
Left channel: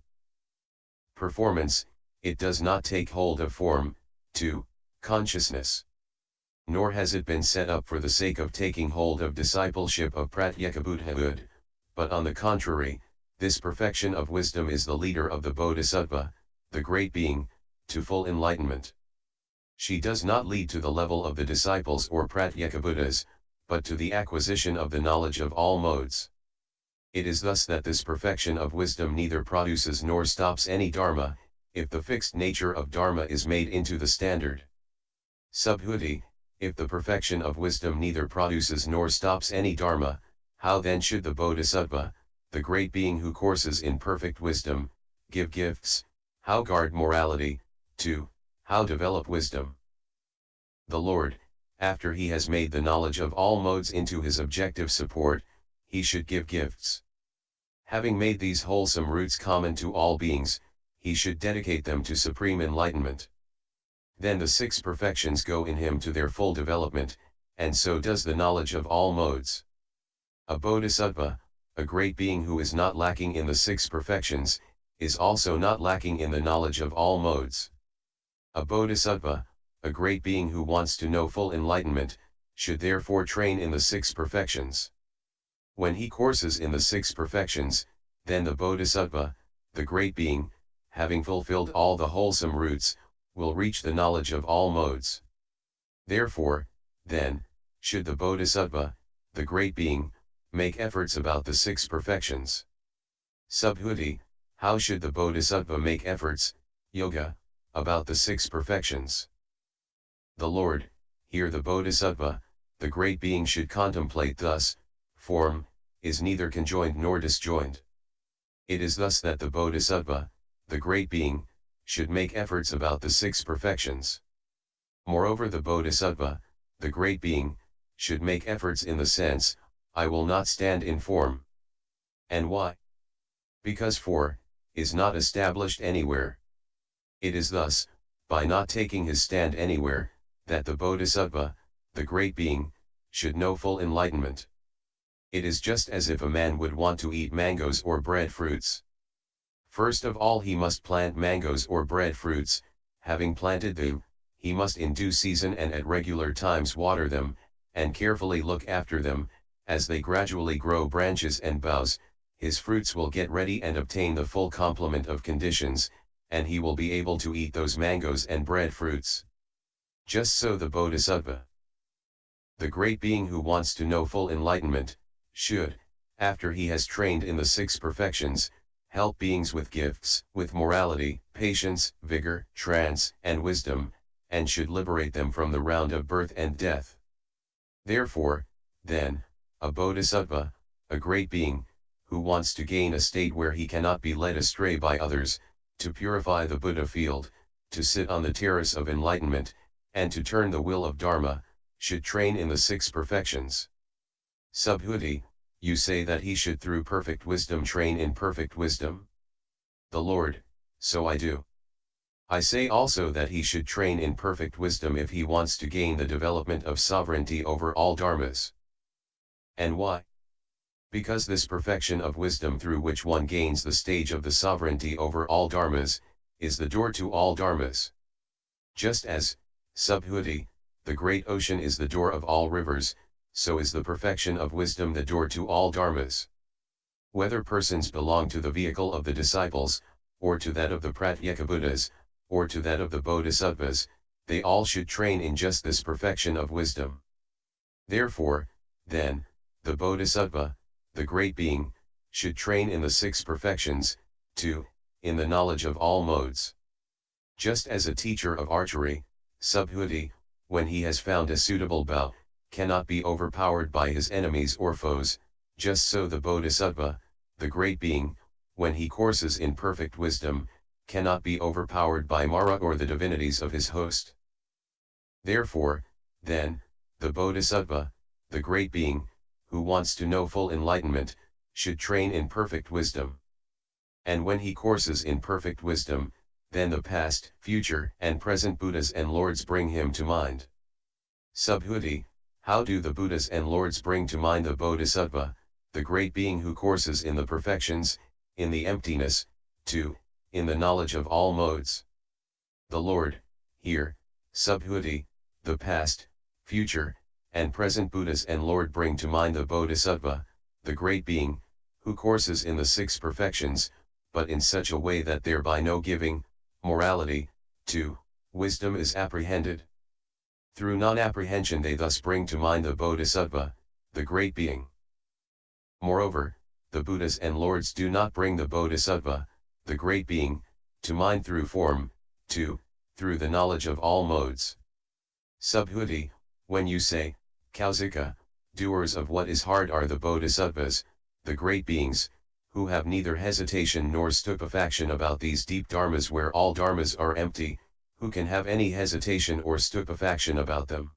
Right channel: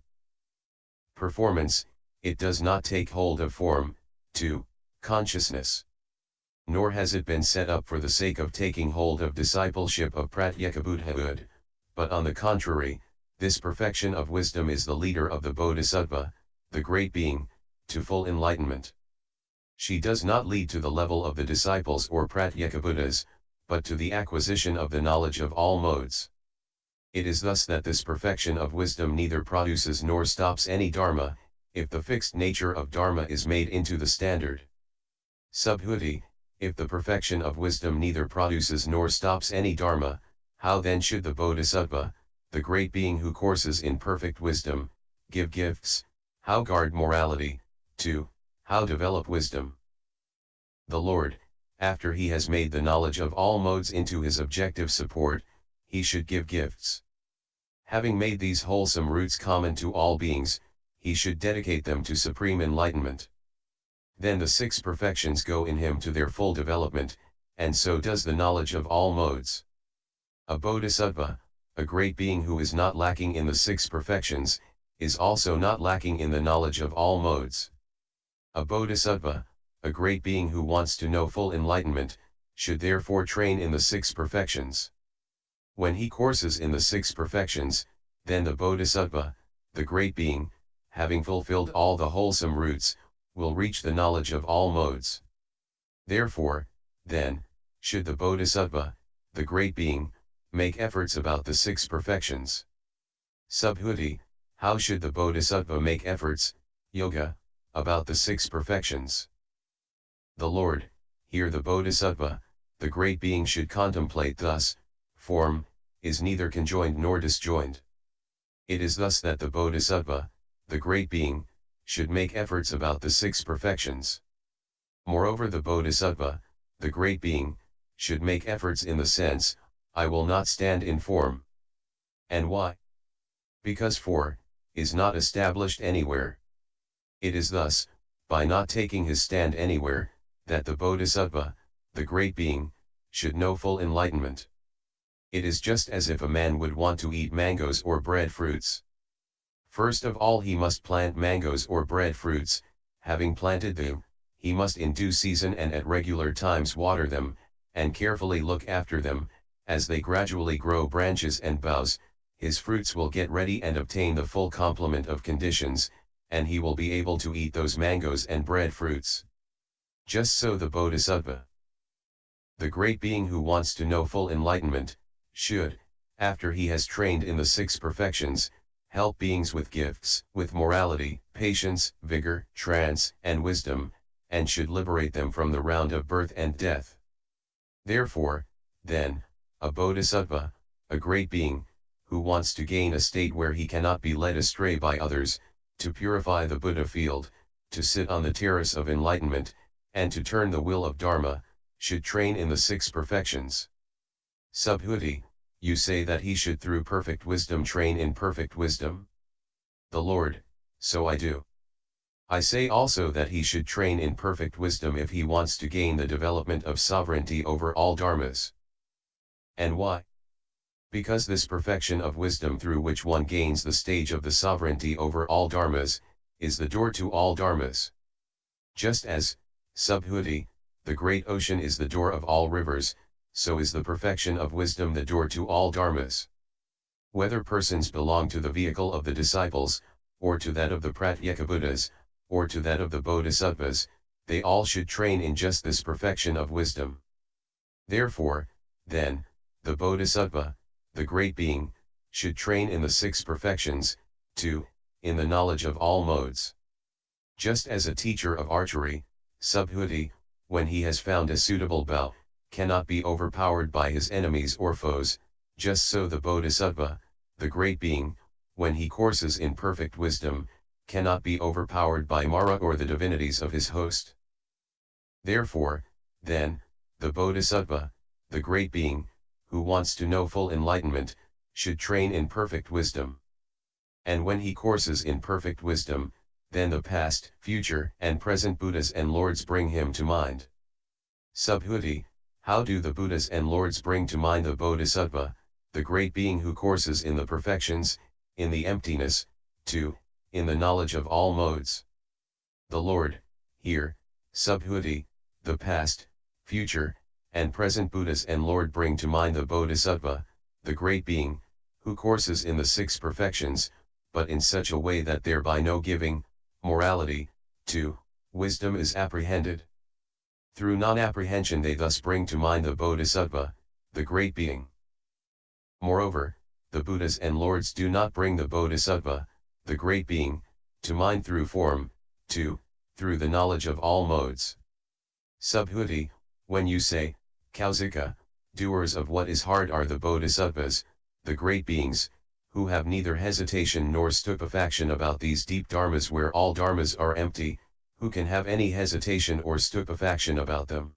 performance, it does not take hold of form, 2, consciousness. Nor has it been set up for the sake of taking hold of discipleship of Pratyekabuddhahood, but on the contrary, this perfection of wisdom is the leader of the Bodhisattva, the great being, to full enlightenment. She does not lead to the level of the disciples or Pratyekabuddhas, but to the acquisition of the knowledge of all modes. It is thus that this perfection of wisdom neither produces nor stops any dharma, if the fixed nature of dharma is made into the standard. Subhuti, if the perfection of wisdom neither produces nor stops any dharma, how then should the Bodhisattva, the great being who courses in perfect wisdom, give gifts, how guard morality, 2, how develop wisdom? The Lord, after he has made the knowledge of all modes into his objective support, he should give gifts. Having made these wholesome roots common to all beings, he should dedicate them to supreme enlightenment. Then the 6 perfections go in him to their full development, and so does the knowledge of all modes. A Bodhisattva, a great being who is not lacking in the 6 perfections, is also not lacking in the knowledge of all modes. A Bodhisattva, a great being who wants to know full enlightenment, should therefore train in the 6 perfections. When he courses in the 6 perfections, then the Bodhisattva, the great being, having fulfilled all the wholesome roots, will reach the knowledge of all modes. Therefore, then, should the Bodhisattva, the great being, make efforts about the six perfections. Subhuti, how should the Bodhisattva make efforts, yoga, about the six perfections? The Lord, here the Bodhisattva, the great being should contemplate thus, form, is neither conjoined nor disjoined. It is thus that the Bodhisattva, the great being, should make efforts about the six perfections. Moreover, the Bodhisattva, the great being, should make efforts in the sense, I will not stand in form. And why? Because for, is not established anywhere. It is thus, by not taking his stand anywhere, that the Bodhisattva, the great being, should know full enlightenment. It is just as if a man would want to eat mangoes or breadfruits. First of all he must plant mangoes or breadfruits. Having planted them, he must in due season and at regular times water them, and carefully look after them. As they gradually grow branches and boughs, his fruits will get ready and obtain the full complement of conditions, and he will be able to eat those mangoes and breadfruits. Just so the Bodhisattva, the great being who wants to know full enlightenment, should, after he has trained in the six perfections, help beings with gifts, with morality, patience, vigor, trance, and wisdom, and should liberate them from the round of birth and death. Therefore, then, a Bodhisattva, a great being, who wants to gain a state where he cannot be led astray by others, to purify the Buddha field, to sit on the terrace of enlightenment, and to turn the wheel of Dharma, should train in the six perfections. Subhuti, you say that he should through perfect wisdom train in perfect wisdom? The Lord, so I do. I say also that he should train in perfect wisdom if he wants to gain the development of sovereignty over all dharmas. And why? Because this perfection of wisdom through which one gains the stage of the sovereignty over all dharmas, is the door to all dharmas. Just as, Subhuti, the great ocean is the door of all rivers, so is the perfection of wisdom the door to all dharmas. Whether persons belong to the vehicle of the disciples, or to that of the Pratyekabuddhas, or to that of the Bodhisattvas, they all should train in just this perfection of wisdom. Therefore, then, the Bodhisattva, the great being, should train in the six perfections, too, in the knowledge of all modes. Just as a teacher of archery, Subhuti, when he has found a suitable bow, cannot be overpowered by his enemies or foes, just so the Bodhisattva, the great being, when he courses in perfect wisdom, cannot be overpowered by Mara or the divinities of his host. Therefore, then, the Bodhisattva, the great being, who wants to know full enlightenment, should train in perfect wisdom. And when he courses in perfect wisdom, then the past, future, and present Buddhas and Lords bring him to mind. Subhuti, how do the Buddhas and Lords bring to mind the Bodhisattva, the great being who courses in the perfections, in the emptiness, too, in the knowledge of all modes? The Lord, here, Subhuti, the past, future, and present Buddhas and Lord bring to mind the Bodhisattva, the great being, who courses in the six perfections, but in such a way that thereby no giving, morality, to, wisdom is apprehended. Through non-apprehension they thus bring to mind the Bodhisattva, the great being. Moreover, the Buddhas and Lords do not bring the Bodhisattva, the great being, to mind through form, to, through the knowledge of all modes. Subhuti, when you say, Kausika, doers of what is hard are the Bodhisattvas, the great beings, who have neither hesitation nor stupefaction about these deep dharmas where all dharmas are empty, who can have any hesitation or stupefaction about them?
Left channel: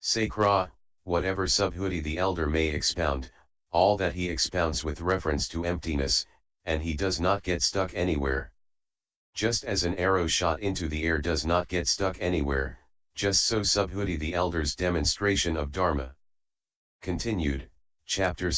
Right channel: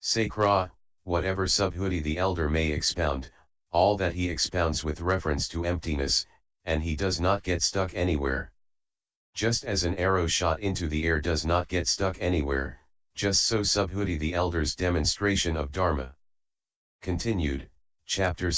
Say Kra, whatever Subhuti the elder may expound, all that he expounds with reference to emptiness, and he does not get stuck anywhere. Just as an arrow shot into the air does not get stuck anywhere, just so Subhuti the elder's demonstration of Dharma. Continued, Chapter